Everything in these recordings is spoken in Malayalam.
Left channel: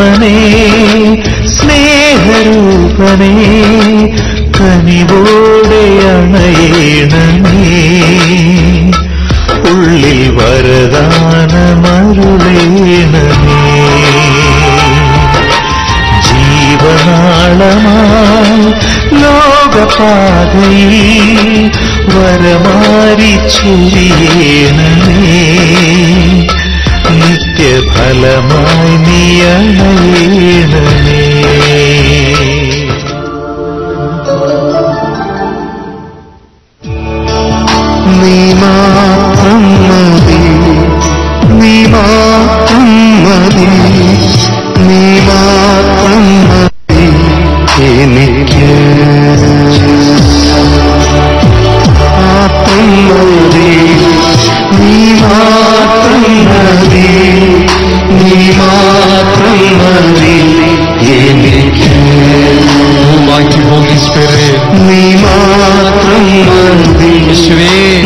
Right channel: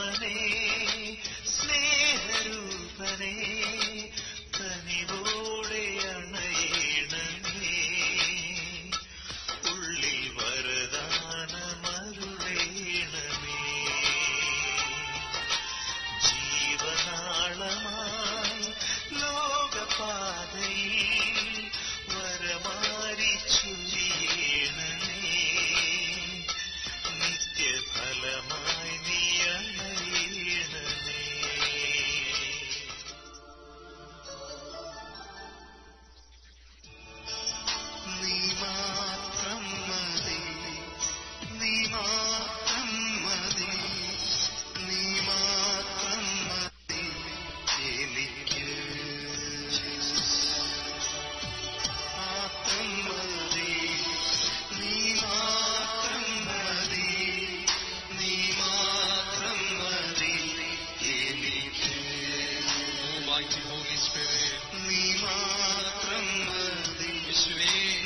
പരമാത്മനേ സ്നേഹരൂപനേ കനിവോടെ അണയണമേ ഉള്ളിൽ വരദാനമരുളേണമേ ജീവനാളമായി ലോകപാതയിൽ വരമാരി ചൊരിയേണമേ നിത്യഫലമായി നീ അണയേണമേ നീ മാത്രം മതി നീ മാത്രം മതി നീ മാത്രം മതി എനിക്ക് മാത്രം മതി നീ മാത്രം മതി നീ മാത്രം മതി എനിക്ക് നീ മാത്രം മതി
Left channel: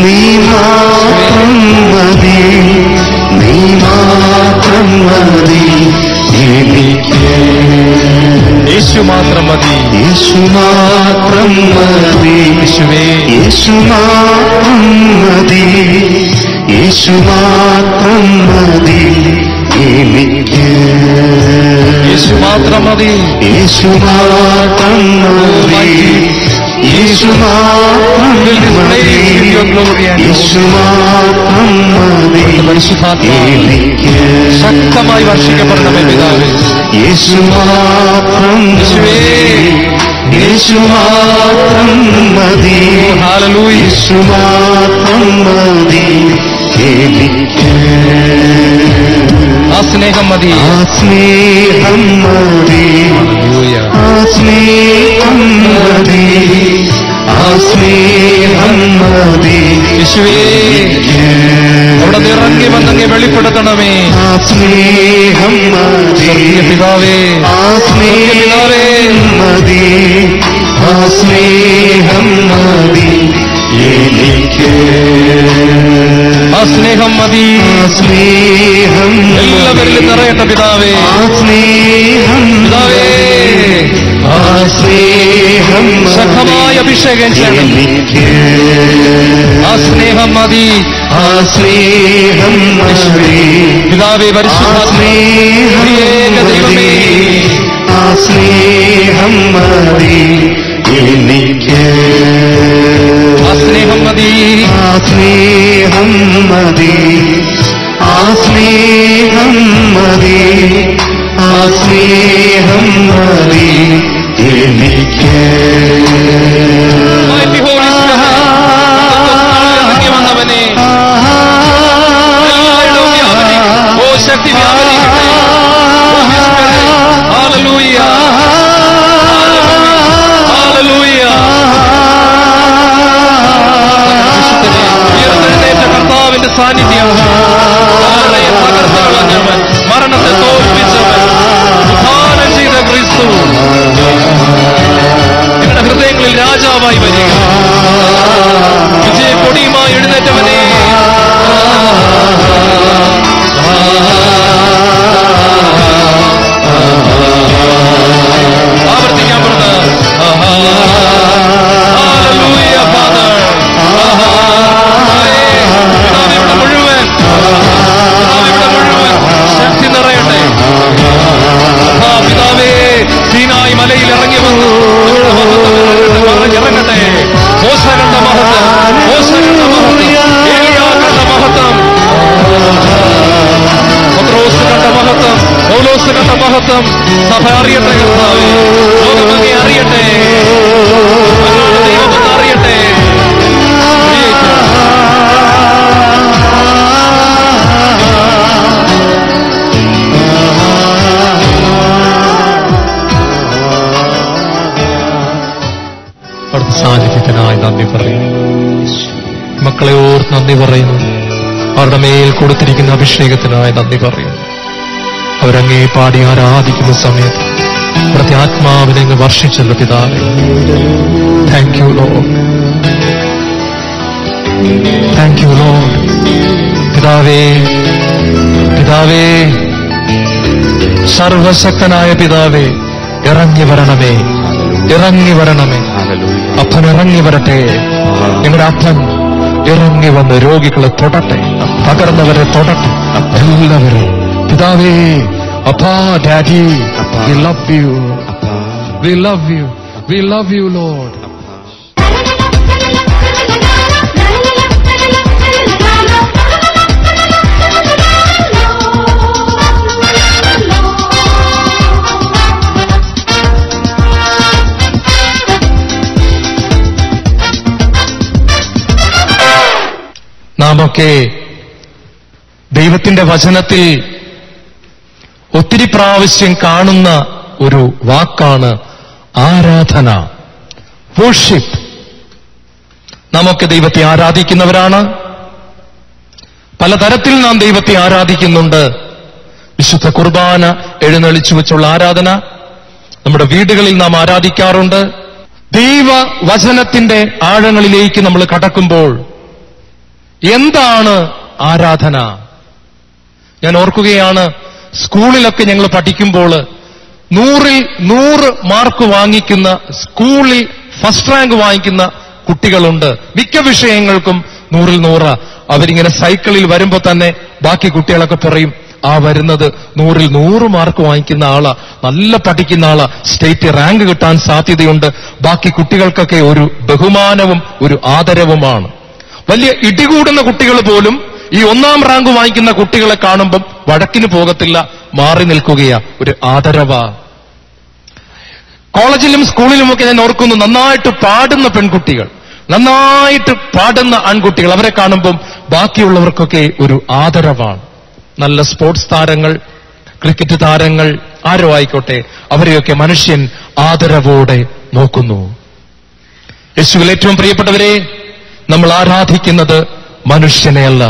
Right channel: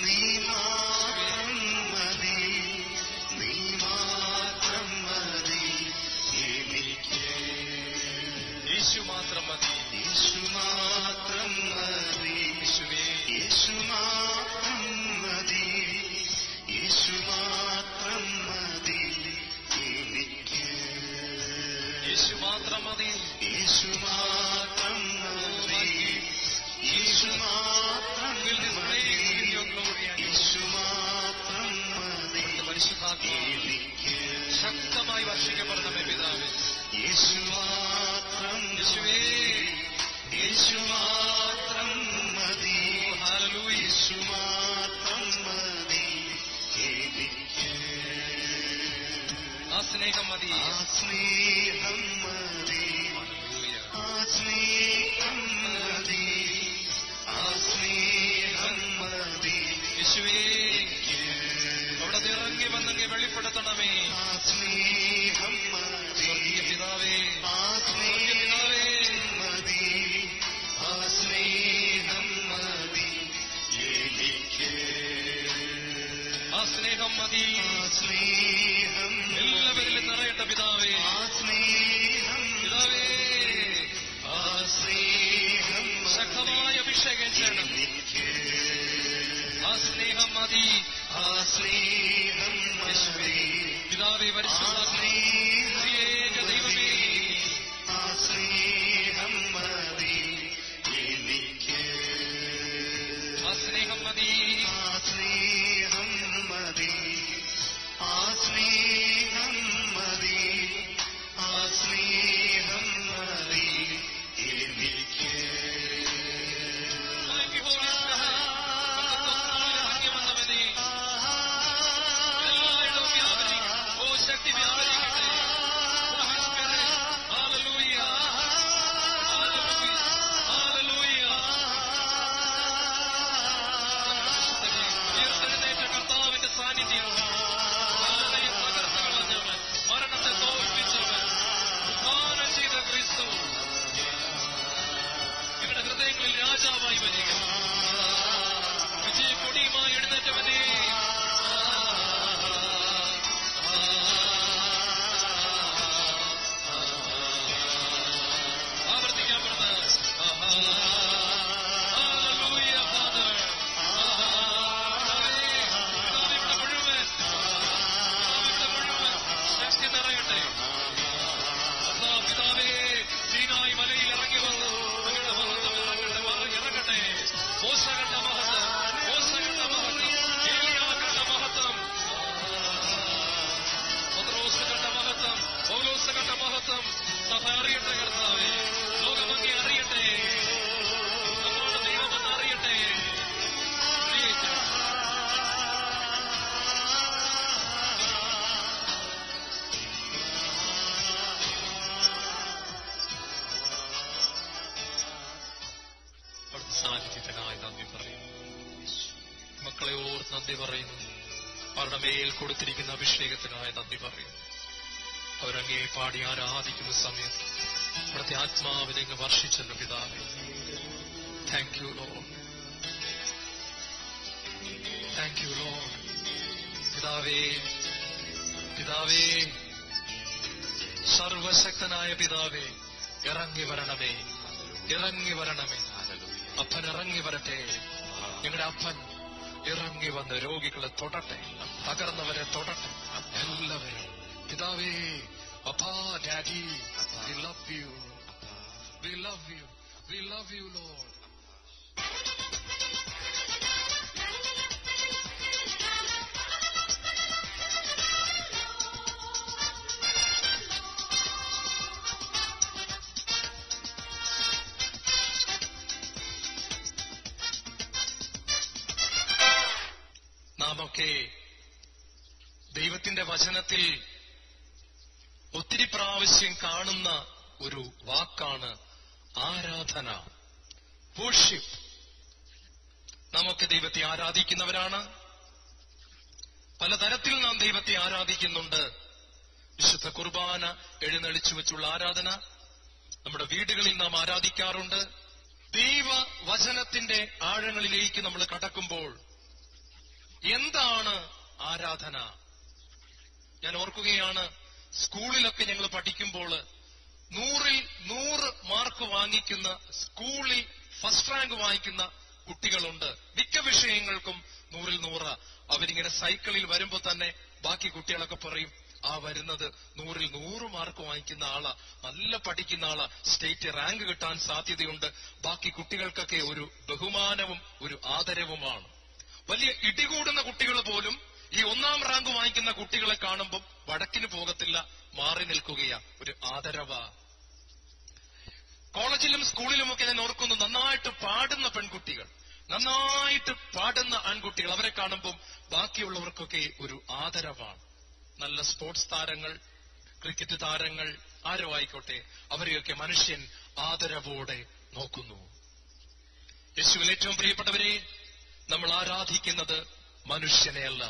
നീ മാത്രം മതി നീ മാത്രം മതി എനിക്ക് യേശു മാത്രം മതി യേശു മാത്രം മതി യേശു മാത്രം മതി യേശു മാത്രം മതി എനിക്ക് യേശു മാത്രം മതി യേശു മാത്രം മതി യേശു മാത്രം മതി യേശു മാത്രം മതി എനിക്ക് ശക്തമായി വർഷിക്കപ്പെടണമേ പിതാവേ യേശു മാത്രം യേശു മാത്രം മതി യേശു മാത്രം മതി എനിക്ക് ആ സ്നേഹം മതി ആ സ്നേഹം മതി ആ സ്നേഹം മതി ആ സ്നേഹം മതി യേശുവേ അവിടെ നിറങ്ങി വന്നങ്ങ് വെളിപ്പെടുത്തണമേ ആ സ്നേഹം മതി പിതാവേ ആ സ്നേഹം മതി ആ സ്നേഹം മതി എനിക്ക് ആ സ്നേഹം മതി ആ സ്നേഹം എല്ലാവരിലും നിറയട്ടെ പിതാവേ ആ സ്നേഹം പിതാവേ ആ സ്നേഹം ശക്തമായ അഭിഷേകം ചെയ്യണം ആ സ്നേഹം മതി ആ സ്നേഹം പിതാവേ പരിശുദ്ധ ദൈവമേ ആ സ്നേഹം മതി എനിക്ക് ആ സ്നേഹം മതി ആ സ്നേഹം മതി ആ സ്നേഹം മതി ആ സ്നേഹം മതി എനിക്ക് വന്നവനെ ഓ ശക്തി സാന്നിധ്യം മരണത്തെ തോൽപ്പിച്ചവൻ ഉദ്ധാനം ചെയ്ത ക്രിസ്തു നിങ്ങളുടെ ഹൃദയങ്ങളിൽ രാജാവായി വരിക വിജയക്കൊടിയുമായി എഴുന്നേറ്റവനെ ആവർത്തിക്കാൻ പറഞ്ഞ മലയിൽ ഇറങ്ങി വന്നു ഇറങ്ങട്ടെ മോശകണ്ട മഹത്വം ഏലിയാകണ്ട മഹത്വം പത്രോസ് കണ്ട മഹത്വം പൗലോസ് കണ്ട മഹത്വം സഭ അറിയട്ടെ കർത്താവേ ലോകമങ്ങെ അറിയട്ടെ ദൈവമെന്ന് അറിയട്ടെ സാന്നിധ്യത്തിനായി നന്ദി പറയുന്നു മക്കളെ ഓർത്ത് നന്ദി പറയുന്നു അവരുടെ മേൽ കൊടുത്തിരിക്കുന്ന അഭിഷേകത്തിനായി നന്ദി പറയുന്നു അവരങ്ങേ പാടി ആരാധിക്കുന്ന സമയത്ത് അവിടുത്തെ ആത്മാവിനെ അങ്ങ് വർഷിച്ചല്ലോ പിതാവേ thank you Lord thank you Lord പിതാവേ പിതാവേ സർവശക്തനായ പിതാവേ, ഇറങ്ങി വരണമേ, ഇറങ്ങി വരണമേ. അപ്പൻ ഇറങ്ങി വരട്ടെ. ഞങ്ങളുടെ അപ്പൻ ഇറങ്ങി വന്ന് രോഗികളെ തൊടട്ടെ, തകർന്നവരെ തൊടട്ടെ. എല്ലാവരും പിതാവേ, അപ്പാ, daddy, we love you, we love you, we love you lord. നാമൊക്കെ ദൈവത്തിന്റെ വചനത്തിൽ ഒത്തിരി പ്രാവശ്യം കാണുന്ന ഒരു വാക്കാണ് ആരാധന, വർഷിപ്പ്. നാമൊക്കെ ദൈവത്തെ ആരാധിക്കുന്നവരാണ്. പലതരത്തിൽ നാം ദൈവത്തെ ആരാധിക്കുന്നുണ്ട്. വിശുദ്ധ കുർബാന എഴുന്നള്ളിച്ചു വെച്ചുള്ള ആരാധന നമ്മുടെ വീടുകളിൽ നാം ആരാധിക്കാറുണ്ട്. ദൈവവചനത്തിന്റെ ആഴങ്ങളിലേക്ക് നമ്മൾ കടക്കുമ്പോൾ എന്താണ് ആരാധന? ഞാൻ ഓർക്കുകയാണ്, സ്കൂളിലൊക്കെ ഞങ്ങൾ പഠിക്കുമ്പോൾ 100ൽ 100 മാർക്ക് വാങ്ങിക്കുന്ന, സ്കൂളിൽ ഫസ്റ്റ് റാങ്ക് വാങ്ങിക്കുന്ന കുട്ടികളുണ്ട്. മിക്ക വിഷയങ്ങൾക്കും 100ൽ 100. അവരിങ്ങനെ സൈക്കിളിൽ വരുമ്പോ തന്നെ ബാക്കി കുട്ടികളൊക്കെ പറയും, ആ വരുന്നത് 100ൽ 100 മാർക്ക് വാങ്ങിക്കുന്ന ആളാ, നല്ല പഠിക്കുന്ന ആളാ, സ്റ്റേറ്റ് റാങ്ക് കിട്ടാൻ സാധ്യതയുണ്ട്. ബാക്കി കുട്ടികൾക്കൊക്കെ ഒരു ബഹുമാനവും ഒരു ആദരവുമാണ്. വലിയ ഇടികൂടുന്ന കുട്ടികൾ പോലും ഈ 1ാം റാങ്ക് വാങ്ങിക്കുന്ന കുട്ടികളെ കാണുമ്പം വഴക്കിന് പോകത്തില്ല, മാറി നിൽക്കുകയാ, ഒരു ആദരവാ. കോളേജിലും സ്കൂളിലുമൊക്കെ ഞാൻ ഓർക്കുന്നു, നന്നായിട്ട് പാടുന്ന പെൺകുട്ടികൾ, നന്നായിട്ട് പാടുന്ന ആൺകുട്ടികൾ, അവരെ കാണുമ്പം ബാക്കിയുള്ളവർക്കൊക്കെ ഒരു ആദരവാണ്. നല്ല സ്പോർട്സ് താരങ്ങൾ, ക്രിക്കറ്റ് താരങ്ങൾ, ആരോ ആയിക്കോട്ടെ, അവരെയൊക്കെ മനുഷ്യൻ ആദരവോടെ നോക്കുന്നു. യേശുവിൽ ഏറ്റവും പ്രിയപ്പെട്ടവരെ, നമ്മൾ ആരാധിക്കുന്നത് മനുഷ്യനെയല്ല.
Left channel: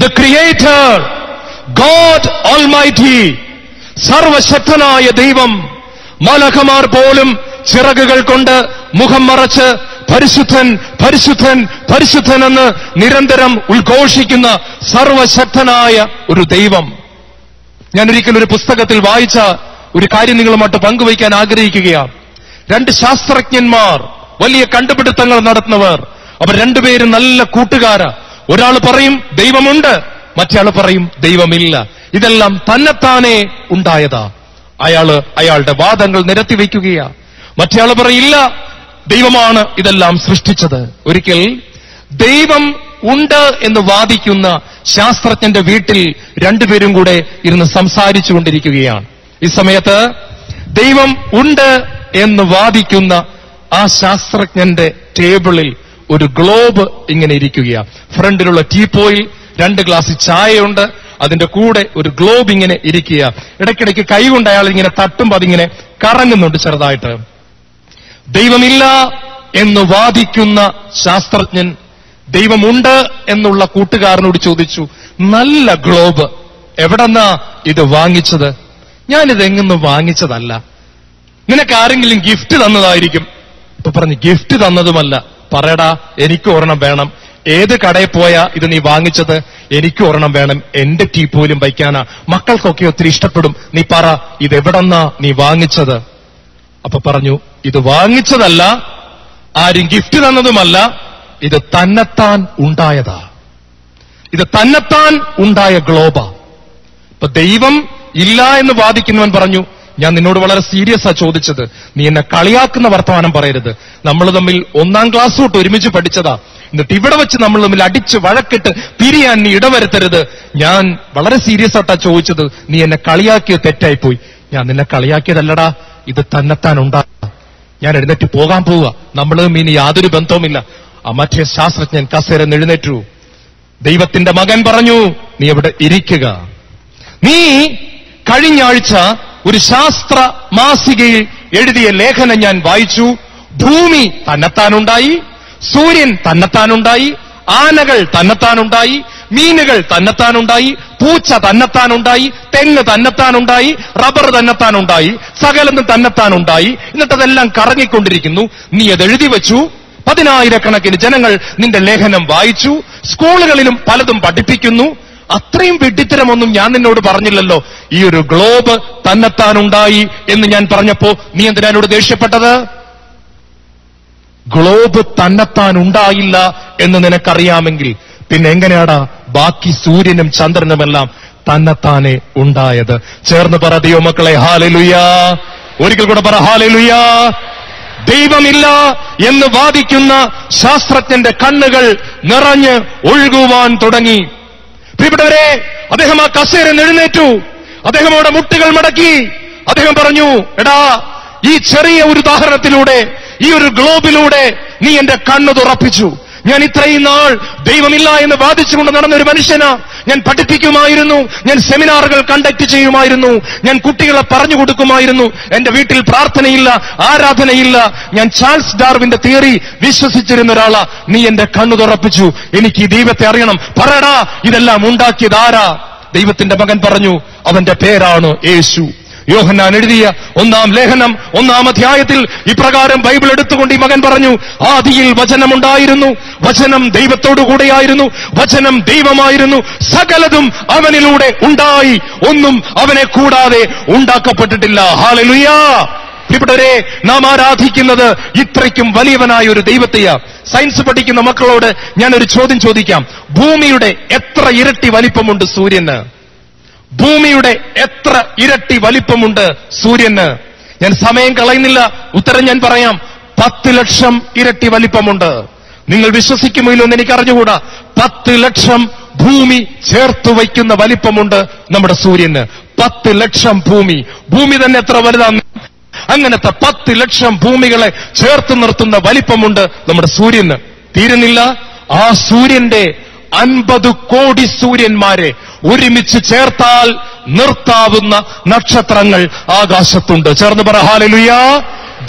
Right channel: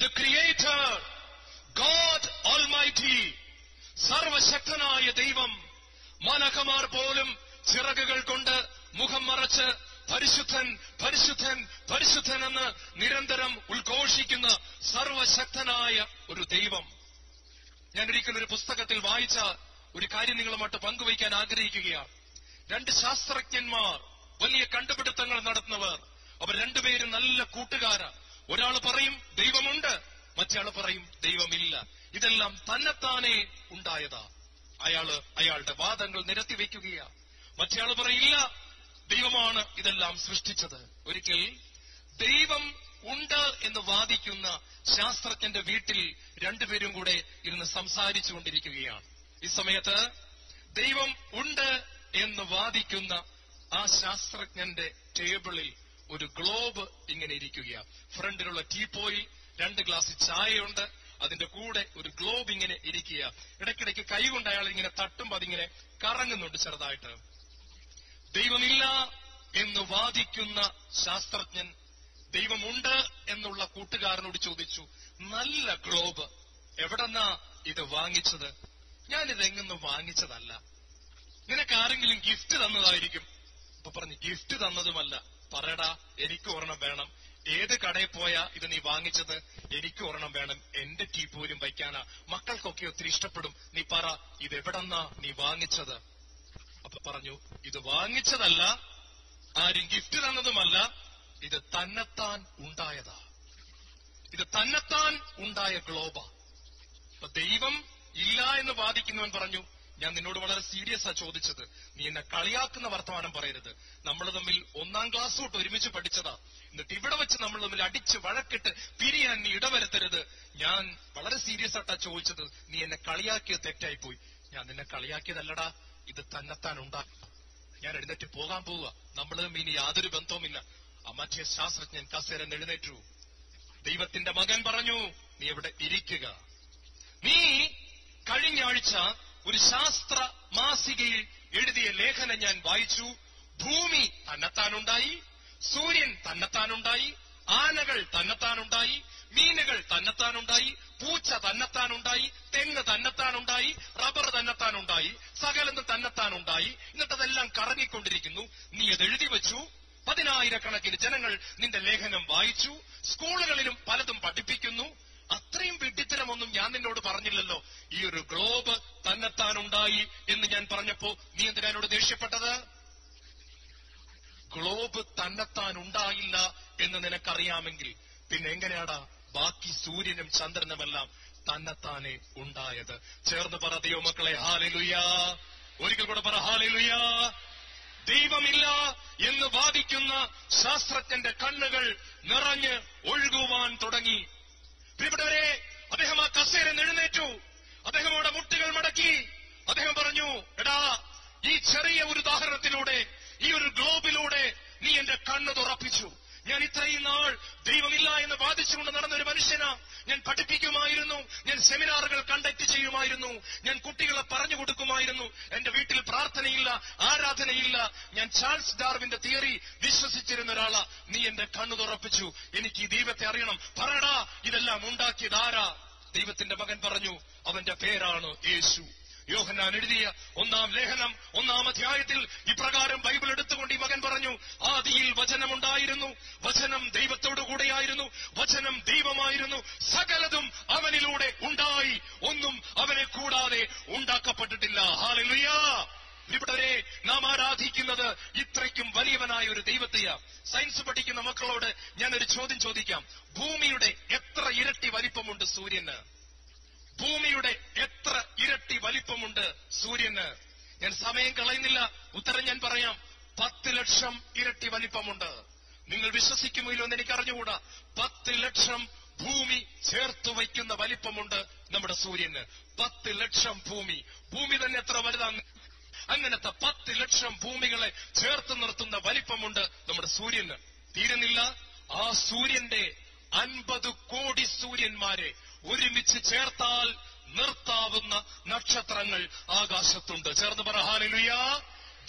ദ ക്രിയേറ്റർ, ഗോഡ് ഓൾമൈറ്റി, സർവശക്തനായ ദൈവം. മാലാഖമാർ പോലും ചിറകുകൾ കൊണ്ട് മുഖം മറച്ച് പരിശുദ്ധൻ, പരിശുദ്ധൻ, പരിശുദ്ധൻ എന്ന് നിരന്തരം ഉദ്ഘോഷിക്കുന്ന സർവശക്തനായ ഒരു ദൈവം. ഞാൻ ഒരിക്കൽ ഒരു പുസ്തകത്തിൽ വായിച്ച ഒരു കാര്യം നിങ്ങളുമായിട്ട് പങ്കുവയ്ക്കാൻ ആഗ്രഹിക്കുകയാണ്. 2 ശാസ്ത്രജ്ഞന്മാർ, വലിയ കണ്ടുപിടുത്തങ്ങൾ നടത്തുന്നവർ, അവർ രണ്ടുപേരും നല്ല കൂട്ടുകാരാ. ഒരാൾ പറയും ദൈവമുണ്ട്, മറ്റേയാൾ പറയും ദൈവമില്ല. ഇതെല്ലാം തന്നെത്താനെ ഉണ്ടായതാ. അയാളുടെ വാദങ്ങൾ നിരത്തിവെക്കുകയാ. മറ്റേയാൾ പറയില്ല, ദൈവമാണ് ഇതെല്ലാം സൃഷ്ടിച്ചത്. ഒരിക്കൽ ദൈവം ഉണ്ട് എന്ന് വാദിക്കുന്ന ശാസ്ത്രജ്ഞന്റെ വീട്ടിൽ രണ്ടുപേരും കൂടെ ഇരുന്ന് സംസാരിച്ചു കൊണ്ടിരിക്കുകയാണ്. ഈ സമയത്ത് ദൈവം ഉണ്ട് എന്ന് വാദിക്കുന്ന ആ ശാസ്ത്രജ്ഞന്റെ ടേബിളിൽ ഒരു ഗ്ലോബ് ഇങ്ങനെ ഇരിക്കുകയാണ്. ഫ്രണ്ടിലുള്ള ടീപ്പോയിൽ 2 ഗ്ലാസ് ചായയുണ്ട്, അതിന്റെ കൂടെ ഒരു ഗ്ലോബ് ഇങ്ങനെ ഇരിക്കുക. ഇടയ്ക്കിടയ്ക്ക് കൈകൊണ്ട് അയാൾ ഇങ്ങനെ തട്ടുമ്പോൾ അതിങ്ങനെ കറങ്ങുന്നുണ്ട് ചെറുതായിട്ട്. ദൈവമില്ല എന്ന് വാദിക്കുന്ന ശാസ്ത്രജ്ഞൻ ദൈവമുണ്ട് എന്നുള്ള കൂട്ടുകാരനോട് ചോദിച്ചു, നല്ല ഗ്ലോബ് എവിടെന്നാ ഇത് വാങ്ങിച്ചത്? ഞാനിത് എങ്ങും വാങ്ങിച്ചതല്ല, നിനക്ക് ആരെങ്കിലും ഗിഫ്റ്റ് തന്നതായിരിക്കും. ഇപ്പൊ പറഞ്ഞു, ഗിഫ്റ്റ് തന്നതുമല്ല. പറയടാ, എനിക്ക് ഒരെണ്ണം വേണം. ഏത് കടയിൽ പോയാ ഇത് നീ വാങ്ങിച്ചത്? എനിക്ക് ഒരെണ്ണം വേണം, എന്റെ ടീപ്പോയിലും വയ്ക്കാനാ, മക്കൾക്കൊക്കെ ഒത്തിരി ഇഷ്ടപ്പെടും. നീ പറ, ഇതെവിടെന്നാ നീ വാങ്ങിച്ചത്? അപ്പൊ പറഞ്ഞു, ഇത് വാങ്ങിച്ചതല്ല, ആരും ഗിഫ്റ്റ് തന്നതുമല്ല, ഇത് തന്നെത്താൻ ഉണ്ടായതാ. ഇത് തന്നെത്താൻ ഉണ്ടായ ഗ്ലോബാ. ഇപ്പൊ ദൈവം ഇല്ല എന്ന് വാദിക്കുന്നവൻ പറഞ്ഞു, ഞാൻ നിന്നോട് വളരെ സീരിയസ് ആ ചോദിച്ചത്, നീ എന്നെ കളിയാക്കുന്ന വർത്തമാനം പറയരുത്. നമ്മൾ തമ്മിൽ 1ാം ക്ലാസ് തൊട്ട് ഒരുമിച്ച് പഠിച്ചതാ. എന്നിട്ട് ഇവിടെ വെച്ച് നമ്മൾ തമ്മിൽ അടിച്ച് വഴക്കിട്ട് പിരിയാൻ നീ ഇടവരുത്തരുത്. ഞാൻ വളരെ സീരിയസ് ആയിട്ടാ ചോദിച്ചത്, നീ എന്നെ കളിയാക്കിയത് തെറ്റായിപ്പോയി. ഞാൻ നിന്നെ കളിയാക്കിയതല്ലടാ, ഇത് തന്നെത്താൻ ഉണ്ടാ. ഞാൻ എഴുന്നേറ്റ് പോകാൻ പോവുക, നമ്മളും ഇനി യാതൊരു ബന്ധവുമില്ല. ആ മറ്റേ ശാസ്ത്രജ്ഞൻ കസേരന്ന് എഴുന്നേറ്റു. ദൈവത്തിന്റെ മകൻ പറഞ്ഞു, നീ ഇവിടെ ഇരിക്കുക. നീ കഴിഞ്ഞ ആഴ്ച ഒരു ശാസ്ത്ര മാസികയിൽ എഴുതിയ ലേഖനം ഞാൻ വായിച്ചു. ഭൂമി തന്നെത്താനുണ്ടായി, സൂര്യൻ തന്നെത്താനുണ്ടായി, ആനകൾ തന്നെത്താനുണ്ടായി, മീനുകൾ തന്നെത്താനുണ്ടായി, പൂച്ച തന്നെത്താനുണ്ടായി, തെങ്ങ് തന്നെത്താനുണ്ടായി, റബ്ബർ തന്നെത്താനുണ്ടായി, സകലതും തന്നെത്താനുണ്ടായി. എന്നിട്ടതെല്ലാം കറങ്ങിക്കൊണ്ടിരിക്കുന്നു. നീ അത് എഴുതി വെച്ചു. 10,000 കണക്കിന് ജനങ്ങൾ നിന്റെ ലേഖനം വായിച്ചു. സ്കൂളുകളിലും പലതും പഠിപ്പിക്കുന്നു. അത്രയും വെട്ടിത്തരമൊന്നും ഞാൻ നിന്നോട് പറഞ്ഞില്ലല്ലോ. ഈ ഒരു ഗ്ലോബ് തന്നെത്താനുണ്ടായി എന്ന് ഞാൻ പറഞ്ഞപ്പോ നീ എന്തിനാ എന്നോട് ദേഷ്യപ്പെട്ടത്? ഗ്ലോബ് തന്നെത്താൻ ഉണ്ടായില്ല എന്ന് നിനക്കറിയാമെങ്കിൽ പിന്നെ എങ്ങനെയാടാ ബാക്കി സൂര്യനും ചന്ദ്രനുമെല്ലാം തന്നെത്താനെ ഉണ്ടായത്? ചേർന്ന് പറ ദൈവമക്കളെ ഹല്ലേലൂയാ. ഒരിക്കൽ കൂടെ പറ ഹല്ലേലൂയാ. ദൈവമില്ല എന്ന് വാദിക്കുന്ന ശാസ്ത്രജ്ഞന്റെ കണ്ണുകൾ നിറഞ്ഞ് ഒഴുകുവാൻ തുടങ്ങി. പ്രിയപ്പെട്ടവരെ, അദ്ദേഹം ആ കസേരയിൽ എഴുന്നേറ്റു. അദ്ദേഹം അവിടെ മുട്ടുകൾ മടക്കി. അദ്ദേഹം പറഞ്ഞു, എടാ, ഈ ചെറിയ ഒരു ഉദാഹരണത്തിലൂടെ, ഈ ഒരു ഗ്ലോബിലൂടെ നീ എന്റെ കണ്ണ് തുറപ്പിച്ചു. ഞാൻ ഇത്രയും നാൾ ദൈവമില്ല എന്ന് വാദിച്ചുകൊണ്ട് നടന്ന ഒരു മനുഷ്യനാ. ഞാൻ പഠിപ്പിക്കുമായിരുന്നു, ഞാൻ സെമിനാറുകൾ കണ്ടക്ട് ചെയ്യുമായിരുന്നു, ഞാൻ കുട്ടികളെ പറഞ്ഞു കൊടുക്കുമായിരുന്നു. എന്റെ വീട്ടിൽ പ്രാർത്ഥനയില്ല, ആരാധനയില്ല. ഞാൻ ചാൾസ് ഡാർവിന്റെ തിയറി വിശ്വസിച്ചിരുന്ന ഒരാളാ. നീ എന്റെ കണ്ണു തുറപ്പിച്ചു. എനിക്ക് ഈ ദൈവത്തെ അറിയണം. പറയടാ, ഇതെല്ലാം ഉണ്ടാക്കിയത് ആരാ? ദൈവത്തിന്റെ മകൻ പറഞ്ഞു, അവന്റെ പേരാണ് യേശു. യോഹന്നാൻ എഴുതിയ 1-ാം ലേഖനം 1-ാം അധ്യായത്തിൽ ഇപ്രകാരം ബൈബിൾ എടുത്തുകൊണ്ട് ഈ മകൻ പറഞ്ഞു, ആദിയിൽ വചനമുണ്ടായിരുന്നു, വചനം ദൈവത്തോടു കൂടെയായിരുന്നു, വചനം ദൈവമായിരുന്നു, സകലതും അവനിലൂടെ ഉണ്ടായി, ഒന്നും അവനെ കൂടാതെ ഉണ്ടാക്കപ്പെട്ടിട്ടില്ല. ഹല്ലേലൂയാ. പ്രിയപ്പെട്ടവരെ, നാം ആരാധിക്കുന്നത് ഇത്രയ്ക്കും വലിയവനായ ഒരു ദൈവത്തെയാ. സയൻസ് പഠിക്കുന്ന മക്കളോട് ഞാനൊരു ചോദ്യം ചോദിക്കാം. ഭൂമിയുടെ എത്ര ഇരട്ടി വലിപ്പമുണ്ട് സൂര്യന്? ഭൂമിയുടെ എത്ര ഇരട്ടി വലിപ്പമുണ്ട് സൂര്യന്? ഞാൻ സമയം കളയുന്നില്ല, ഉത്തരം ഞാൻ പറയാം. 10 ലക്ഷം ഇരട്ടി വലിപ്പമുണ്ട്. നിങ്ങൾ വിശ്വസിക്കുമോ എന്ന് എനിക്ക് അറിഞ്ഞുകൂടാ. 10 ലക്ഷം ഭൂമി ചേർത്ത് വയ്ക്കുന്ന വലിപ്പമുണ്ട് നമ്മുടെ സൂര്യന്. 10 ലക്ഷം ഭൂമി. ഭൂമി തന്നെ എത്ര വലുതാണ്? അങ്ങനത്തെ 10 ലക്ഷം ഭൂമികളെ ചേർത്ത് നിർത്തുന്ന വലിപ്പമുണ്ട് നമ്മുടെ സൂര്യന്. തീരുന്നില്ല. ആ സൂര്യന്റെ 50 കോടി സൂര്യന്മാരെ ഒരുമിച്ച് ചേർത്താൽ നിർത്താവുന്ന നക്ഷത്രങ്ങൾ ആകാശത്തുണ്ട്. ചേർന്ന് പറ ഹല്ലേലൂയാ.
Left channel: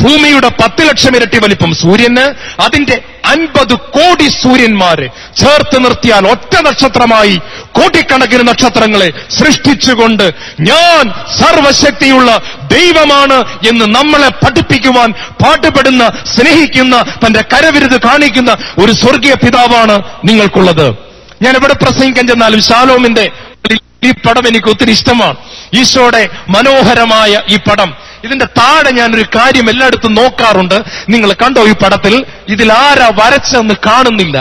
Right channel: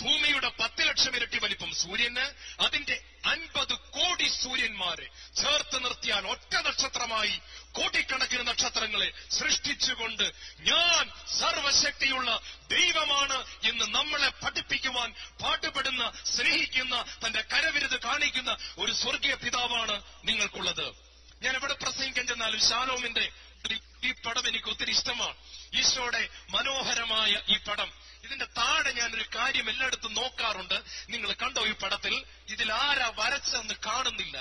ഭൂമിയുടെ 10 ലക്ഷം ഇരട്ടി വലിപ്പം സൂര്യന്, അതിന്റെ 50 കോടി സൂര്യന്മാരെ ചേർത്ത് നിർത്തിയാൽ ഒറ്റ നക്ഷത്രമായി കോടിക്കണക്കിന് നക്ഷത്രങ്ങളെ സൃഷ്ടിച്ചുകൊണ്ട് ഞാൻ സർവശക്തിയുള്ള ദൈവമാണ് എന്ന് നമ്മളെ പഠിപ്പിക്കുവാൻ പാടുപെടുന്ന, സ്നേഹിക്കുന്ന, തന്റെ കരവിരുത് കാണിക്കുന്ന ഒരു സ്വർഗീയ പിതാവാണ് നിങ്ങൾക്കുള്ളത്. ഞാൻ എവിടെ പ്രസംഗിക്കാൻ ചെന്നാലും ശാലോമിന്റെ ഈ പടം എനിക്ക് ഒത്തിരി ഇഷ്ടമാണ്. ഈശോയുടെ മനോഹരമായ ഈ പടം. ഇതിന്റെ താഴെ ഞാനൊരു കാര്യം എല്ലായിടത്തും നോക്കാറുണ്ട്. നിങ്ങൾ കണ്ടോ ഈ പടത്തിൽ? ഇതിൽ ആരാ വരച്ചെന്ന് കാണുന്നില്ല.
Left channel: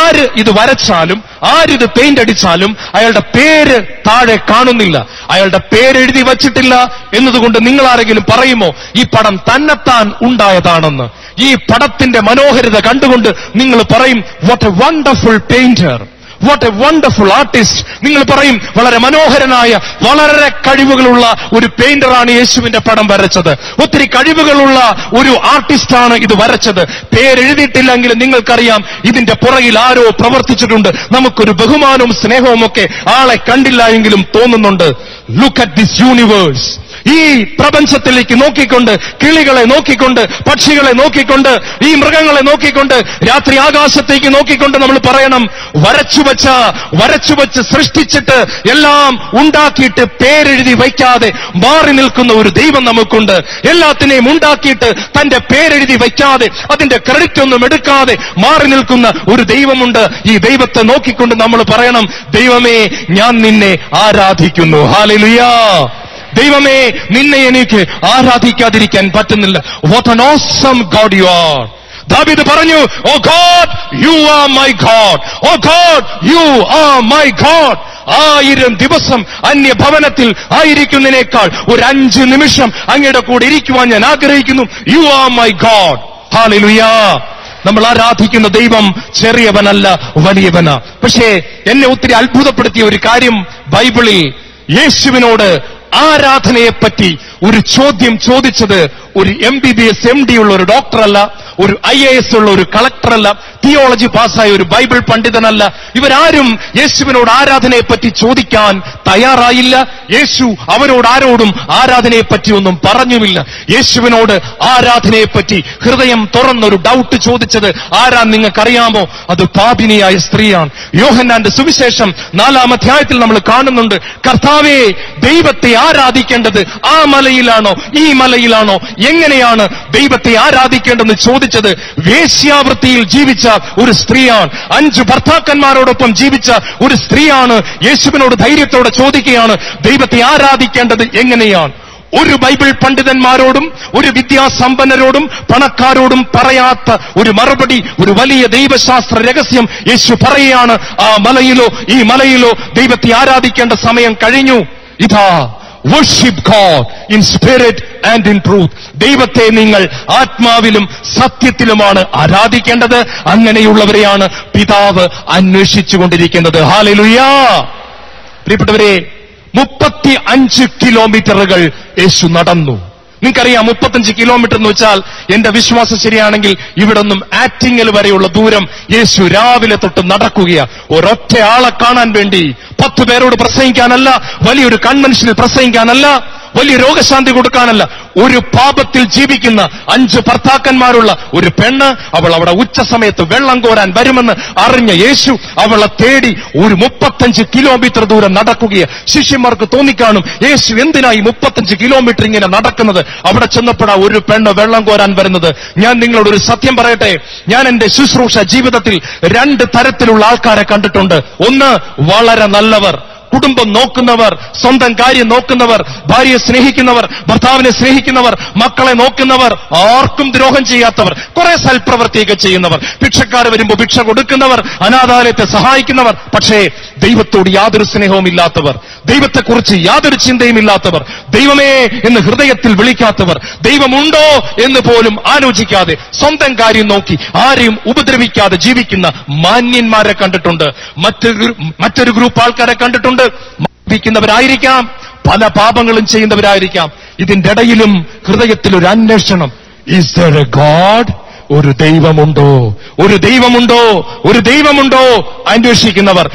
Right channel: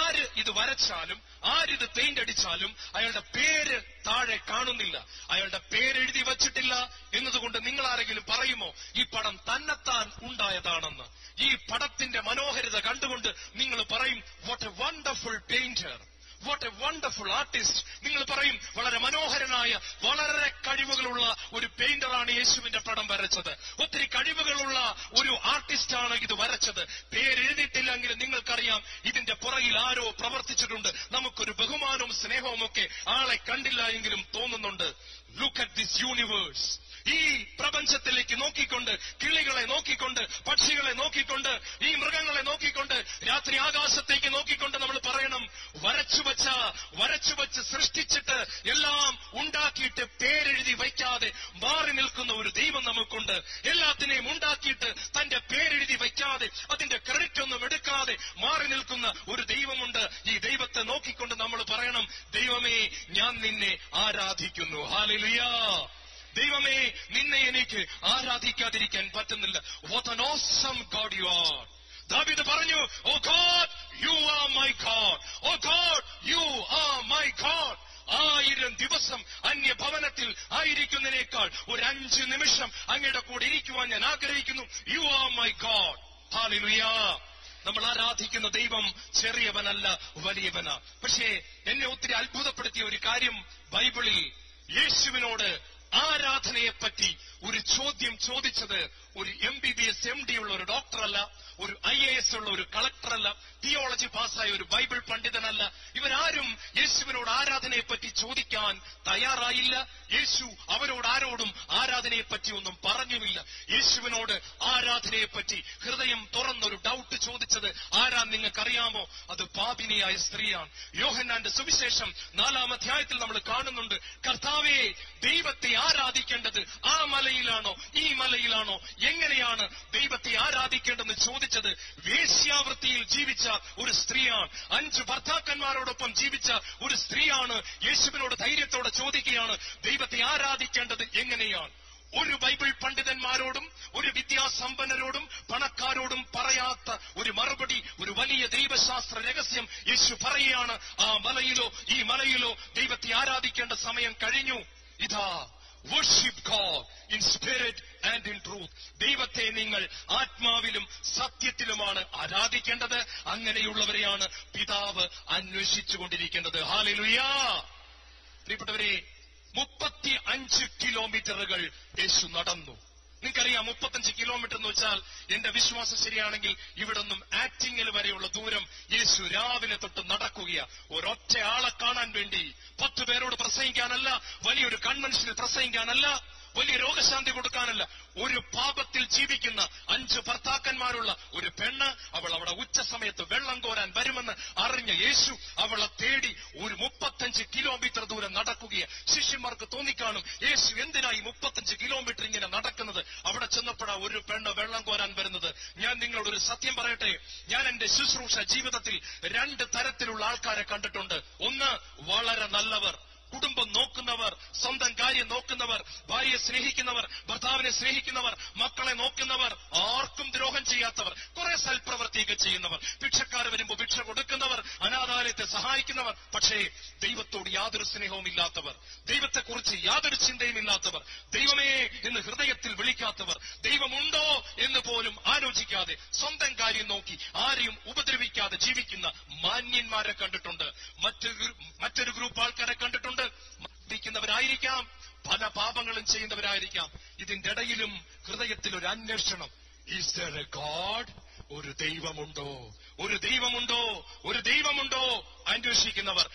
ആര് ഇത് വരച്ചാലും, ആരിത് പെയിന്റ് അടിച്ചാലും അയാളുടെ പേര് താഴെ കാണുന്നില്ല. അയാളുടെ പേരെഴുതി വച്ചിട്ടില്ല എന്നതുകൊണ്ട് നിങ്ങൾ ആരെങ്കിലും പറയുമോ ഈ പടം തന്നെത്താൻ ഉണ്ടായതാണെന്ന്? ഈ പടത്തിന്റെ മനോഹരത കണ്ടുകൊണ്ട് നിങ്ങൾ പറയും, what A wonderful painter, what A wonderful artist. നിങ്ങൾ പറയും, വളരെ മനോഹരനായ, വളരെ കഴിവുകളുള്ള ഒരു പെയിന്ററാണ് യേശുവിന്റെ പടം വരച്ചത്. ഒത്തിരി കഴിവുകളുള്ള ഒരു ആർട്ടിസ്റ്റാണ് ഇത് വരച്ചത്. പേരെഴുതിയിട്ടില്ലെങ്കിൽ നിങ്ങൾക്കറിയാം ഇതിന്റെ പുറകിൽ ആരോ പ്രവർത്തിച്ചിട്ടുണ്ട്. നമുക്കൊരു ബഹുമാനവും സ്നേഹവും ഒക്കെ ആളെ കണ്ടില്ല എങ്കിലും തോന്നുന്നുണ്ട്. Look at this universe. ഈ പ്രപഞ്ചത്തിലേക്ക് നോക്കിക്കൊണ്ട്, കിളികളെ നോക്കിക്കൊണ്ട്, പക്ഷികളെ നോക്കിക്കൊണ്ട്, ഈ മൃഗങ്ങളെ നോക്കിക്കൊണ്ട്, രാത്രി ആകാശത്തേക്ക് നോക്കിക്കൊണ്ട് നമ്മൾ പറയണം, വരച്ചുവച്ച് സൃഷ്ടിച്ചിട്ട് എല്ലാം ഉണ്ടാക്കിയിട്ട് പേരെഴുതി വയ്ക്കാതെ മാറി നിൽക്കുന്ന ഒരു ദൈവം നമുക്കുണ്ട്. എല്ലാത്തിനെയും ഉണ്ടാക്കിയിട്ട് തന്റെ പേരെഴുതി വയ്ക്കാതെ അതിന്റെ ക്രെഡിറ്റ് ഒന്നും എടുക്കാതെ മാറി നിൽക്കുന്ന ഒരു ദൈവമുണ്ട്. ഈ ദൈവത്തെ നോക്കിക്കൊണ്ട് നമ്മൾ പറയണം, ദൈവമേ, ഞാൻ നിന്നെ ആരാധിക്കുന്നു. ഹല്ലേലൂയാ. ദൈവമേ, നിന്നെ എനിക്ക് ആരാധിക്കാതിരിക്കാൻ പറ്റുന്നില്ല. What an awesome God you are. ദാവീദ് പറഞ്ഞു, oh God, you are my God. Oh God, you are my God. 1000 ദിവസം അന്യഭവനത്തിൽ ആയിരിക്കുന്നതിനേക്കാൾ ഒരു 5 നിമിഷം അങ്ങയുടെ കൂടെ ഇരിക്കുവാൻ ഞാൻ ആഗ്രഹിക്കുന്നു. You are my God. Hallelujah. നമ്മൾ ആരാധിക്കുന്ന ദൈവം ചെറിയവനല്ല, വലിയവനാ. പക്ഷേ എന്നെ ഒത്തിരി അത്ഭുതപ്പെടുത്തിയ ഒരു കാര്യം, ബൈബിളിൽ യേശുവിനോട് ആരാധനയെപ്പറ്റി ഒരു ചോദ്യം ചോദിച്ചത് ഒരു MBBS MD ഉള്ള ഒരു ഡോക്ടറല്ല, ഒരു IAS ഉള്ള ഒരു കളക്ടറല്ല, തിയോളജി പാസ്സായ ഒരു ബൈബിൾ പണ്ഡിതനല്ല. ഇവരാരും യേശുവിനോട് ആരാധനയെപ്പറ്റി ചോദിക്കാൻ തയ്യാറായില്ല. യേശു അവരോട് ആരോടും ആരാധനയെപ്പറ്റി ഒന്നും പറഞ്ഞുമില്ല. യേശുവിനോട് ആരാധനയെപ്പറ്റി ഹൃദയം തുറന്നൊരു ഡൗട്ട് ചോദിച്ചത് ആരാ നിങ്ങൾക്കറിയാമോ? അത് പാപിനിയായ സ്ത്രീയാണ്. യോഹന്നാന്റെ സുവിശേഷം 4-ാം അധ്യായത്തിൽ നമ്മൾ കാണുന്നുണ്ട്, കർത്താവേ, ദൈവത്തെ ആരാധിക്കേണ്ടത് ആ മലയിലാണോ ഈ മലയിലാണോ എങ്ങനെയാണ് ദൈവത്തെ ആരാധിക്കേണ്ടെന്ന് ചോദിച്ചത് വേശ്യാവൃത്തിയിൽ ജീവിച്ച ഒരു സ്ത്രീയാണ്. 5 ഭർത്താക്കന്മാരോടൊപ്പം ജീവിച്ച ഒരു സ്ത്രീയാണ്. യേശുവിനോട് ധൈര്യത്തോടെ ചോദിക്കുകയാണ്, ദൈവത്തെ ആരാധിക്കേണ്ടത് എങ്ങനെയാണ്? ഒരു ബൈബിൾ പണ്ഡിതന്മാരോടും ഒരു വിദ്യാസമ്പന്നരോടും പണക്കാരോടും പറയാത്ത ഒരു മറുപടി, ഒരു വലിയ ദൈവശാസ്ത്ര രഹസ്യം യേശു പറയുകയാണ്. ആ മലയിലോ ഈ മലയിലോ ദൈവത്തെ ആരാധിക്കേണ്ട സമയം കഴിഞ്ഞു. ഇതാ, worship God in spirit and in truth. ദൈവത്തെ നിങ്ങൾ ആത്മാവിലും സത്യത്തിലുമാണ് ആരാധിക്കേണ്ടത്. അങ്ങനെയുള്ളവരെയാണ് പിതാവ് അന്വേഷിച്ചുകൊണ്ടിരിക്കുന്നത്. ഹല്ലേലൂയ. പ്രിയപ്പെട്ടവരെ, 35 കിലോമീറ്ററുകൾ യേശു നടന്നു. നിങ്ങൾക്കറിയാം 35 കിലോമീറ്റർ എന്ന് വെച്ചാൽ, എന്റെ വിശ്വാസം ശരിയാണെങ്കിൽ ഇവിടെ നിന്നും ആറ്റിങ്ങൽ വരെയുള്ള ദൂരം യേശു രാവിലെ തൊട്ട് നടക്കുകയാണ്. ഒരൊറ്റ ആളെ കാണാൻ വേണ്ടി, 10 പേരോട് പ്രസംഗിക്കാനല്ല, വലിയൊരു കൺവെൻഷനിൽ പ്രസംഗിക്കാനല്ല, വലിയ രോഗശാന്തി കൊടുക്കാനല്ല. ഒരു പാപത്തിൽ ജീവിക്കുന്ന 5 ഭർത്താക്കന്മാരുള്ള ഒരു പെണ്ണ്, അവൾ അവിടെ ഉച്ച സമയത്ത് വെള്ളം കോരാൻ വരുമെന്ന് അറിഞ്ഞ യേശു അവളെ തേടി ഒരു 35 കിലോമീറ്റർ ദൂരം നടക്കുകയാണ്. ശിഷ്യന്മാർക്ക് തോന്നിക്കാണും, യേശു എന്തിനായി 35 കിലോമീറ്റർ ഇങ്ങനെ നടക്കുന്നത്? അവിടെ ചെന്നപ്പോഴാ ഒരു പെണ്ണ് വെള്ളം കോരാൻ വരുന്നത്. ഞാൻ നിങ്ങളോട് ഒരു സത്യം പറയട്ടെ, ഞാൻ എന്റെ ശുശ്രൂഷ ജീവിതത്തിൽ 2 തരത്തിലുള്ള ആൾക്കാരെ കണ്ടിട്ടുണ്ട്. ഒന്ന്, വളരെ നല്ലവർ, കുടുംബം നോക്കുന്നവർ, സ്വന്തം കാര്യം നോക്കുന്നവർ, ഭാര്യയെ സ്നേഹിക്കുന്നവർ, ഭർത്താവിനെ സ്നേഹിക്കുന്നവർ, മക്കളെ നോക്കുന്നവർ, ആർക്കും ദ്രോഹം ചെയ്യാത്തവർ, കുറെ സൽപ്രവൃത്തിയൊക്കെ ചെയ്യുന്നവർ, ഭിക്ഷക്കാർ വരുമ്പോൾ ഭിക്ഷ കൊടുക്കുന്നവർ, അനാഥാലയത്തെ സഹായിക്കുന്നവർ. പക്ഷേ ദൈവത്തോട് യാതൊരു സ്നേഹവും ഇല്ലാത്തവർ, ദൈവത്തെക്കുറിച്ച് യാതൊരു ചിന്തയും ഇല്ലാത്തവർ, ദൈവമേ എന്ന് ഹൃദയത്തിൽ വിളിക്കാത്തവർ, ദൈവമുണ്ടോ എന്ന് പോലും ആലോചിക്കാതെ സ്വന്തം കാര്യം നോക്കി ആരെയും ഉപദ്രവിക്കാതെ ജീവിക്കുന്ന മാന്യന്മാരെ കണ്ടിട്ടുണ്ട്. മറ്റൊരു ഗ്രൂപ്പ് ആൾക്കാരെ കണ്ടിട്ടുണ്ട്. മദ്യപിക്കുന്നവരായിരിക്കാം, പല പാപങ്ങളും ചെയ്യുന്നവരായിരിക്കാം. ഇതിന്റെ ഇടയിലും ഹൃദയത്തിൽ ഒരു അന്വേഷണം. Is there a God? ഒരു ദൈവമുണ്ടോ? ഒരു ദൈവമുണ്ടോ? ഒരു ദൈവമുണ്ടോ? അന്വേഷിക്കുന്നവർ.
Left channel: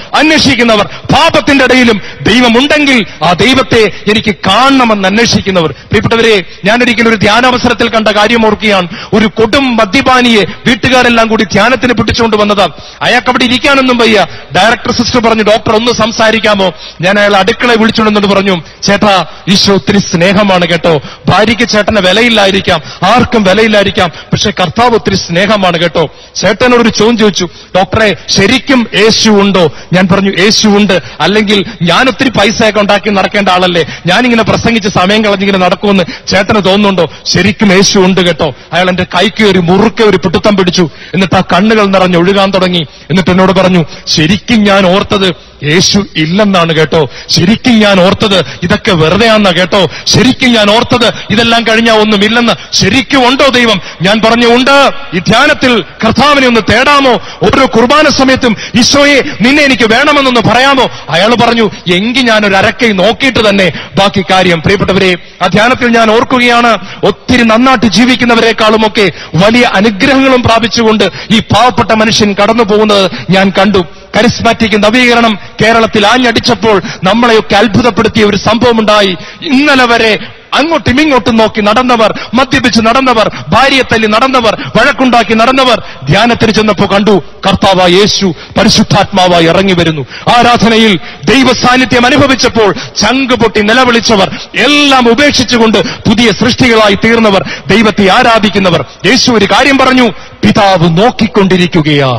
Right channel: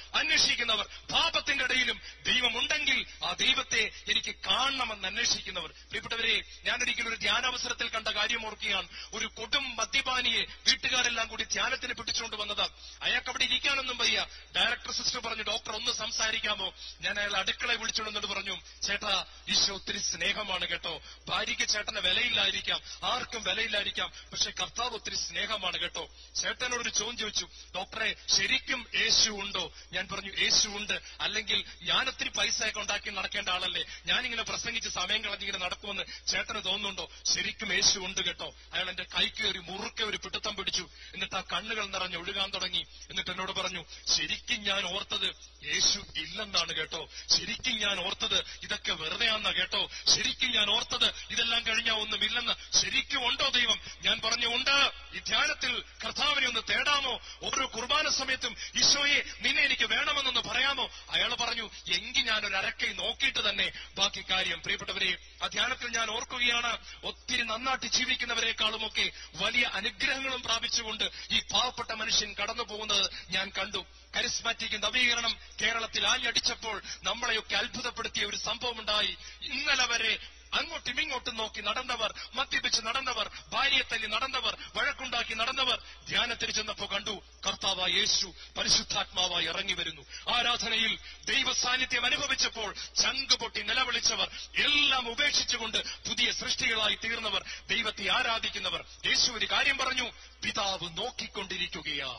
പാപത്തിന്റെ ഇടയിലും ദൈവമുണ്ടെങ്കിൽ ആ ദൈവത്തെ എനിക്ക് കാണണമെന്ന് അന്വേഷിക്കുന്നവർ. പ്രിയപ്പെട്ടവരെ, ഞാനൊരിക്കലും ഒരു ധ്യാനാവസരത്തിൽ കണ്ട കാര്യം ഓർക്കുകയാണ്. ഒരു കൊടും മദ്യപാനിയെ വീട്ടുകാരെല്ലാം കൂടി ധ്യാനത്തിന് പിടിച്ചുകൊണ്ട് വന്നതാണ്. അയാൾക്ക് അവിടെ ഇരിക്കാനൊന്നും വയ്യ. ഡയറക്ടർ സിസ്റ്റർ പറഞ്ഞു, ഡോക്ടർ ഒന്ന് സംസാരിക്കാമോ? ഞാൻ അയാൾ അടുക്കളയെ വിളിച്ചുകൊണ്ടെന്നിട്ട് പറഞ്ഞു, ചേട്ടാ, ഈശോ ഒത്തിരി സ്നേഹമാണ് കേട്ടോ. ഭാര്യയ്ക്ക് ചേട്ടന് വിലയില്ലായിരിക്കാം, ആർക്കും വിലയില്ലായിരിക്കാം, പക്ഷെ കർത്താവ് ഒത്തിരി സ്നേഹമാണ് കേട്ടോ. ചേട്ടനോടൊരു ചോദ്യം ചോദിച്ചു, ഡോക്ടറെ, ശരിക്കും യേശു ഉണ്ടോ? ഞാൻ പറഞ്ഞു, യേശു ഉണ്ട്, അല്ലെങ്കിൽ ഞാൻ ഒത്തിരി പൈസയൊക്കെ ഉണ്ടാക്കി നടക്കേണ്ട ആളല്ലേ, ഞാനിങ്ങനെ പ്രസംഗിച്ച് സമയം കളഞ്ഞിങ്ങനെ നടക്കുമെന്ന് ചേട്ടന് തോന്നുന്നുണ്ടോ? ശരിക്കും യേശു ഉണ്ട് കേട്ടോ. അയാൾ എന്റെ കൈക്ക് ഒരു മുറുക്കെ ഒരു പിടുത്തം പിടിച്ചു. എന്നിട്ട് ആ കണ്ണുകൾ നിറഞ്ഞൊഴുകാൻ തുടങ്ങി. എന്നിട്ട് എന്നോട് പറഞ്ഞു, ശരിക്കും ഞാൻ ഓർത്തത് യേശു ഇല്ലെന്നാണ് കേട്ടോ. ശരിക്കും ഞാൻ ഓർത്തത് ഇതൊക്കെ വെറുതെയാണെന്നാ കേട്ടോ. ശരിക്കും ഞാൻ ഓർത്തത് ഇതെല്ലാം കഴിഞ്ഞാൽ ഒന്നുമില്ലെന്ന്. ശരിക്കും ഉണ്ടോ ദൈവം? ഞാൻ പറഞ്ഞു, ഉണ്ട്. ഈ ധ്യാനത്തിൽ കർത്താവിനെ ഒന്ന് തേടാമോ? ഓരോ കുർബാന സമയത്തും ഈശോയെ നിന്നെ എനിക്ക് വേണമെന്നൊന്ന് പറയാമോ? അയാൾ പറഞ്ഞു, എങ്കിൽ ഞാൻ ഒരു അരക്കൈ നോക്കിയിട്ട് തന്നെ ബാക്കി കാര്യം. പ്രിയപ്പെട്ടവരെ, ആ ധ്യാനത്തിൽ ഞാൻ ഓർക്കുകയാണ്, ഒത്തിരി നന്നായിട്ട് ജീവിക്കുന്നവരെക്കാളുമൊക്കെ വലിയ അനുഗ്രഹങ്ങളും പ്രാപിച്ചുകൊണ്ട് ഈ പാവപ്പെട്ട മനുഷ്യൻ കടന്നു പോകുന്നത് ഞാൻ കണ്ടു. കരിസ്മാറ്റിക് നവീകരണം കേരളത്തിൽ ആഞ്ഞടിച്ചപ്പോൾ നമ്മളെയൊക്കെ അത്ഭുതപ്പെടുത്തിയ ഒരു സംഭവം ഉണ്ടായി. ഇന്നലെ വരെ അങ്ങോട്ടും ഇങ്ങോട്ടും നോക്കി നടന്നവർ, മദ്യപിച്ച് നടന്നവർ, ഭാര്യയെ തല്ലി നടന്നവർ, വഴക്കുണ്ടാക്കി നടന്നവർ, ധ്യാനത്തിന് ചെന്നപ്പോ കണ്ടു കർത്താവായ യേശു പരിശുദ്ധാത്മാവായി ഇറങ്ങി വരുന്നു. ആരാധനയിൽ ദൈവ സാന്നിധ്യം അനുഭവിച്ചപ്പോൾ ചങ്ക് പൊട്ടി നിലവിളിച്ചവർ, എല്ലാം ഉപേക്ഷിച്ചുകൊണ്ട് പുതിയ സൃഷ്ടികളായി തീർന്നവർ, ദൈവത്തെ ആരാധിക്കുന്നവർ. യേശു ഒരു കാര്യം പറഞ്ഞു, പിതാവ് നോക്കിക്കൊണ്ടിരിക്കുകയാ.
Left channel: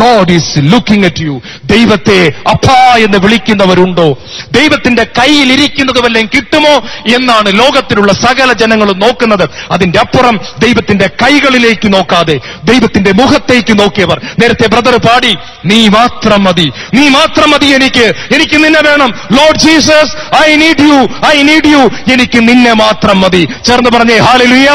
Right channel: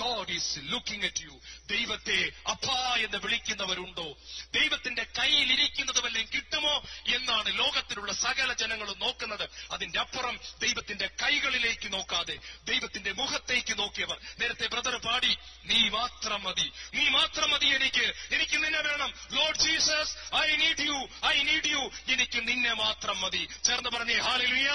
God is looking at you. ദൈവത്തെ അപ്പാ എന്ന് വിളിക്കുന്നവരുണ്ടോ? ദൈവത്തിന്റെ കയ്യിൽ ഇരിക്കുന്നത് വല്ലതും കിട്ടുമോ എന്നാണ് ലോകത്തിലുള്ള സകല ജനങ്ങളും നോക്കുന്നത്. അതിന്റെ അപ്പുറം ദൈവത്തിന്റെ കൈകളിലേക്ക് നോക്കാതെ ദൈവത്തിന്റെ മുഖത്തേക്ക് നോക്കിയവർ. നേരത്തെ ബ്രദർ പാടി, നീ മാത്രം മതി, നീ മാത്രം മതി, എനിക്ക് നിന്നെ വേണം. Lord Jesus, I need you, എനിക്ക് നിന്നെ മാത്രം മതി. ചേർന്ന് പറഞ്ഞേ ഹല്ലേലൂയ.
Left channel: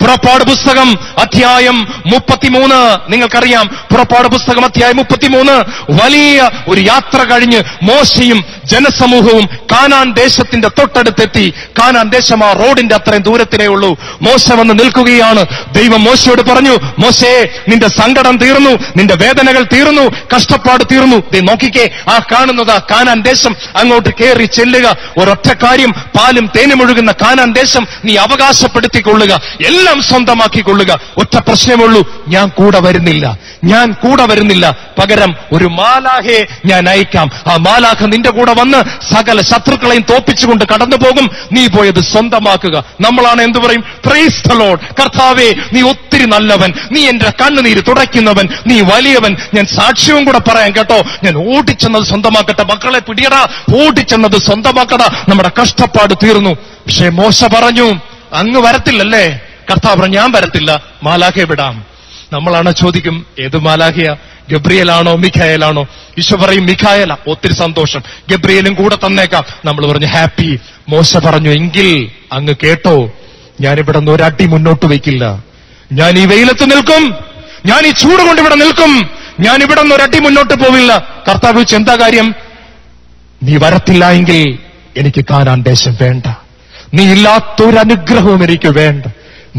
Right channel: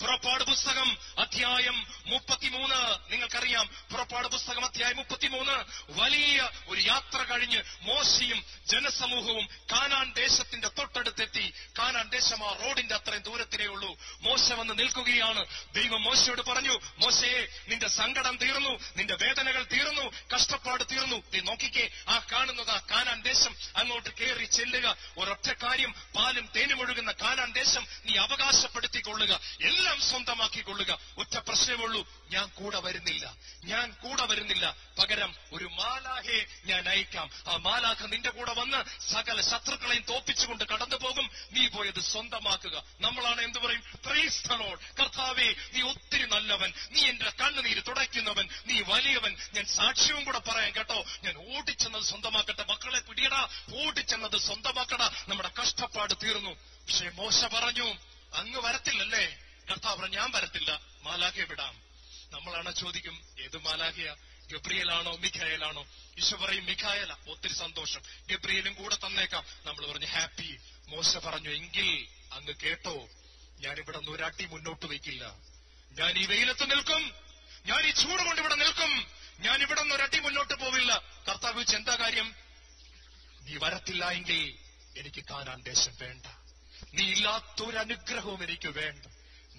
പുറപ്പാട് പുസ്തകം അധ്യായം 33 നിങ്ങൾക്കറിയാം. പുറപ്പാട് പുസ്തകം അധ്യായം 33 വലിയ ഒരു യാത്ര കഴിഞ്ഞ് മോശയും ജനസമൂഹവും കാനാൻ ദേശത്തിന്റെ തൊട്ടടുത്തെത്തി. കാനാൻ ദേശം ആ റോഡിന്റെ അത്രയും ദൂരത്തിലേ ഉള്ളൂ. മോശ വന്ന് നിൽക്കുകയാണ്. ദൈവം മോശയോട് പറഞ്ഞു, മോശേ, നിന്റെ സങ്കടം തീർന്നു, നിന്റെ വേദനകൾ തീർന്നു, കഷ്ടപ്പാട് തീർന്നു. നോക്കിക്കേ, ആ കാണുന്നത് കാനാൻ ദേശം. അങ്ങോട്ട് കയറി ചെല്ലുക. ഒരൊറ്റ കാര്യം, പാലും തേനും ഒഴുകുന്ന കാനാൻ ദേശം നീ അവകാശപ്പെടുത്തിക്കൊള്ളുക, എല്ലാം സ്വന്തമാക്കിക്കൊള്ളുക. ഒറ്റ പ്രശ്നമുള്ളൂ, ഞാൻ കൂടെ വരുന്നില്ല. പകരം ഒരു മാലാഹയെ ഞാൻ അയക്കാം. ആ മാലാഖ നിന്റെ കൂടെ വന്ന് സകല ശത്രുക്കളെയും തോപ്പിച്ചുകൊണ്ട് കടന്നു പോകും. നീ പോയത് സ്വന്തമാക്കുക. നമ്മളാണ് എന്ത് പറയും? Price the Lord. കർത്താവേ, നീ ഒത്തിരി നല്ലവൻ, നീ എന്റെ കണ്ണുനീര് തുടയ്ക്കുന്നവൻ, നീ വലിയവൻ. ഞാൻ സാക്ഷ്യവും കൂടെ പറയാം കേട്ടോ. ഞാൻ ഓടിച്ചെന്നത് സ്വന്തമാക്കട്ടെ. മക്കളെ പിടിയടാ, ഓടിച്ചെന്നത് സ്വന്തമാക്കടാ. നമ്മുടെ കഷ്ടപ്പാട് തീർന്നു. പക്ഷേ മോശ പറഞ്ഞു, അങ്ങ് വരത്തില്ലല്ലേ? കർത്താവ് പറഞ്ഞു, ഞാൻ വരത്തില്ല, മാലാഖയെ വിടാം. നമ്മളാണ് ചോദിക്കും, ഏത് മാലാഖയാ? ഗബ്രിയേലാണോ മിഖായേലാണോ? ഈശോ പറയും മിഖായേല. ഒത്തിരി സന്തോഷം, ഗബ്രിയേലും കൂടെ തന്നേക്കാം. നമ്മൾ പറഞ്ഞു ഹാപ്പി. മോശ പറഞ്ഞു, എങ്കിൽ അങ്ങ് കേട്ടോ, ഞാനിവിടെ നിന്ന് ഒരടി മുന്നോട്ട് വയ്ക്കില്ല. ഞാൻ ഈ വെയിലത്ത് നിൽക്കും, ഞാൻ ഈ ചൂട് കൊണ്ട് ഇവിടെ നിൽക്കും, ഞാൻ ഇവിടെ നിന്ന് ഒരടി മുന്നോട്ട് പോവില്ല. കർത്താവ് ചോദിച്ചു, എന്താ കാര്യം? നീ വരത്തില്ല എങ്കിൽ എനിക്ക് കാനാൻ ദേശം വേണ്ട. നീ ഇല്ലാത്തൊരനുഗ്രഹവും എനിക്ക് വേണ്ട.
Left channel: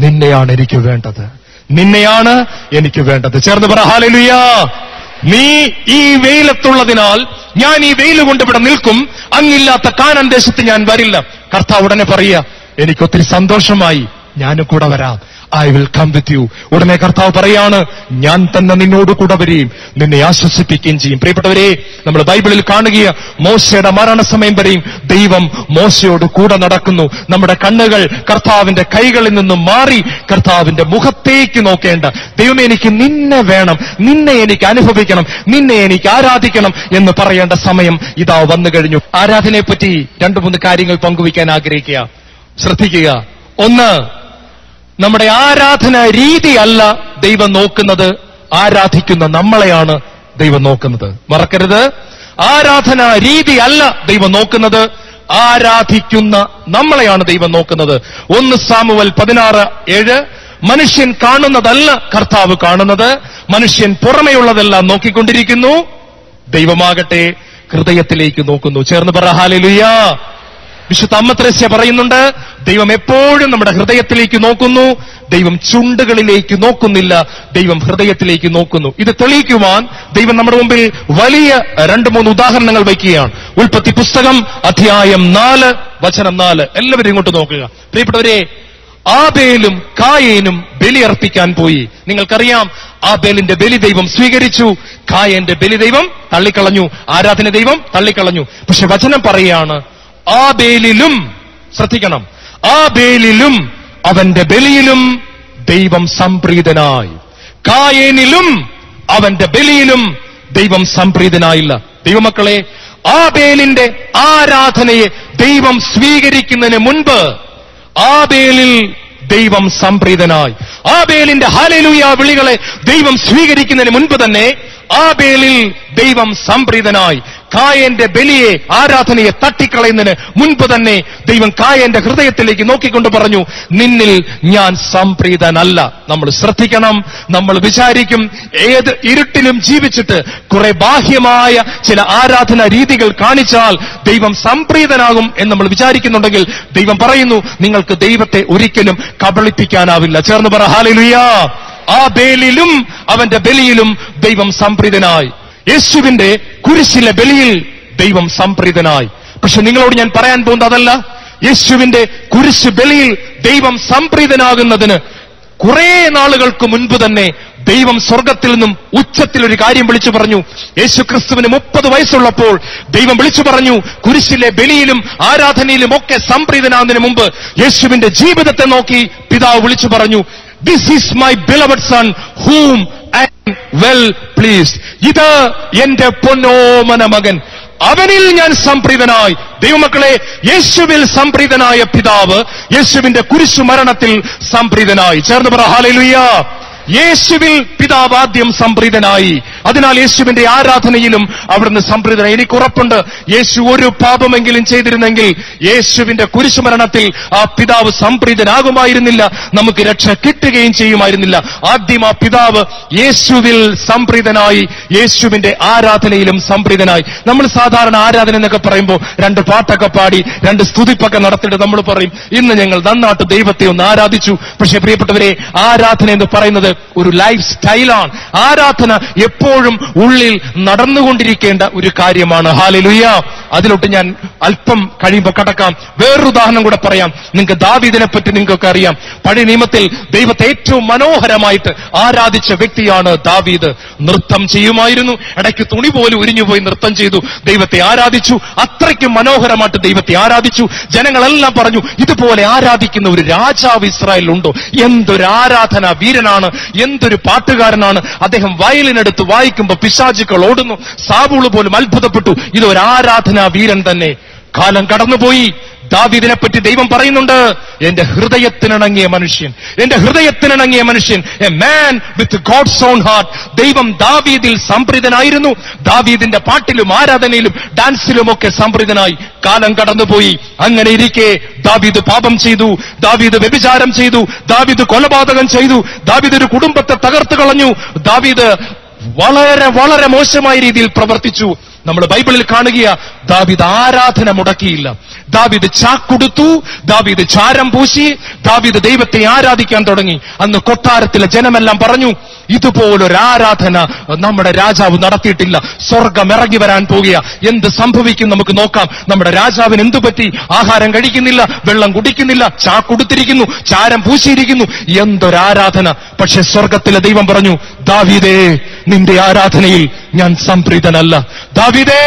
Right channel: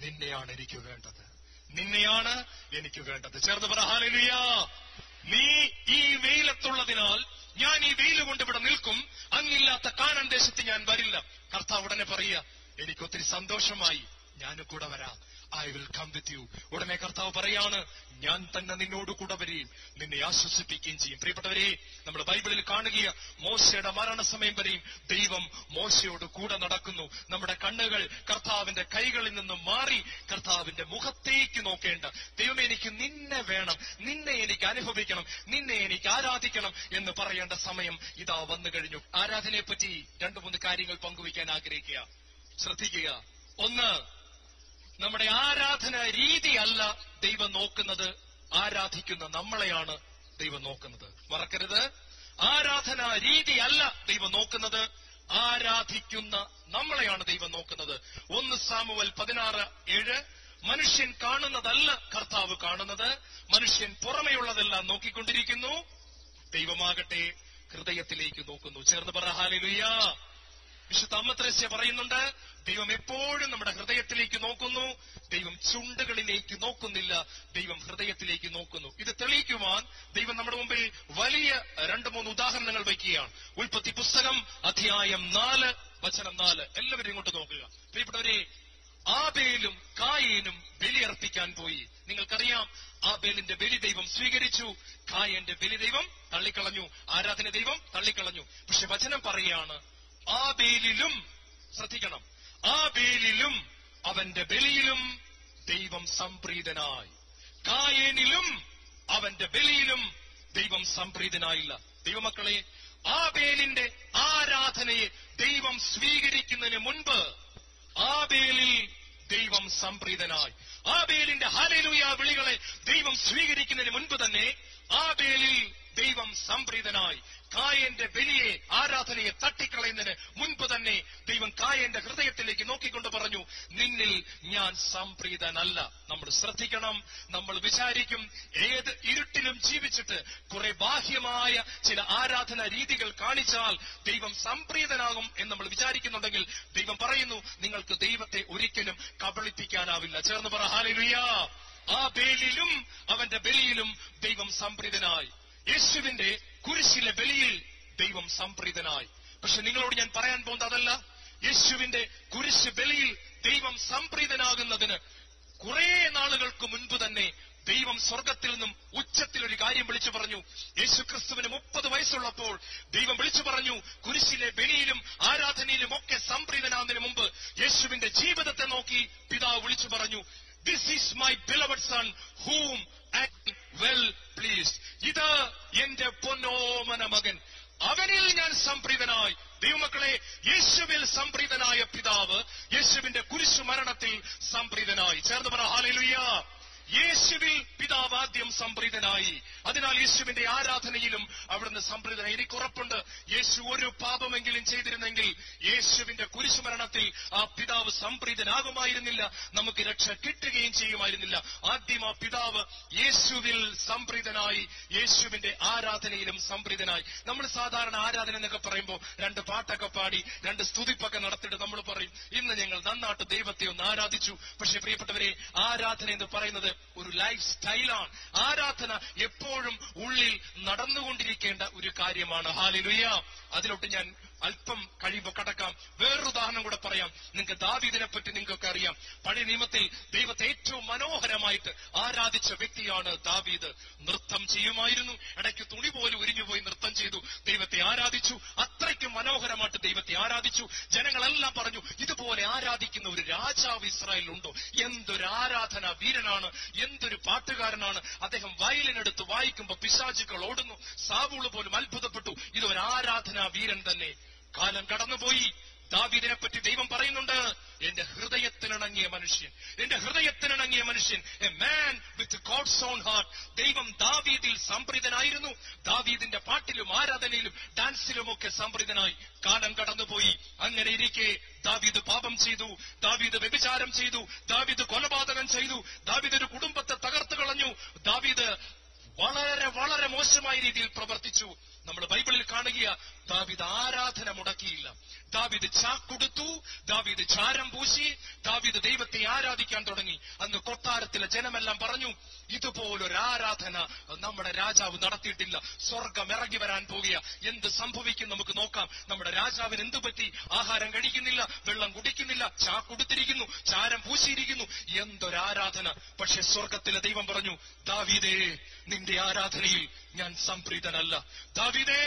നിന്നെയാണ് എനിക്ക് വേണ്ടത്, നിന്നെയാണ് എനിക്ക് വേണ്ടത്. ചേർന്ന് പറ ഹല്ലേലൂയ. നീ ഈ വെയിലത്തുള്ളതിനാൽ ഞാൻ ഈ വെയിൽ കൊണ്ട് ഇവിടെ നിൽക്കും, അങ്ങില്ലാത്ത കാനാൻ ദേശത്ത് ഞാൻ വരില്ല. കർത്താവ് ഉടനെ പറയുക, എനിക്കൊത്തിരി സന്തോഷമായി, ഞാനും കൂടെ വരാം. I will come with you. ഉടനെ കർത്താവ് പറയാണ്, ഞാൻ തന്നെ നിന്നോട് കൂടെ വരികയും നിന്നെ ആശ്വസിപ്പിക്കുകയും ചെയ്യും. പ്രിയപ്പെട്ടവരെ, നമ്മൾ ബൈബിളിൽ കാണുക, മോശയുടെ മരണസമയം വരെയും ദൈവം മോശയോട് കൂടെ നടക്കുന്നു. നമ്മുടെ കണ്ണുകൾ കർത്താവിന്റെ കൈകളിൽ നിന്നും മാറി കർത്താവിന്റെ മുഖത്തേക്ക് നോക്കേണ്ട. ദൈവമേ, എനിക്ക് നിന്നെ വേണം, നിന്നെ എനിക്ക് അനുഭവിക്കണം, നിന്നെ എനിക്ക് ആരാധിക്കണം എന്ന് പറയേണ്ട സമയം ഇതാ വന്നു കഴിഞ്ഞു. ആരാധനയെ പറ്റി 2-3 കാര്യങ്ങൾ പങ്കുവയ്ക്കാൻ ആഗ്രഹിക്കുക. ശ്രദ്ധിക്കുക. ഒന്ന്, നമ്മുടെ ആരാധന രീതിയല്ല ദൈവം നോക്കുന്നത്, ആരാധിക്കുന്ന നമ്മളെയാണ് ദൈവം നോക്കുന്നത്. മറക്കരുത്, ആരാധന രീതിയല്ല ദൈവം നോക്കുന്നത്, ആരാധിക്കുന്ന നമ്മളെയാണ് ദൈവം നോക്കുന്നത്. 1 സാമുവേൽ 16:7. മനുഷ്യൻ കാണുന്നതല്ല കർത്താവ് കാണുന്നത്, മനുഷ്യൻ പുറമെയുള്ളതെല്ലാം നോക്കിക്കൊണ്ടിരിക്കുന്നു, ദൈവമാകട്ടെ ഹൃദയത്തിലേക്ക് നോക്കുന്നു. ചേർന്ന് പറ ഹല്ലേലൂയ. വിശുദ്ധ അമ്മ ത്രേസ്യ പറയുന്നുണ്ട്, ദൈവം എപ്പോഴും നമ്മുടെ ഹൃദയത്തിലേക്ക് നോക്കുന്നു, ദൈവം ചുണ്ടുകളിലേക്ക് നോക്കുന്നില്ല, ദൈവം ഹൃദയത്തിലേക്ക് നോക്കുന്നു. ഇത് തെളിയിക്കുവാൻ ദൈവം നമ്മുടെ മുമ്പിൽ വലിയ 2-3 ഉദാഹരണങ്ങൾ വയ്ക്കുകയാണ്. ഉൽപ്പത്തി പുസ്തകം അധ്യായം 4 വചനം 4. എല്ലാവരും ഇങ്ങോട്ട് നോക്കുക. പ്രിയപ്പെട്ടവരെ, ആബേലും കായേനും ബലിയർപ്പിക്കാൻ പോയി. നിങ്ങൾക്കറിയാം, ആബേലിന്റെ ബലി ദൈവം സ്വീകരിച്ചു, കായേന്റെ ബലി ദൈവം തള്ളിക്കളഞ്ഞു, ആരാധന ദൈവം തള്ളിക്കളഞ്ഞു. പക്ഷെ വചനം പറയാണ്, ആബേലിലും, ശ്രദ്ധിക്കണം, ആബേലിലും അവന്റെ ബലിയിലും ദൈവം സംപ്രീതനായി, കായേനിലും അവന്റെ ബലിയിലും ദൈവം സംപ്രീതനായില്ല. ദൈവമക്കളെ, ആബേലിന്റെ ആരാധനയെ ദൈവം സ്വീകരിക്കുന്നതിന് മുൻപ് ആബേലിൽ ദൈവം സംപ്രീതനായി. ആബേലിന്റെ ഹല്ലേലൂയ വിളികളെ ദൈവം സ്വീകരിക്കുന്നതിന് മുൻപ് തന്നെ ആബേലിൽ ദൈവം സംപ്രീതനായി. കായന്റെ ബലിയെ, ആരാധനയെ തട്ടിക്കളയുന്നതിന് മുൻപ് തന്നെ ദൈവം കായന്റെ ഹൃദയത്തിലേക്ക് നോക്കിക്കൊണ്ട് പറഞ്ഞു, നിന്നിൽ ഞാൻ സംപ്രീതനല്ല. നമ്മൾ ശ്രദ്ധിക്കണം. നമ്മൾ വിചാരിക്കും, ഏത് ഇരുട്ടിലും ജീവിച്ചിട്ട് കുറെ ബാഹ്യമായ ചില ആരാധന രീതികൾ കാണിച്ചാൽ ദൈവം സംപ്രീതനാകും എന്ന് നമ്മൾ വിചാരിക്കുന്നുണ്ടെങ്കിൽ ദൈവം പറയുന്നു, നിങ്ങൾക്ക് ദൈവത്തെ ഒരിക്കലും കബളിപ്പിക്കാനാവില്ല. ചേർന്ന് പറ ഹല്ലേലൂയ. ആബേലിലും അവന്റെ ബലിയിലും ദൈവം സംപ്രീതനായി. യേശുവിന്റെ കുരിശിലെ ബലിയിൽ ദൈവം സംപ്രീതനായി. പക്ഷെ നിങ്ങളോട് ഞാൻ പറയാൻ പോകുന്നത് അതല്ല. യേശുവിന്റെ കുരിശ് ബലിയിൽ ദൈവം സംപ്രീതനാകുന്നതിന് കുറെ നാളുകൾക്ക് മുൻപ് തന്നെ ദൈവം സ്വർഗത്തിൽ നിന്നും ഉച്ചത്തിൽ ഒരു കാര്യം വിളിച്ചു പറഞ്ഞു. യേശു ക്രിസ്തുവിന് 30 വയസ്സുള്ളപ്പോൾ ദൈവം വിളിച്ചു പറഞ്ഞു, കുരിശിലെ ബലിയിലും ആരാധനയിലും ഒക്കെ സംപ്രീതനാകുന്നതിന് മുമ്പ് യേശുവിന്റെ ജീവിതത്തെ നോക്കി പിതാവ് വിളിച്ചു പറഞ്ഞു, this is my beloved son whom I am well pleased. ഇത് എന്റെ പൊന്നോമന മകൻ, അവനിൽ ഞാൻ സംപ്രീതനായി. ദൈവമക്കളെ, യേശുവിൽ സംപ്രീതനായ പിതാവ് യേശുവിന്റെ കുരിശു മരണത്തിൽ സംപ്രീതനായി. ചേർന്ന് പറ ഹല്ലേലൂയ. യേശുവിൽ പിതാവ് ആദ്യം സംപ്രീതനായി. അതിനാൽ യേശുവിന്റെ ആരാധനയിലും അവിടുന്ന് സംപ്രീതനായി. എനിക്ക് ഉറപ്പുണ്ട്, യേശു ഒരു പാപമെങ്കിലും ചെയ്തിരുന്നെങ്കിൽ യേശുവിന്റെ കുരിശുമരണത്തിൽ ആ പിതാവ് സംപ്രീതനാകുമായിരുന്നില്ല, നമുക്ക് രക്ഷ കിട്ടുകയും ചെയ്യുമായിരുന്നില്ല. ആദ്യം ആ പിതാവ് യേശുവിൽ സംപ്രീതനായി, യേശുവിന്റെ ആരാധനയിലും സംപ്രീതനായി. നമ്മൾ സാധാരണ ആരാധന എന്നൊക്കെ പറയുമ്പോൾ 2 പാട്ടൊക്കെ പാടി 2 സ്തുതിപ്പൊക്കെ നടത്തിയിട്ട് നമ്മൾ പറയും, ഇന്ന് ഞങ്ങൾ നന്നായിട്ട് ദൈവത്തെ ഒന്ന് ആരാധിച്ചു. പക്ഷേ പ്രിയപ്പെട്ടവരെ, ആരാധന എന്ന് പറയുന്നത് ഒരു ലൈഫ് സ്റ്റൈലാണ്. ആരാധന എപ്പോഴും ഉള്ളിൽ നടന്നുകൊണ്ടിരിക്കേണ്ട ഒരു കാര്യമാണ്. ഹല്ലേലൂയ. അതിലോട്ട് ഞാൻ അല്പം കഴിയുമ്പോൾ കടക്കാം. വേറൊരു ഉദാഹരണം കൂടെ പറയാം. നിങ്ങൾക്ക് ദാവീദിനെ പറ്റി നിങ്ങൾക്കൊക്കെ അറിയാം. പഴയ നിയമത്തിൽ ദൈവത്തെ ഏറ്റവും മനോഹരമായിട്ട് ആരാധിച്ച വ്യക്തിയാണ് ദാവീദ്. നൃത്തം ചെയ്യുമായിരുന്നു, ഇടയ്ക്ക് തുണി പോലും ഉരിഞ്ഞുപോയി നൃത്തം ചെയ്തു, ദൈവത്തെ ആരാധിച്ചു. അത്രയ്ക്കും മനോഹരമായിട്ട് ദൈവത്തെ ആരാധിച്ചു. ജനങ്ങളെല്ലാം പറഞ്ഞു, ഇതുപോലെ ആരാധിക്കുന്ന ഒരു രാജാവ് ഇസ്രായേലിലുണ്ടോ? എന്തൊരു ആരാധനാ വീരനാണ്, എന്തൊരു പാട്ടുകാരനാണ്. അദ്ദേഹം വയലിനെടുത്ത് വായിക്കുമ്പോൾ പിശാചുക്കൾ ഓടുന്നു. സാവൂള് പോലും അത്ഭുതപ്പെട്ടു, ഇതൊരു ആരാധനാ വീരൻ തന്നെ. കാലം കടന്നുപോയി. ദാവീദിനെ പറ്റി ദൈവം പറയുന്നുണ്ട്, എന്റെ ഹൃദയത്തിനിണങ്ങിയ മനുഷ്യൻ, എന്റെ ഹൃദയത്തിനിണങ്ങിയ മനുഷ്യൻ, a man with God's own heart. ദൈവം ദാവീദിൽ സംപ്രീതനായിരുന്നു. ദാവീദിന്റെ പാട്ടിലും ആരാധനയിലും ഡാൻസിലുമൊക്കെ സംപ്രീതനായി. കാലം കടന്നുപോയി. അങ്ങനെ ഇരിക്കെ ദാവീദ് പാപം ചെയ്തു, ദാവീദ് വ്യഭിചാരം ചെയ്തു, ദാവീദ് കൊലപാതകം ചെയ്തു, ദാവീദ് ഒരു കുടുംബത്തെ തകർത്തു കളഞ്ഞു. ദാവീദ് വളരെ വളരെ മോശമായ രീതിയിൽ പ്രവർത്തിച്ചു. നമ്മൾ ബൈബിളിൽ കാണുക, ദാവീദ് ആരാധന മുടക്കിയില്ല. ദാവീദ് ചാക്കൊടുത്തു, ദാവീദ് ചാരം പൂശി, ദാവീദ് ദൈവത്തെ ആരാധിക്കാൻ തുടങ്ങി. അന്ന് കൊട്ടാരത്തിലെ ജനമെല്ലാം പറഞ്ഞു, ഇതുപോലൊരു ആരാധന നമ്മുടെ രാജാവ് നടത്തിയിട്ടില്ല. സ്വർഗം ഇറങ്ങി വരാൻ പോകുക. എന്ത് സംഭവിക്കും നമുക്ക് നോക്കാം. നമ്മുടെ രാജാവിന് എന്തു പറ്റി? ആഹാരം കഴിക്കുന്നില്ല, വെള്ളം കുടിക്കുന്നില്ല, ചാക്കൊടുത്തിരിക്കുന്നു, ചാരം പൂശിയിരിക്കുന്നു. എന്തൊരാരാധന! പക്ഷെ സ്വർഗത്തിലെ ദൈവം പറഞ്ഞു, ദാവീദേ, നിന്റെ ആരാധനയിൽ ഞാൻ സംപ്രീതനല്ല. ദാവീദേ,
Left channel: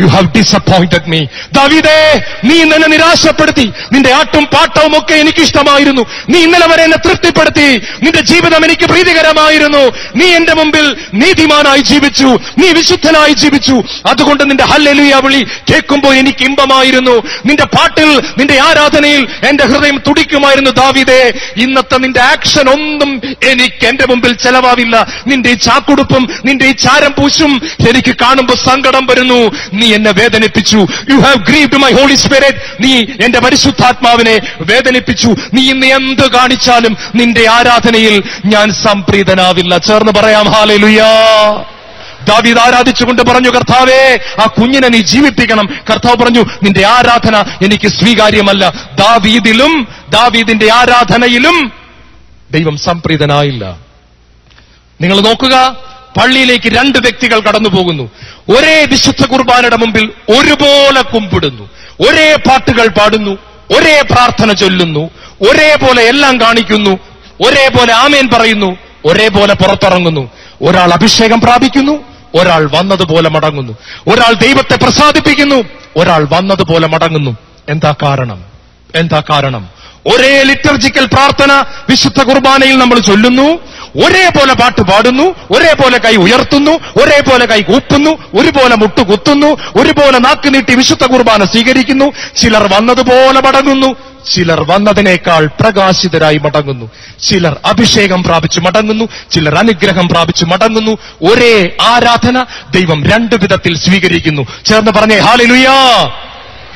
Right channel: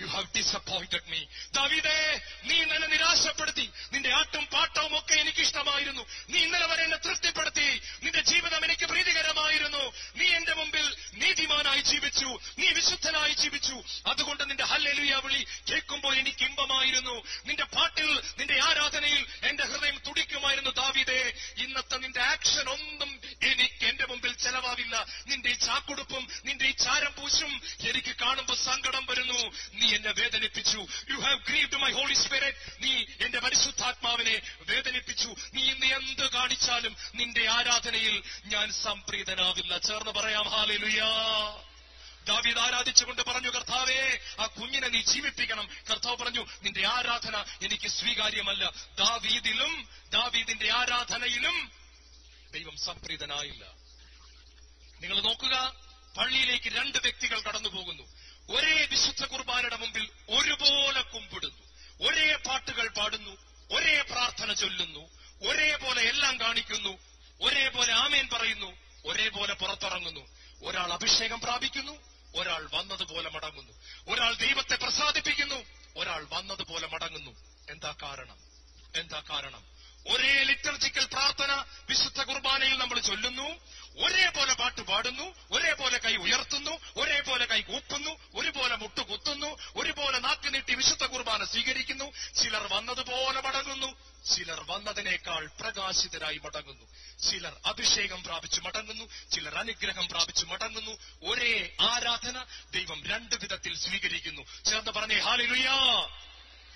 യു ഹാവ് ഡിസപ്പോയിന്റഡ് മീ. ദാവീദേ, നീ എന്നെ നിരാശപ്പെടുത്തി. നിന്റെ ആട്ടും പാട്ടവും ഒക്കെ എനിക്കിഷ്ടമായിരുന്നു. നീ ഇന്നലെ വരെ എന്നെ തൃപ്തിപ്പെടുത്തി. നിന്റെ ജീവിതം എനിക്ക് പ്രീതികരമായിരുന്നു. നീ എന്റെ മുമ്പിൽ നീതിമാനായി ജീവിച്ചു, നീ വിശുദ്ധനായി ജീവിച്ചു. അതുകൊണ്ട് നിന്റെ ഹല്ലേലൂയ വിളി കേൾക്കുമ്പോൾ എനിക്ക് ഇമ്പമായിരുന്നു. നിന്റെ പാട്ടിൽ, നിന്റെ ആരാധനയിൽ എന്റെ ഹൃദയം തുടിക്കുമായിരുന്നു. ദാവീദേ, ഇന്നത്തെ നിന്റെ ആക്ഷൻ ഒന്നും എനിക്ക് എന്റെ മുമ്പിൽ ചെലവാവില്ല. നിന്റെ ഈ ചാക്കുടുപ്പും നിന്റെ ഈ ചാരം പൂശും എനിക്ക് കാണുമ്പോൾ സങ്കടം വരുന്നു. നീ എന്നെ വേദനിപ്പിച്ചു. You have grieved my Holy Spirit. നീ എന്റെ പരിശുദ്ധാത്മാവിനെ വേദനിപ്പിച്ചു. നീ ഇന്ന് എന്ത് കാണിച്ചാലും നിന്റെ ആരാധനയിൽ ഞാൻ സംപ്രീതനാവില്ല. ചേർന്ന് പറയാം ഹല്ലേലൂയ. ദാവീദ് ആരാധിച്ചുകൊണ്ട് പറഞ്ഞു, കർത്താവേ, ആ കുഞ്ഞിനെ നീ ജീവിപ്പിക്കണം. കർത്താവ് പറഞ്ഞു, നിന്റെ ആരാധന എനിക്ക് സ്വീകാര്യമല്ല. ദാവീദിലും ദാവീദിന്റെ ആരാധനയിലും ദൈവം സംപ്രീതനായില്ല. നിങ്ങൾ നോക്കുക, പള്ളിയിലേക്ക് രണ്ട് വ്യക്തികൾ കടന്നു പോകുന്നു. ഒരേ വിശുദ്ധ കുർബാനയുടെ മുമ്പിൽ ഒരുപോലെ കുമ്പിടുന്നു, ഒരേ പാട്ടുകൾ പാടുന്നു, ഒരേ പ്രാർത്ഥന ചൊല്ലുന്നു, ഒരേപോലെ എല്ലാം കാണിക്കുന്നു, ഒരേപോലെ ആമേൻ പറയുന്നു, ഒരേപോലെ പുറത്തിറങ്ങുന്നു. ഒരാൾ അഭിഷേകം പ്രാപിക്കുന്നു, ഒരാൾ വന്നതുപോലെ മടങ്ങുന്നു. ഒരാൾ ദൈവത്തെ പ്രസാദിപ്പിക്കുന്നു, ഒരാൾ വന്നതുപോലെ മടങ്ങുന്നു. എന്താ കാരണം? എന്താ കാരണം? ഒരേ ലിറ്റർജിക്കൽ പ്രാർത്ഥന വിശുദ്ധ കുർബാനയിൽ നമ്മൾ ചൊല്ലുന്നു, ഒരേപോലെ പാട്ട് പാടുന്നു, ഒരേപോലെ കൈ ഉയർത്തുന്നു, ഒരേപോലെ കൈ കൂപ്പുന്നു, ഒരുപോലെ മുട്ടുകുത്തുന്നു, ഒരുപോലെ നാക്ക് നീട്ടി വിശുദ്ധ കുർബാന സ്വീകരിക്കുന്നു. ചിലർ വന്നതുപോലെ മടങ്ങുന്നു, ചിലർ വന്നതിനേക്കാൾ പ്രകാശിതരായി മടങ്ങുന്നു. ചിലർ അഭിഷേകം പ്രാപിച്ചു മടങ്ങുന്നു, ചിലർ അനുഗ്രഹം പ്രാപിച്ചു മടങ്ങുന്നു. ഒരേ ആരാധന ദൈവം രണ്ടു വിധത്തിൽ സ്വീകരിക്കുന്നു. ചേർന്ന് പറഞ്ഞേ ഹല്ലേലൂയ.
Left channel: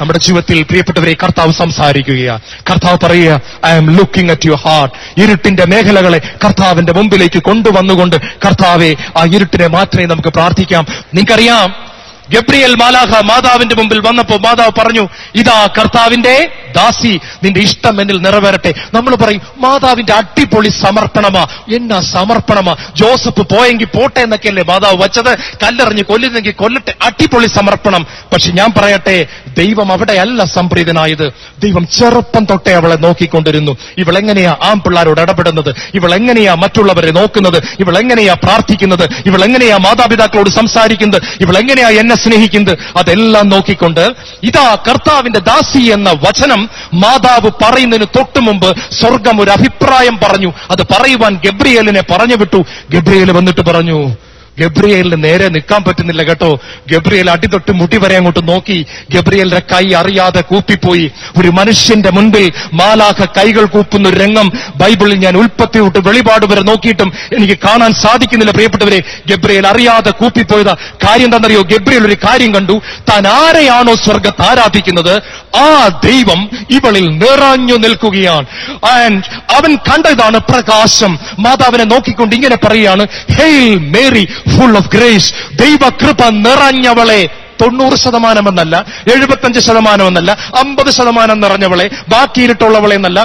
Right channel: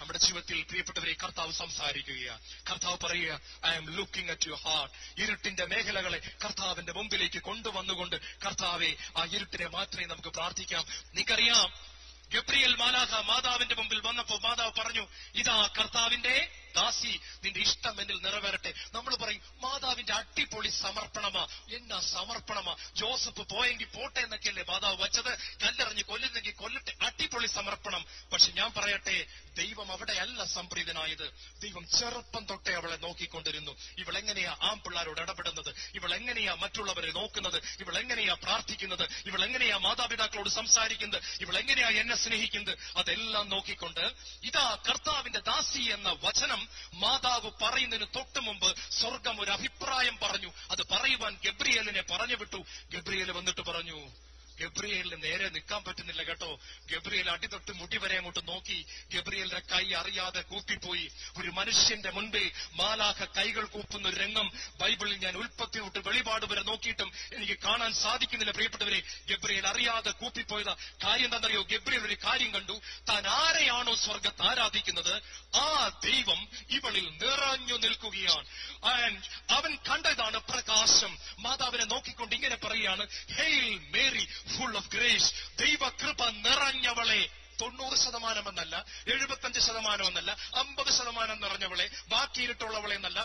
നമ്മുടെ ജീവിതത്തിൽ പ്രിയപ്പെട്ടവരെ കർത്താവ് സംസാരിക്കുകയാണ്. കർത്താവ് പറയുക, I am looking at your heart. ഇരുട്ടിന്റെ മേഖലകളെ കർത്താവിന്റെ മുമ്പിലേക്ക് കൊണ്ടുവന്നുകൊണ്ട് കർത്താവെ, ആ ഇരുട്ടിനെ മാത്രമേ നമുക്ക് പ്രാർത്ഥിക്കാം. നിങ്ങൾക്കറിയാം, ഗബ്രിയേൽ മാലാഖ മാതാവിന്റെ മുമ്പിൽ വന്നപ്പോ മാതാവ് പറഞ്ഞു, ഇതാ കർത്താവിന്റെ ദാസി, നിന്റെ ഇഷ്ടം എന്നിൽ നിറവേറട്ടെ. നമ്മൾ പറയും, മാതാവിന്റെ അടിപൊളി സമർപ്പണമാ. എന്നാ സമർപ്പണമാ! ജോസഫ് പോയെങ്കിൽ പോട്ടെ എന്നൊക്കെയല്ലേ മാതാവ് വച്ചത്. കല്ലെറിഞ്ഞ് കൊല്ലുന്നെങ്കിൽ കൊല്ലട്ടെ, അടിപൊളി സമർപ്പണം. പക്ഷെ ഞാൻ പറയട്ടെ, ദൈവം അവിടെയല്ല സംപ്രീതനായത്. ദൈവം ചെറുപ്പം തൊട്ടേ അവളെ നോക്കിക്കൊണ്ടിരുന്നു. ഇവളെങ്ങനെയാ ആൺപിള്ളാരോട് ഇടപെടുന്നത്, ഇവളെങ്ങനെയാ മറ്റുള്ളവരെ നോക്കുന്നത്, ഇവളെങ്ങനെയാ പ്രാർത്ഥിക്കുന്നത്, ഇവളെങ്ങനെയാ മാതാപിതാക്കളോട് സംസാരിക്കുന്നത്, ഇവളെങ്ങനെയാ എന്നെ സ്നേഹിക്കുന്നത്, അതെല്ലാം നോക്കിക്കൊണ്ട് ഇതാ കർത്താവിന്റെ ദാസി എന്ന വചനം മാതാവ് പറയുന്നതിന് തൊട്ടു മുമ്പ് സ്വർഗം ഒരു അഭിപ്രായം പറഞ്ഞു. അത് പറയുവാൻ ഗബ്രിയേലിനെ പറഞ്ഞു വിട്ടു. ഗബ്രിയേൽ വന്നിട്ട് പറഞ്ഞു, ഗബ്രിയേലിന് നേരെ നിൽക്കാൻ പറ്റുന്നില്ല കേട്ടോ. ഗബ്രിയേൽ അടിതൊട്ട് മുടി വരെ അങ്ങോട്ട് നോക്കി. ഗബ്രിയേലിന്റെ കൈ അറിയാതെ കൂപ്പിപ്പോയി. ഒരു മനുഷ്യന്റെ മുൻപിൽ മാലാഖ കൈകൾ കൂപ്പുന്ന ഒരു രംഗം ബൈബിളിൽ ഞാൻ ഉൽപ്പത്തി തൊട്ട് വെളിപാട് വരെ നോക്കിയിട്ടും എനിക്ക് കാണാൻ സാധിക്കുന്നില്ല. പ്രിയപ്പെട്ടവരെ, ഗബ്രിയേൽ അറിയാതെ കൂപ്പിപ്പോയതാ. കാര്യം എന്താണെന്നറിയോ? ഗബ്രിയേൽ ഒരു കാര്യം കണ്ടു. താൻ ആരെയാണോ സ്വർഗത്ത് ആരാധിക്കുന്നത്, ആ ദൈവം ഇവളിൽ നിറഞ്ഞു നിൽക്കുകയാണ്. ആൻഡ് അവൻ കണ്ടതാണ് പ്രകാശം. മാതാവിനെ നോക്കിക്കൊണ്ട് ഇങ്ങനെ പറയുകയാണ്, hail Mary full of grace. ദൈവകൃപ നിറഞ്ഞവളെ. 90% എന്നല്ല, 75% എന്നല്ല, 50% നിറഞ്ഞവളെ, ബാക്കി ഇരുട്ടുള്ളവളെ എന്നല്ല,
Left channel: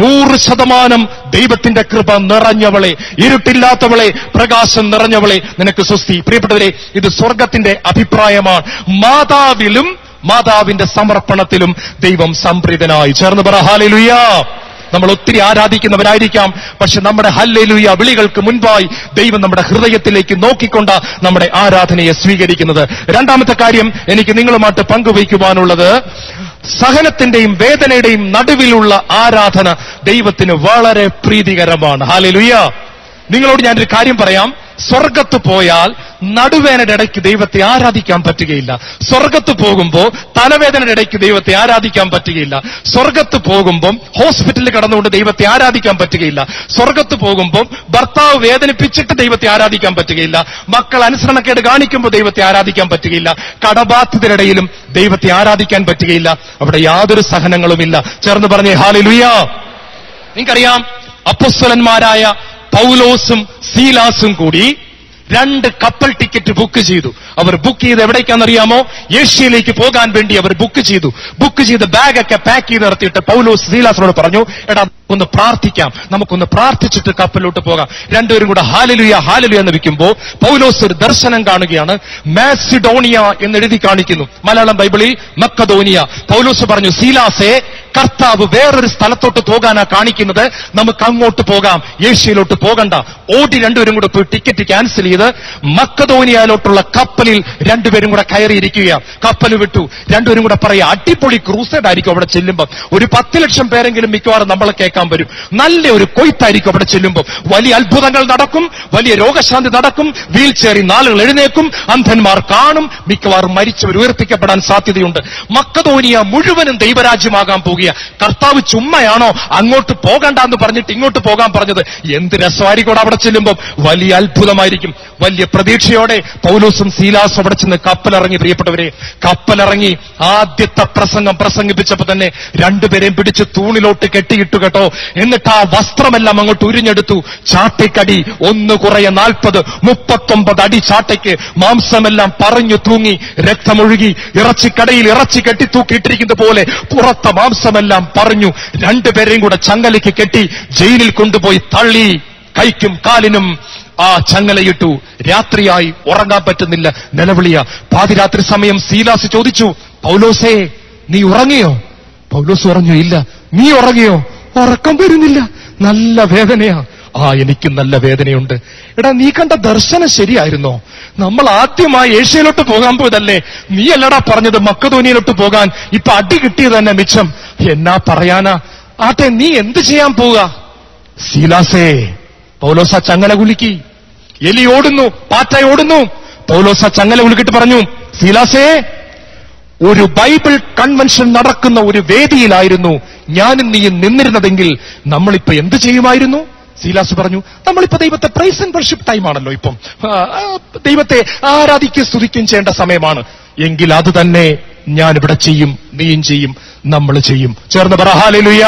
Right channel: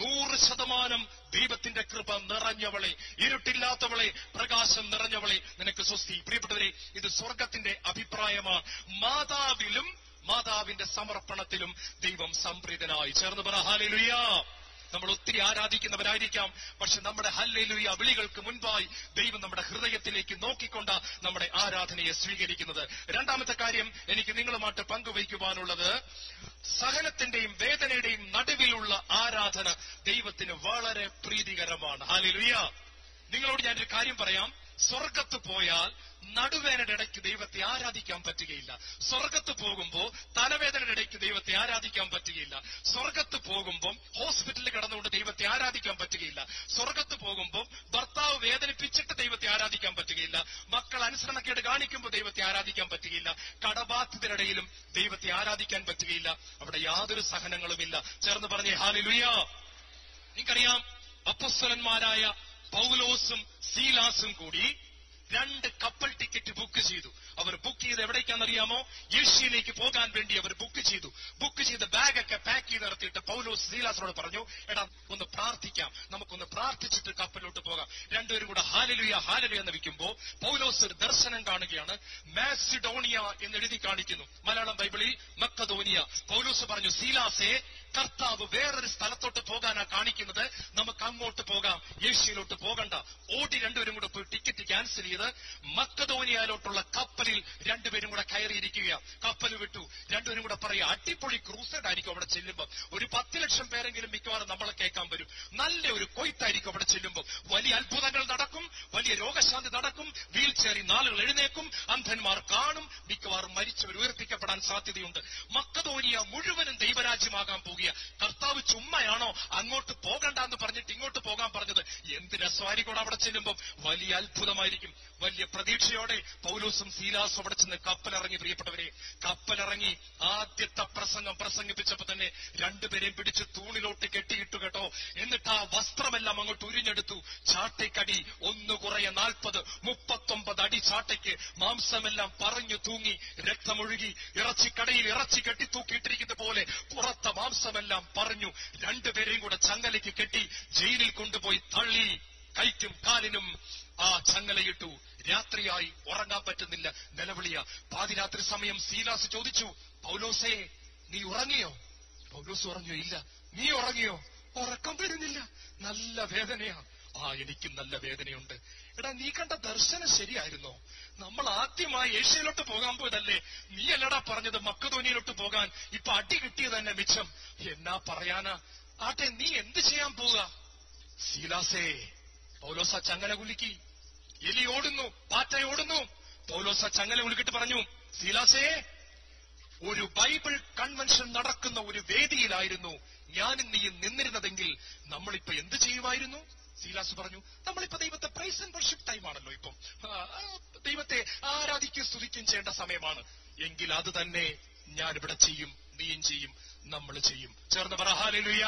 100% ദൈവത്തിന്റെ കൃപ നിറഞ്ഞവളെ, ഇരുട്ടില്ലാത്തവളെ, പ്രകാശം നിറഞ്ഞവളെ, നിനക്ക് സ്വസ്തി. പ്രിയപ്പെട്ടവരെ, ഇത് സ്വർഗത്തിന്റെ അഭിപ്രായമാണ്. മാതാവിലും മാതാവിന്റെ സമർപ്പണത്തിലും ദൈവം സംപ്രീതനായി. ചേർന്ന് പറ ഹല്ലേലൂയ. നമ്മൾ ഒത്തിരി ആരാധിക്കുന്നവരായിരിക്കാം, പക്ഷെ നമ്മുടെ ഹല്ലേലൂയ വിളികൾക്ക് മുൻപായി ദൈവം നമ്മുടെ ഹൃദയത്തിലേക്ക് നോക്കിക്കൊണ്ട് നമ്മുടെ ആരാധനയെ സ്വീകരിക്കുന്നത്. രണ്ടാമത്തെ കാര്യം എനിക്ക് നിങ്ങളുമായിട്ട് പങ്കുവയ്ക്കുവാനുള്ളത്, സഹനത്തിന്റെയും വേദനയുടെയും നടുവിലുള്ള ആരാധന ദൈവത്തിന് വളരെ പ്രീതികരമാണ്. ഹല്ലേലൂയ. നിങ്ങളോട് ഞാനൊരു കാര്യം പറയാം. സ്വർഗത്ത് പോയാൽ നടുവേദനയുടെ ഇടയ്ക്ക് ദൈവത്തെ ആരാധിക്കാൻ പറ്റുകയില്ല. സ്വർഗത്ത് പോകുമ്പോൾ തലവേദനയുടെ ഇടയ്ക്ക് ദൈവത്തെ ആരാധിക്കാൻ പറ്റുകയില്ല. സ്വർഗത്ത് പോകുമ്പം ഹോസ്പിറ്റലിൽ കടന്നുകൊണ്ട് ദൈവത്തെ ആരാധിക്കാൻ പറ്റുകയില്ല. സ്വർഗത്ത് പോകുമ്പം ഭർത്താവ് വേദനിപ്പിച്ചിട്ട് ദൈവത്തെ ആരാധിക്കാൻ പറ്റുകയില്ല. മക്കൾ അനുസരണക്കേട് കാണിക്കുമ്പോൾ ദൈവത്തെ ആരാധിക്കാൻ പറ്റുകയില്ല. കടബാധിതരുടെയിലും ദൈവത്തെ ആരാധിക്കാൻ പറ്റുകയില്ല. അവിടെ യാതൊരു സഹനങ്ങളുമില്ല. ചേർന്ന് പറഞ്ഞേ ഹല്ലേലൂയ. നിങ്ങൾക്കറിയാം, അപ്പോസ്തലന്മാരായ പൗലോസും സീലാസും കൂടി 2 കപ്പൽ ടിക്കറ്റ് ബുക്ക് ചെയ്തു. അവർ ബുക്ക് ചെയ്ത് എവിടേക്കാണെന്നറിയാമോ? ഏഷ്യയിലേക്ക് പോകാൻ വേണ്ടി അവർ ബുക്ക് ചെയ്ത് ബാഗൊക്കെ പാക്ക് ചെയ്ത് നിർത്തിയിട്ട് പൗലോസ് സീലാസിനോട് പറഞ്ഞു, എടാ ഒന്ന് പ്രാർത്ഥിക്കാം, നമുക്കൊന്ന് പ്രാർത്ഥിച്ചിട്ട് കപ്പലിലോട്ട് പോകാം. രണ്ടുപേരും കൂടെ ഹല്ലേലൂയ ഹല്ലേലൂയ എന്ന് വിളിക്കുമ്പോൾ പൗലോസ് ഒരു ദർശനം കാണുകയാണ്. മാസിഡോണിയ എന്ന് എഴുതി കാണിക്കുന്നു. മലയാളം ബൈബിളിൽ മക്കദോനിയ. പൗലോസ് പറഞ്ഞു, സീലാസേ, കർത്താവ് വേറൊരു സ്ഥലത്തോട്ട് പോകാനാ കാണിക്കുന്നത്, നമുക്ക് അങ്ങോട്ട് പോകാം, ഏഷ്യയിലോട്ട് പോകണ്ട. ഓടി രണ്ടുപേരും കൂടെ പോയി ടിക്കറ്റ് ക്യാൻസൽ ചെയ്ത് മക്കദോനിയയിലോട്ടുള്ള കപ്പലിൽ രണ്ടുപേരും കൂടെ കയറിയിരിക്കുക. കപ്പൽ വിട്ടു. രണ്ടുപേരും കൂടെ പറയാ, അടിപൊളി ക്രൂസൈഡ് ആയിരിക്കും അവിടെ ചെല്ലുമ്പോൾ. ഒരു 10 ലക്ഷം പേരെങ്കിലും മിക്കവാറും നമ്മളെ കേൾക്കാൻ വരും. നല്ല ഒരു കൊയ്ത്തായിരിക്കും അവിടെ ചെല്ലുമ്പോൾ. വലിയ അത്ഭുതങ്ങൾ നടക്കും, വലിയ രോഗശാന്തി നടക്കും, വീൽ ചെയറിൽ ആളുകൾ എഴുന്നേക്കും, അന്ധന്മാർ കാണും, മിക്കവാറും മരിച്ചവർ ഉയർപ്പിക്കപ്പെടാൻ സാധ്യതയുണ്ട്. മക്കദോനിയ മുഴുവനും ദൈവരാജ്യമാകാൻ പോകുക. കർത്താവ് ചുമ്മയാണോ അങ്ങോട്ട് പോകണ്ടെന്ന് പറഞ്ഞിട്ട് ഇങ്ങോട്ട് പോകാൻ പറഞ്ഞത്? എന്ത് രസമായിരിക്കും അവിടെ ചെല്ലുമ്പോൾ. വലിയ അത്ഭുതമായിരിക്കും. വലിയ പ്രതീക്ഷയോടെ പൗലോസും സീലാസും അവിടെ ചെന്ന് കപ്പലിറങ്ങി. പ്രിയപ്പെട്ടവരെ, കപ്പലിറങ്ങി ആദ്യത്തെ പ്രസംഗം പ്രസംഗിപ്പിച്ചപ്പോ തന്നെ രണ്ടുപേരെയും പിടിച്ച് തൂണിലോട്ട് കെട്ടിയിട്ടു കേട്ടോ. എന്നിട്ട് ആ വസ്ത്രമെല്ലാം അങ്ങോട്ട് ഉരിഞ്ഞെടുത്തു. ചാട്ടയ്ക്കടി 1 കുറയെ 40, 39 അടി ചാട്ടയ്ക്ക്. മാംസമെല്ലാം പറഞ്ഞു തൂങ്ങി, രക്തമൊഴുകി. ഇറച്ചിക്കടയിൽ ഇറച്ചി കെട്ടി തൂക്കിയിട്ടിരിക്കുന്നത് പോലെ പുറത്തെ മാംസമെല്ലാം പറഞ്ഞു. രണ്ടുപേരെയും കൂടെ ചങ്ങലയ്ക്ക് കെട്ടി ജയിലിൽ കൊണ്ടുപോയി തള്ളി. കൈക്കും കാലിനും ആ ചങ്ങലയിട്ടു. രാത്രിയായി, ഉറങ്ങാൻ പറ്റുന്നില്ല, നിലവിളിയ. പാതിരാത്രി സമയം സീലാസ് ചോദിച്ചു, പൗലോസേ, നീ ഉറങ്ങിയോ? പൗലോസ് പറഞ്ഞു, ഇല്ല. നീ ഉറങ്ങിയോ? ഉറക്കം വരുന്നില്ല, നല്ല വേദനയാ. എനിക്ക് നല്ല വേദനയുണ്ട്. എടാ, നീ കണ്ട ദർശനം ശരിയായിരുന്നോ? നമ്മൾ ആദ്യമായി ഏഷ്യയിലോട്ട് പോകാൻ പോയതല്ലേ? നീ അല്ലടാ പറഞ്ഞത് മക്കദോനിയയിലോട്ട് പോകാൻ. ഇപ്പൊ അടി കിട്ടിയത് തന്നെ മിച്ചം. എന്നാ പറയാനാ? ആട്ടെ, നീ എന്ത് ചെയ്യാൻ പോവുക? സീലാസേ, പൗലോസ് ആ ചങ്ങല കുലുക്കി. എലി ഓടുന്നു, പാറ്റ ഓടുന്നു. പൗലോസ് ആ ചങ്ങല കുലുക്കിട്ട് പറഞ്ഞു, സീലാസേ, ഒരു ബൈബിൾ കൺവെൻഷൻ നടക്കുന്ന ഒരു വേദിയിലായിരുന്നു ഞാനും നീയും നിന്നിരുന്നതെങ്കിൽ നമ്മളിപ്പോ എന്ത് ചെയ്യുമായിരുന്നു? സീലാസ് പറഞ്ഞു, നമ്മളിപ്പോ ദൈവത്തെ പ്രൈസ് ആൻഡ് വർഷിപ്പ് ടൈമാണല്ലോ, ഇപ്പം ദൈവത്തെ ആരാധിക്കുകയും സ്തുതിക്കുകയും ചെയ്യേണ്ട സമയമാണ്. എങ്കിൽ അത് തന്നെ ഞാനിവിടെ ചെയ്യും, നീയും ചെയ്യും, നമ്മൾ ചെയ്യും. ചേർന്ന് പറ ഹല്ലേലൂയ.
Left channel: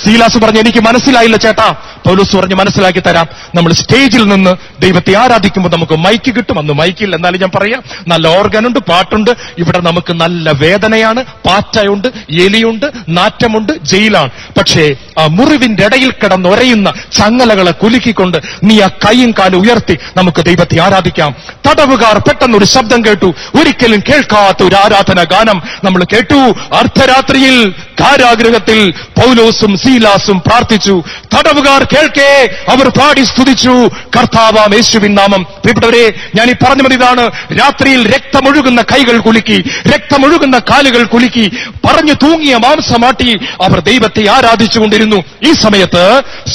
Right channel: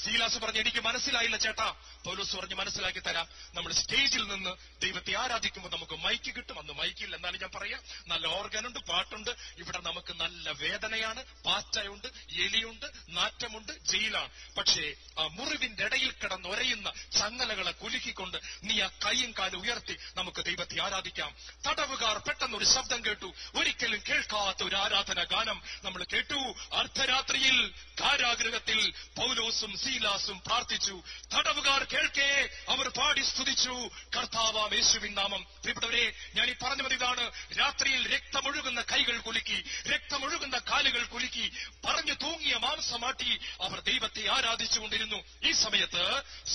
സീലാസ് പറഞ്ഞു, എനിക്ക് മനസ്സിലായില്ല ചേട്ടാ. പൗലോസ് പറഞ്ഞു, മനസ്സിലാക്കി തരാം. നമ്മൾ സ്റ്റേജിൽ നിന്ന് ദൈവത്തെ ആരാധിക്കുമ്പോൾ നമുക്ക് മൈക്ക് കിട്ടും. അന്ന് മൈക്കില്ല, എന്നാലും ഞാൻ പറയാം, നല്ല ഓർഗനുണ്ട്, പാട്ടുണ്ട്. ഇവിടെ നമുക്ക് നല്ല വേദനയാണ്, പാറ്റയുണ്ട്, എലിയുണ്ട്, നാറ്റമുണ്ട്, ജയിലാണ്. പക്ഷേ ആ മുറിവിന്റെ ഇടയിൽ കിടന്നൊരയുന്ന ചങ്ങലകളെ കുലുക്കിക്കൊണ്ട് നീ ആ കൈയും കാലും ഉയർത്തി നമുക്ക് ദൈവത്തെ ആരാധിക്കാം. തടവുകാർ പെട്ടെന്നൊരു ശബ്ദം കേട്ടു. ഒരിക്കലും കേൾക്കാത്ത ഒരു ആരാധന ഗാനം നമ്മൾ കേട്ടു. അർദ്ധരാത്രിയിൽ കാരാഗൃഹത്തിൽ പൗലോസും സീലാസും പ്രാർത്ഥിച്ചു. തടവുകാർ കേൾക്കേ അവർ പാടി സ്തുതിച്ചു കർത്താവാം യേശുവിൻ നാമം. പ്രിയപ്പെട്ടവരെ, ഞാൻ ഈ പറഞ്ഞ മതി ഇതാണ്. രാത്രിയിൽ രക്തമൊഴുകുന്ന കൈകൾ കുലുക്കി, രക്തമൊഴുകുന്ന കാലുകൾ കുലുക്കി, പറഞ്ഞു തൂങ്ങിയ മാംസമാട്ടി അവർ ദൈവത്തെ ആരാധിച്ചുകൊണ്ടിരുന്നു. ഈ സമയത്ത്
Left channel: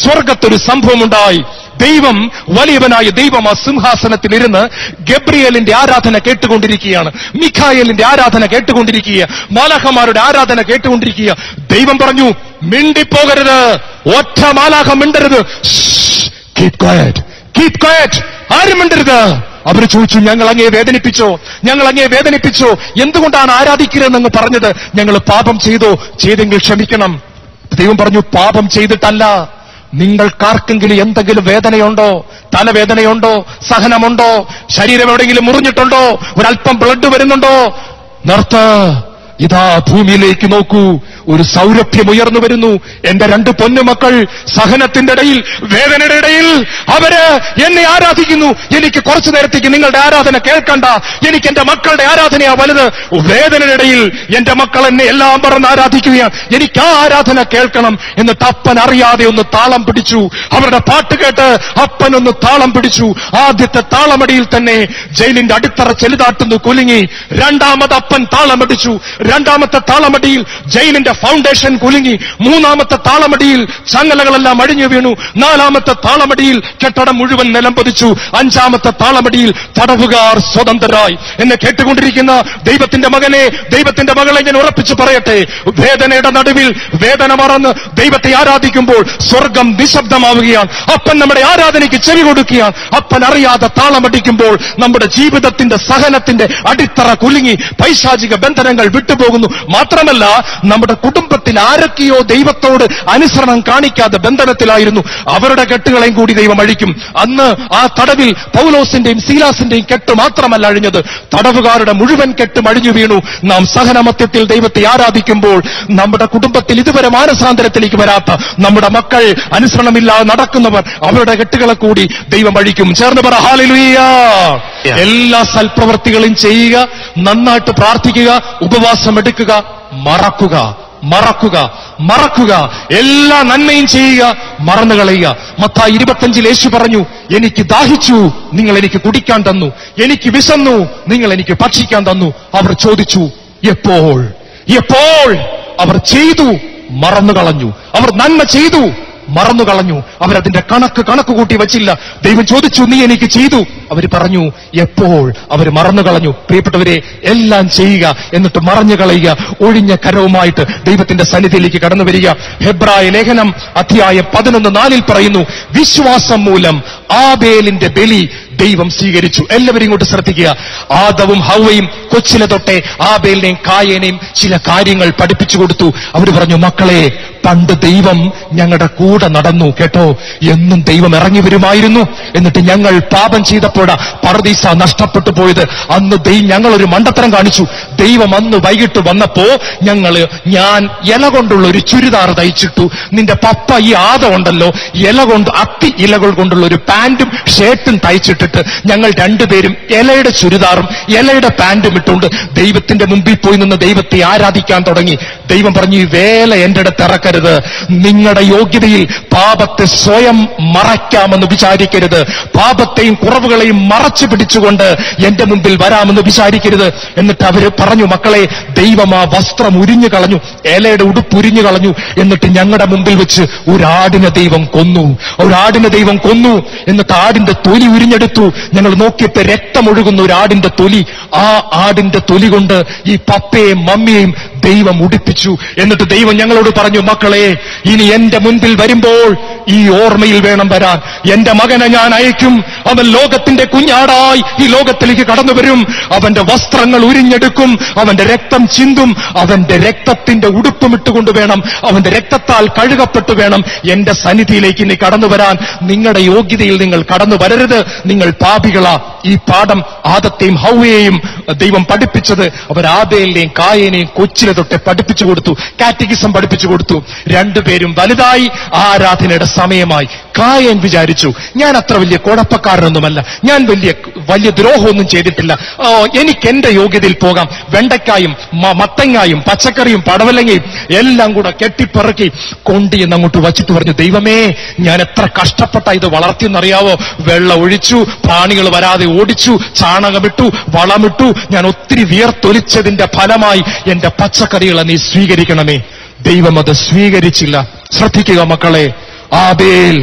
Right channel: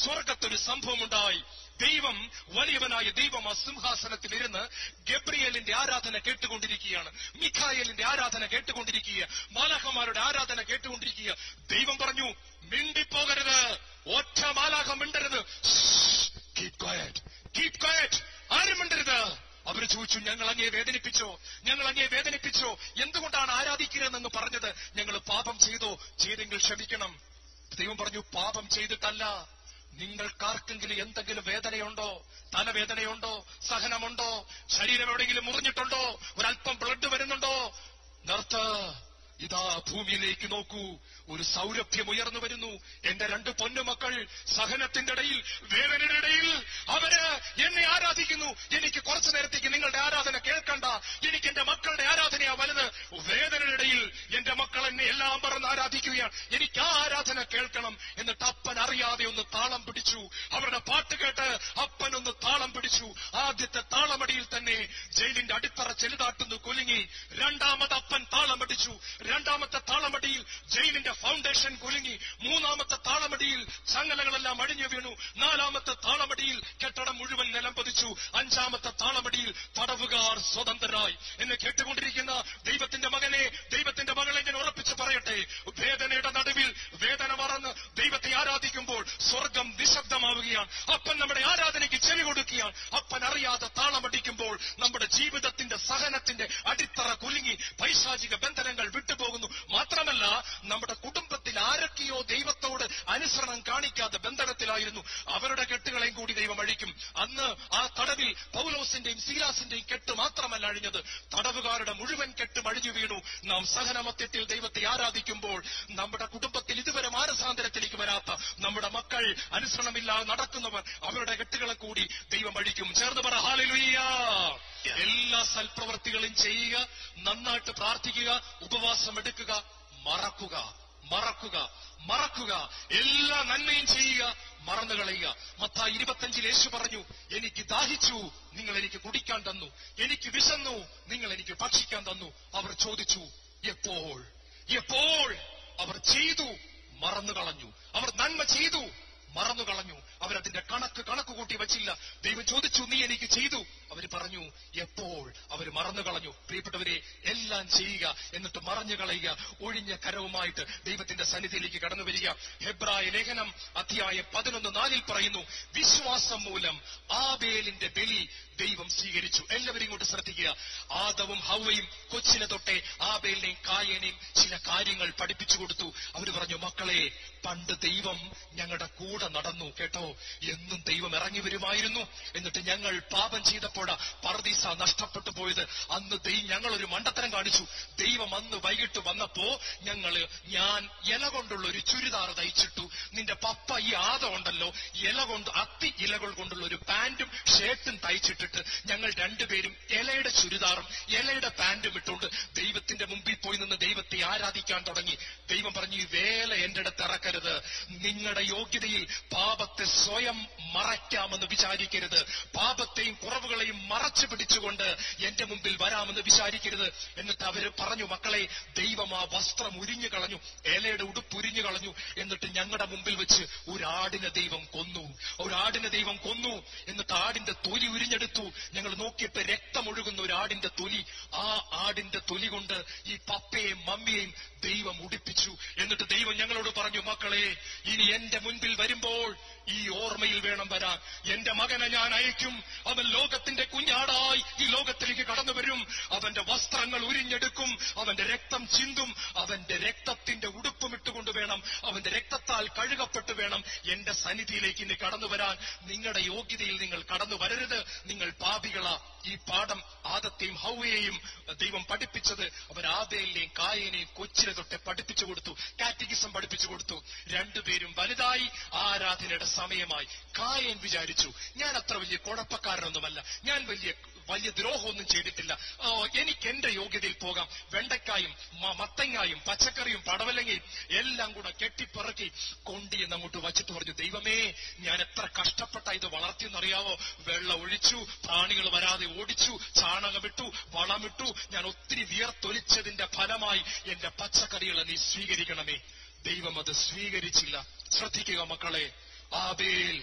സ്വർഗത്തൊരു സംഭവമുണ്ടായി. ദൈവം, വലിയവനായ ദൈവം ആ സിംഹാസനത്തിലിരുന്ന് ഗബ്രിയേലിന്റെ ആരാധന കേട്ടുകൊണ്ടിരിക്കുകയാണ്. മിഖായേലിന്റെ ആരാധന കേട്ടുകൊണ്ടിരിക്കുക, മാലാഖമാരുടെ ആരാധന കേട്ടുകൊണ്ടിരിക്കുക. ദൈവം പറഞ്ഞു, മിണ്ടിപ്പോകരുത്, ഒറ്റ മാലാഖ മിണ്ടരുത്. കീപ് ക്വയറ്റ്, കീപ് ക്വയറ്റ്, ആരും മിണ്ടരുത്. അവർ ചോദിച്ചു, ഞങ്ങൾ അങ്ങയെ വേദനിപ്പിച്ചോ? ഞങ്ങൾ അങ്ങയെ വേദനിപ്പിച്ചോ? എന്തുകൊണ്ടാണ് ആരാധിക്കരുതെന്ന് പറഞ്ഞത്? ഞങ്ങൾ പാപം ചെയ്തോ? ചെയ്തെങ്കിൽ ക്ഷമിക്കണം. ദൈവം പറഞ്ഞു, പാപം ചെയ്തിട്ടല്ല. നിങ്ങൾക്കാർക്കെങ്കിലും എന്തെങ്കിലും വേദനയുണ്ടോ? തലവേദനയുണ്ടോ? സഹനമുണ്ടോ? ശരീരം എവിടെയെങ്കിലും മുറിഞ്ഞിട്ടുണ്ടോ? ഒരല്പം ബ്ലഡ് വരുന്നുണ്ടോ? നിർത്ത്. ഇതാ ഭൂമിയിലേക്ക് നോക്കൂ. ഒരു സൗരഭ്യം ഉയർന്നു വരുന്നു. എന്റെ 2 പൊന്നുമക്കൾ സഹനത്തിന്റെ ഇടയിൽ, വേദനയുടെ ഇടയിൽ അവര് എന്നെ ആരാധിക്കുന്നു. എനിക്ക് കുറച്ചു നേരത്തേക്ക് നിങ്ങളുടെ ആരാധന കേൾക്കണ്ട, എനിക്ക് എന്റെ മക്കളുടെ ആരാധനയാ വലുത്. വേദനയുടെ ഇടയിൽ എന്റെ മക്കൾ എന്നെ എല്ലാം പറഞ്ഞ് ആരാധിക്കുകയാണ്, എനിക്ക് ആ ആരാധന കേൾക്കണം. എന്നിട്ട് അപ്പൻ അറിയാതെ ഒന്ന് താളം പിടിച്ചു. അവരുടെ പാട്ട് കേട്ട് അപ്പനൊന്ന് താളം പിടിച്ചു. ആദ്യത്തെ താളമടിയിൽ തന്നെ ജയിലിന്റെ അടിത്തറ ചെലുതാട്ടുന്നു കുലുങ്ങി. 2ാമത് അപ്പൻ താളമടിച്ചു. 2ാമത്തെ താളമടിയിൽ ജയിലിന്റെ ഫൗണ്ടേഷൻ കുലുങ്ങി. 3ാമത്തെ താളമടിയിൽ ചങ്ങലകളെല്ലാം അഴിഞ്ഞു വീണു. 4ാമത്തെ താളമടിയിൽ കെട്ടിടം മുഴുവൻ നിലംപതിച്ചു. 5ാമത്തെ താളമടിയിൽ തടവുകാർ സ്വതന്ത്രരായി. എന്നെ കേട്ടുകൊണ്ടിരിക്കുന്ന ദൈവത്തിന്റെ മകനെ, ദൈവത്തിന്റെ മകളെ ഞാൻ ഉറപ്പിച്ചു പറയട്ടെ, വേദനയുടെ നടുവിൽ വേദന മറന്ന് ദൈവത്തെ ആരാധിക്കുമ്പോൾ സ്വർഗം നിശബ്ദമാവുകയാണ്. അപ്പൻ നമ്മുടെ ആരാധനയ്ക്ക് ചെവി കൊടുക്കുകയാണ്. അപ്പൻ അറിയാതെ താളമടിക്കുമ്പോൾ നമ്മുടെ ജീവിതത്തിന്റെ സഹനത്തിന്റെ അടിത്തറ കുലുങ്ങി പൈശാചിക ബന്ധനങ്ങൾ വിട്ടുപോകുന്നു. മാത്രമല്ല, നമ്മുടെ കുടുംബത്തിൽ ആരൊക്കെയോ ദൈവത്തോട് അനുസരണം കാണിക്കാതെ ബന്ധനത്തിലായിരുന്നു, അവരുടെ കെട്ടുകളെയും കൂടി ദൈവം അഴിക്കും. അന്ന് ആ തടവിൽ പൗലോസിന്റെയും സീലാസിന്റെയും കെട്ട് മാത്രമല്ല അഴിഞ്ഞത്, തടവുകാരുടെ മുഴുവൻ കെട്ടും അഴിഞ്ഞു വീണു. നാം സഹനമത്യത്തിൽ ദൈവത്തെ ആരാധിക്കുമ്പോൾ നമ്മുടെ കുടുംബത്തിൽ ഇതുവരെ മാനസാന്തരത്തിലേക്ക് വരാത്ത നമ്മുടെ മക്കൾ, അനുസരണമില്ലാതെ നടക്കുന്നവർ, അവരുടെ കെട്ടുകളെ കൂടി ദൈവം അഴിക്കും. ചേർന്ന് പറ ഹല്ലേലൂയ. എല്ലാ സൽപ്രവർത്തികളും ചെയ്യുക, നന്നായിട്ട് പ്രാർത്ഥിക്കുക, ഉപവാസം എടുക്കുക, മറക്കുക മറക്കുക മറക്കുക എല്ലാ നന്മയും ചെയ്യുക, മറന്നു കളയുക. മത്തായി 25 യേശു പറഞ്ഞു, എനിക്ക് ദാഹിച്ചു, നിങ്ങൾ എനിക്ക് കുടിക്കാൻ തന്നു, എനിക്ക് വിശന്നു, നിങ്ങൾ എനിക്ക് ഭക്ഷിക്കാൻ തന്നു. അവർ ചോദിച്ചു, എപ്പോൾ? എപ്പോൾ? അവർ ചെയ്തു, മറന്നു കളഞ്ഞു. അവർ നന്മ ചെയ്തു, മറന്നു കളഞ്ഞു. അവരതിന്റെ കണക്ക് കൂട്ടി വച്ചില്ല. ദൈവം ചോദിച്ചു, നീ എനിക്ക് ചെയ്തു? അവർ പറഞ്ഞു, എപ്പോൾ? അവർ മറന്നു കളഞ്ഞു. പ്രിയപ്പെട്ടവരെ, എല്ലാം ചെയ്യുക, എന്നിട്ട് മറഞ്ഞു കളയുക. ഒഴിഞ്ഞ കരവുമായിട്ട് ദൈവത്തിന്റെ സന്നിധിയിലേക്ക് കടന്നു വരിക. ഹെബ്രായ ലേഖനം അധ്യായം 11:4 പറയുന്നു, വിശ്വാസം മൂലം ആബേലിന്റെ ബലി ദൈവം സ്വീകരിച്ചു. എല്ലാവരും ഇങ്ങോട്ട് ശ്രദ്ധിക്കുക. ആദവും ഹവ്വയും കൊച്ചിലെ തൊട്ടേ ആബേലിനെയും കായേനെയും ചില കാര്യങ്ങൾ പഠിപ്പിച്ചു കൊടുത്തു. അവർ പറഞ്ഞു, മക്കളെ, പണ്ട് ദൈവം ഞങ്ങളുടെ കൂടെ നടന്നു കേട്ടോ. എന്നും ദൈവം ഇറങ്ങി വരുമായിരുന്നു. എന്നിട്ട് ഞങ്ങൾ പാപം ചെയ്തപ്പോഴാ പർദീസ നഷ്ടപ്പെട്ടു പോയത്. അന്ന് ഞങ്ങളൊരു മണ്ടത്തരം കാണിച്ചു. ദൈവം അന്ന് വൈകിട്ട് വന്നപ്പോ ഞാൻ ഇല കൊണ്ടുള്ള ഒരു ചുരിദാർ തയ്ച്ചിട്ടു. നിന്റെ പപ്പ ഈ ആദമുണ്ടല്ലോ, അത്തി ഇലകൾ കൊണ്ടുള്ള ഒരു പാന്റും ഷർട്ടും തയ്ച്ചിട്ടിട്ട് ഞങ്ങൾ 2 പേരും ഇലയുടെ ചുരിദാറും ഇലയുടെ പാന്റും ഇട്ടുകൊണ്ട് ദൈവത്തിന്റെ മുമ്പിൽ പോയി നിന്ന് ദൈവത്തെ ആരാധിക്കാൻ തുടങ്ങി. ദൈവം പറഞ്ഞു, ഈ വേല എന്റെ അടുത്ത് ഇറക്കരുത്. നിങ്ങളുടെ യോഗ്യതയിൽ പാപത്തെ സ്വയം മറയ്ക്കാമെന്ന് വിചാരിക്കരുത്. പാപത്തെയും കുറവുകളെയും മറച്ചു പിടിച്ചുകൊണ്ട് എന്റെ മുമ്പിൽ വരാമെന്ന് വിചാരിക്കരുത്. എന്നിട്ട് അവര് പറഞ്ഞു, മക്കളെ, ദൈവം ആ വസ്ത്രം ഉരിഞ്ഞു കളഞ്ഞു, ഇലയുടെ ഉടുപ്പ് ഉരിഞ്ഞു കളഞ്ഞു. എന്നിട്ട് ഞങ്ങളുടെ മുമ്പിൽ വെച്ച് ഒരാടിനെ ദൈവം കൊന്നു. എന്നിട്ട് ആടിന്റെ തൊലി ഉരിഞ്ഞെടുത്തു. ഞങ്ങൾ നോക്കിയപ്പോ രക്തമൊഴുകുന്ന ഒരു ആടിന്റെ തൊലി. ആ ആടിന്റെ തൊലി കൊണ്ട് ഈ പപ്പയെയും മമ്മിയെയും ദൈവം ഉടുപ്പിച്ചു. എന്നിട്ട് ദൈവം ഞങ്ങളോട് പറഞ്ഞു, മക്കളെ, ഇനി എന്റെ മുൻപിൽ വരുമ്പോൾ ഈ ഓർമ്മയിൽ വേണം വരാൻ. എന്റെ മകനെ ഞാൻ അയക്കും. അവൻ ലോകത്തിന്റെ കുഞ്ഞാടായി ഈ ലോകത്തിലേക്ക് കടന്നു വരും. അവന്റെ വസ്ത്രങ്ങൾ ഉരിഞ്ഞെടുക്കും, അവന്റെ രക്തം ചിന്തും, അവന്റെ രക്തത്തിന്റെ ഉടുപ്പും ഇട്ടുകൊണ്ട് വേണം, അവന്റെ രക്തത്താൽ കഴുകപ്പെട്ടു വേണം എന്റെ സന്നിധിയിലേക്ക് ഇനി കടന്നു വരാൻ. നിങ്ങളുടെ യോഗ്യതയിൽ നിങ്ങൾ കടന്നു വരരുത്, നിങ്ങൾ പാപികളാ. ഈ പാഠം ആദത്തെയും ഹവ്വയെയും ദൈവം പഠിപ്പിച്ചത് അവർ ആബേലിനെയും കായേനെയും കൊച്ചിലെ തൊട്ട് പഠിപ്പിച്ചു കൊടുത്തു, കാറ്റഗിസം പഠിപ്പിച്ചു കൊടുത്തു. 2 പേരും വലുതായി, ആരാധനയുടെ സമയമായി. കായേൻ വിചാരിച്ചു, ഞാൻ അത്ര വലിയ കുഴപ്പക്കാരനൊന്നുമല്ല, ഞാൻ വലിയ ദ്രോഹമൊന്നും ചെയ്തിട്ടില്ല, എനിക്ക് എന്റെ യോഗ്യതയിൽ പോകാം. വെണ്ടയ്ക്കായും മത്തങ്ങായും പച്ചക്കറിയും പടവലങ്ങയും എല്ലാം കൂടെ കെട്ടിപ്പിറക്കി കൊണ്ടിയെന്ന് അങ്ങോട്ട് വച്ചിട്ട് പറഞ്ഞു, ദൈവമേ, ഞാൻ എത്ര കഷ്ടപ്പെട്ട ഇത് വളർത്തിയെന്നറിയാവോ? വെള്ളം ഒഴിച്ചു, പ്രാണികൾ വരാതെ ഓടിച്ചു, ചാണകമിട്ടു, വളമിട്ടു, ഞാൻ ഒത്തിരി വിയർത്തൊലിച്ചതിന്റെ ഫലമായി എന്റെ പച്ചക്കറികളെ നീ സ്വീകരിക്കണമേ. ദൈവം അത് സ്വീകരിച്ചില്ല. ശ്രദ്ധിക്കുക മക്കളെ, ആബേൽ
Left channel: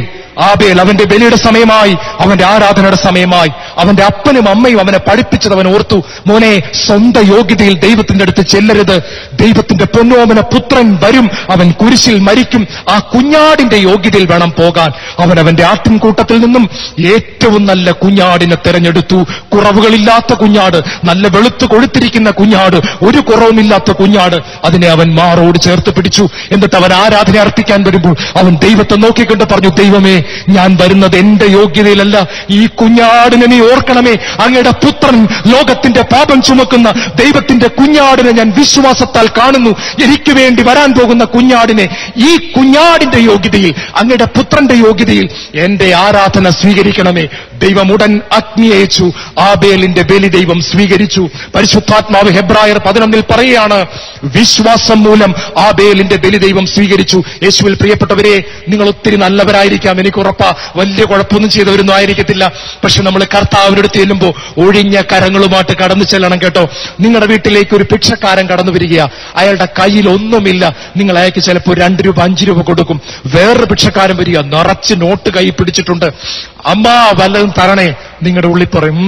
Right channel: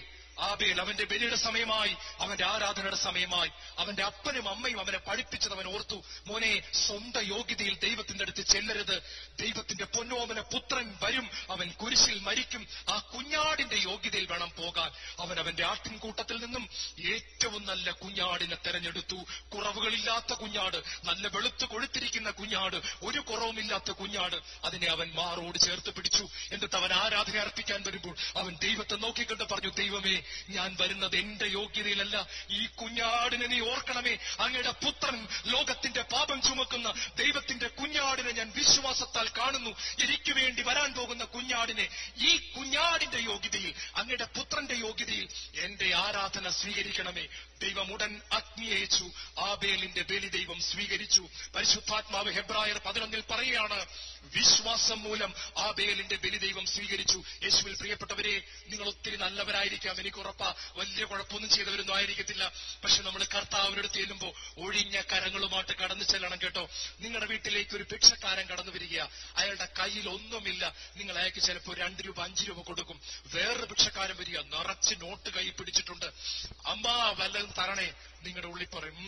അവന്റെ ബലിയുടെ സമയമായി, അവന്റെ ആരാധനയുടെ സമയമായി. അവന്റെ അപ്പനും അമ്മയും അവനെ പഠിപ്പിച്ചത് അവൻ ഓർത്തു. മോനെ, സ്വന്തം യോഗ്യതയിൽ ദൈവത്തിന്റെ അടുത്ത് ചെല്ലരുത്. ദൈവത്തിന്റെ പൊന്നോമന പുത്രൻ വരും, അവൻ കുരിശിൽ മരിക്കും. ആ കുഞ്ഞാടിന്റെ യോഗ്യതയിൽ വേണം പോകാൻ. അവന്റെ ആട്ടിൻകൂട്ടത്തിൽ നിന്നും ഏറ്റവും നല്ല കുഞ്ഞാടിനെ തെരഞ്ഞെടുത്തു. കുറവുകളില്ലാത്ത കുഞ്ഞാട്, നല്ല വെളുത്തു കൊഴുത്തിരിക്കുന്ന കുഞ്ഞാട്, ഒരു കുറവുമില്ലാത്ത കുഞ്ഞാട്. അതിനെ അവൻ മാറോട് ചേർത്ത് പിടിച്ചു. എന്നിട്ട് അവൻ ആരാധന അർപ്പിക്കാൻ വരുമ്പോൾ അവൻ ദൈവത്തെ നോക്കിക്കൊണ്ട് പറഞ്ഞു, ദൈവമേ, ഞാൻ വരുന്നത് എന്റെ യോഗ്യതയിലല്ല, ഈ കുഞ്ഞാടിനെ നീ ഓർക്കണമേ, അങ്ങയുടെ പുത്രൻ ലോകത്തിന്റെ പാപം ചുമക്കുന്ന ദൈവത്തിന്റെ കുഞ്ഞാടിനെ ഞാൻ വിശ്വാസത്താൽ കാണുന്നു. എനിക്ക് വേണ്ടി വരാൻ പോകുന്ന കുഞ്ഞാടിനെ, ഈ കുഞ്ഞാടിന്റെ യോഗ്യതയിൽ, അങ്ങയുടെ പുത്രന്റെ യോഗ്യതയിൽ എന്റെ ആരാധന സ്വീകരിക്കണമേ. ദൈവം ഉടൻ അഗ്നി അയച്ചു. ആബേലിന്റെ ബലി ദൈവം സ്വീകരിച്ചു. പരിശുദ്ധാത്മാവ് ഹെബ്രായർ 11 പറയുകയാണ്, വിശ്വാസം മൂലം ആബേലിന്റെ ബലി ദൈവം സ്വീകരിച്ചു. യേശുവിൽ പ്രിയപ്പെട്ടവരെ, നിങ്ങൾ ഒത്തിരി നല്ലവരായിരിക്കാം, എനിക്ക് ഉറപ്പാ. വലിയ കുഴപ്പമൊന്നും ചെയ്തവരൊന്നും ആയിരിക്കത്തില്ല. പക്ഷെ നമ്മൾ കർത്താവിന്റെ അടുത്ത് ചെല്ലുമ്പോൾ ഒഴിഞ്ഞ കരങ്ങളുമായിട്ട് കടന്നു ചെല്ലണം കേട്ടോ. നിങ്ങളുടെ വീട്ടിലേക്ക് ഒരു ഭിക്ഷക്കാരൻ കടന്നു വരിക, അയാളുടെ കയ്യിൽ ഒന്നുമില്ല. നിങ്ങൾ അയാൾക്ക് ചിലപ്പോൾ 2 രൂപ 5 രൂപ കൊടുക്കും. വേറൊരു ഭിക്ഷക്കാരൻ വരിക, നിറച്ച് നോട്ട് കൈ പിടിച്ചിട്ടുണ്ട്. അമ്മ വല്ലതും തരണേ. നിങ്ങളുടെ ഉള്ളിൽ പറയും,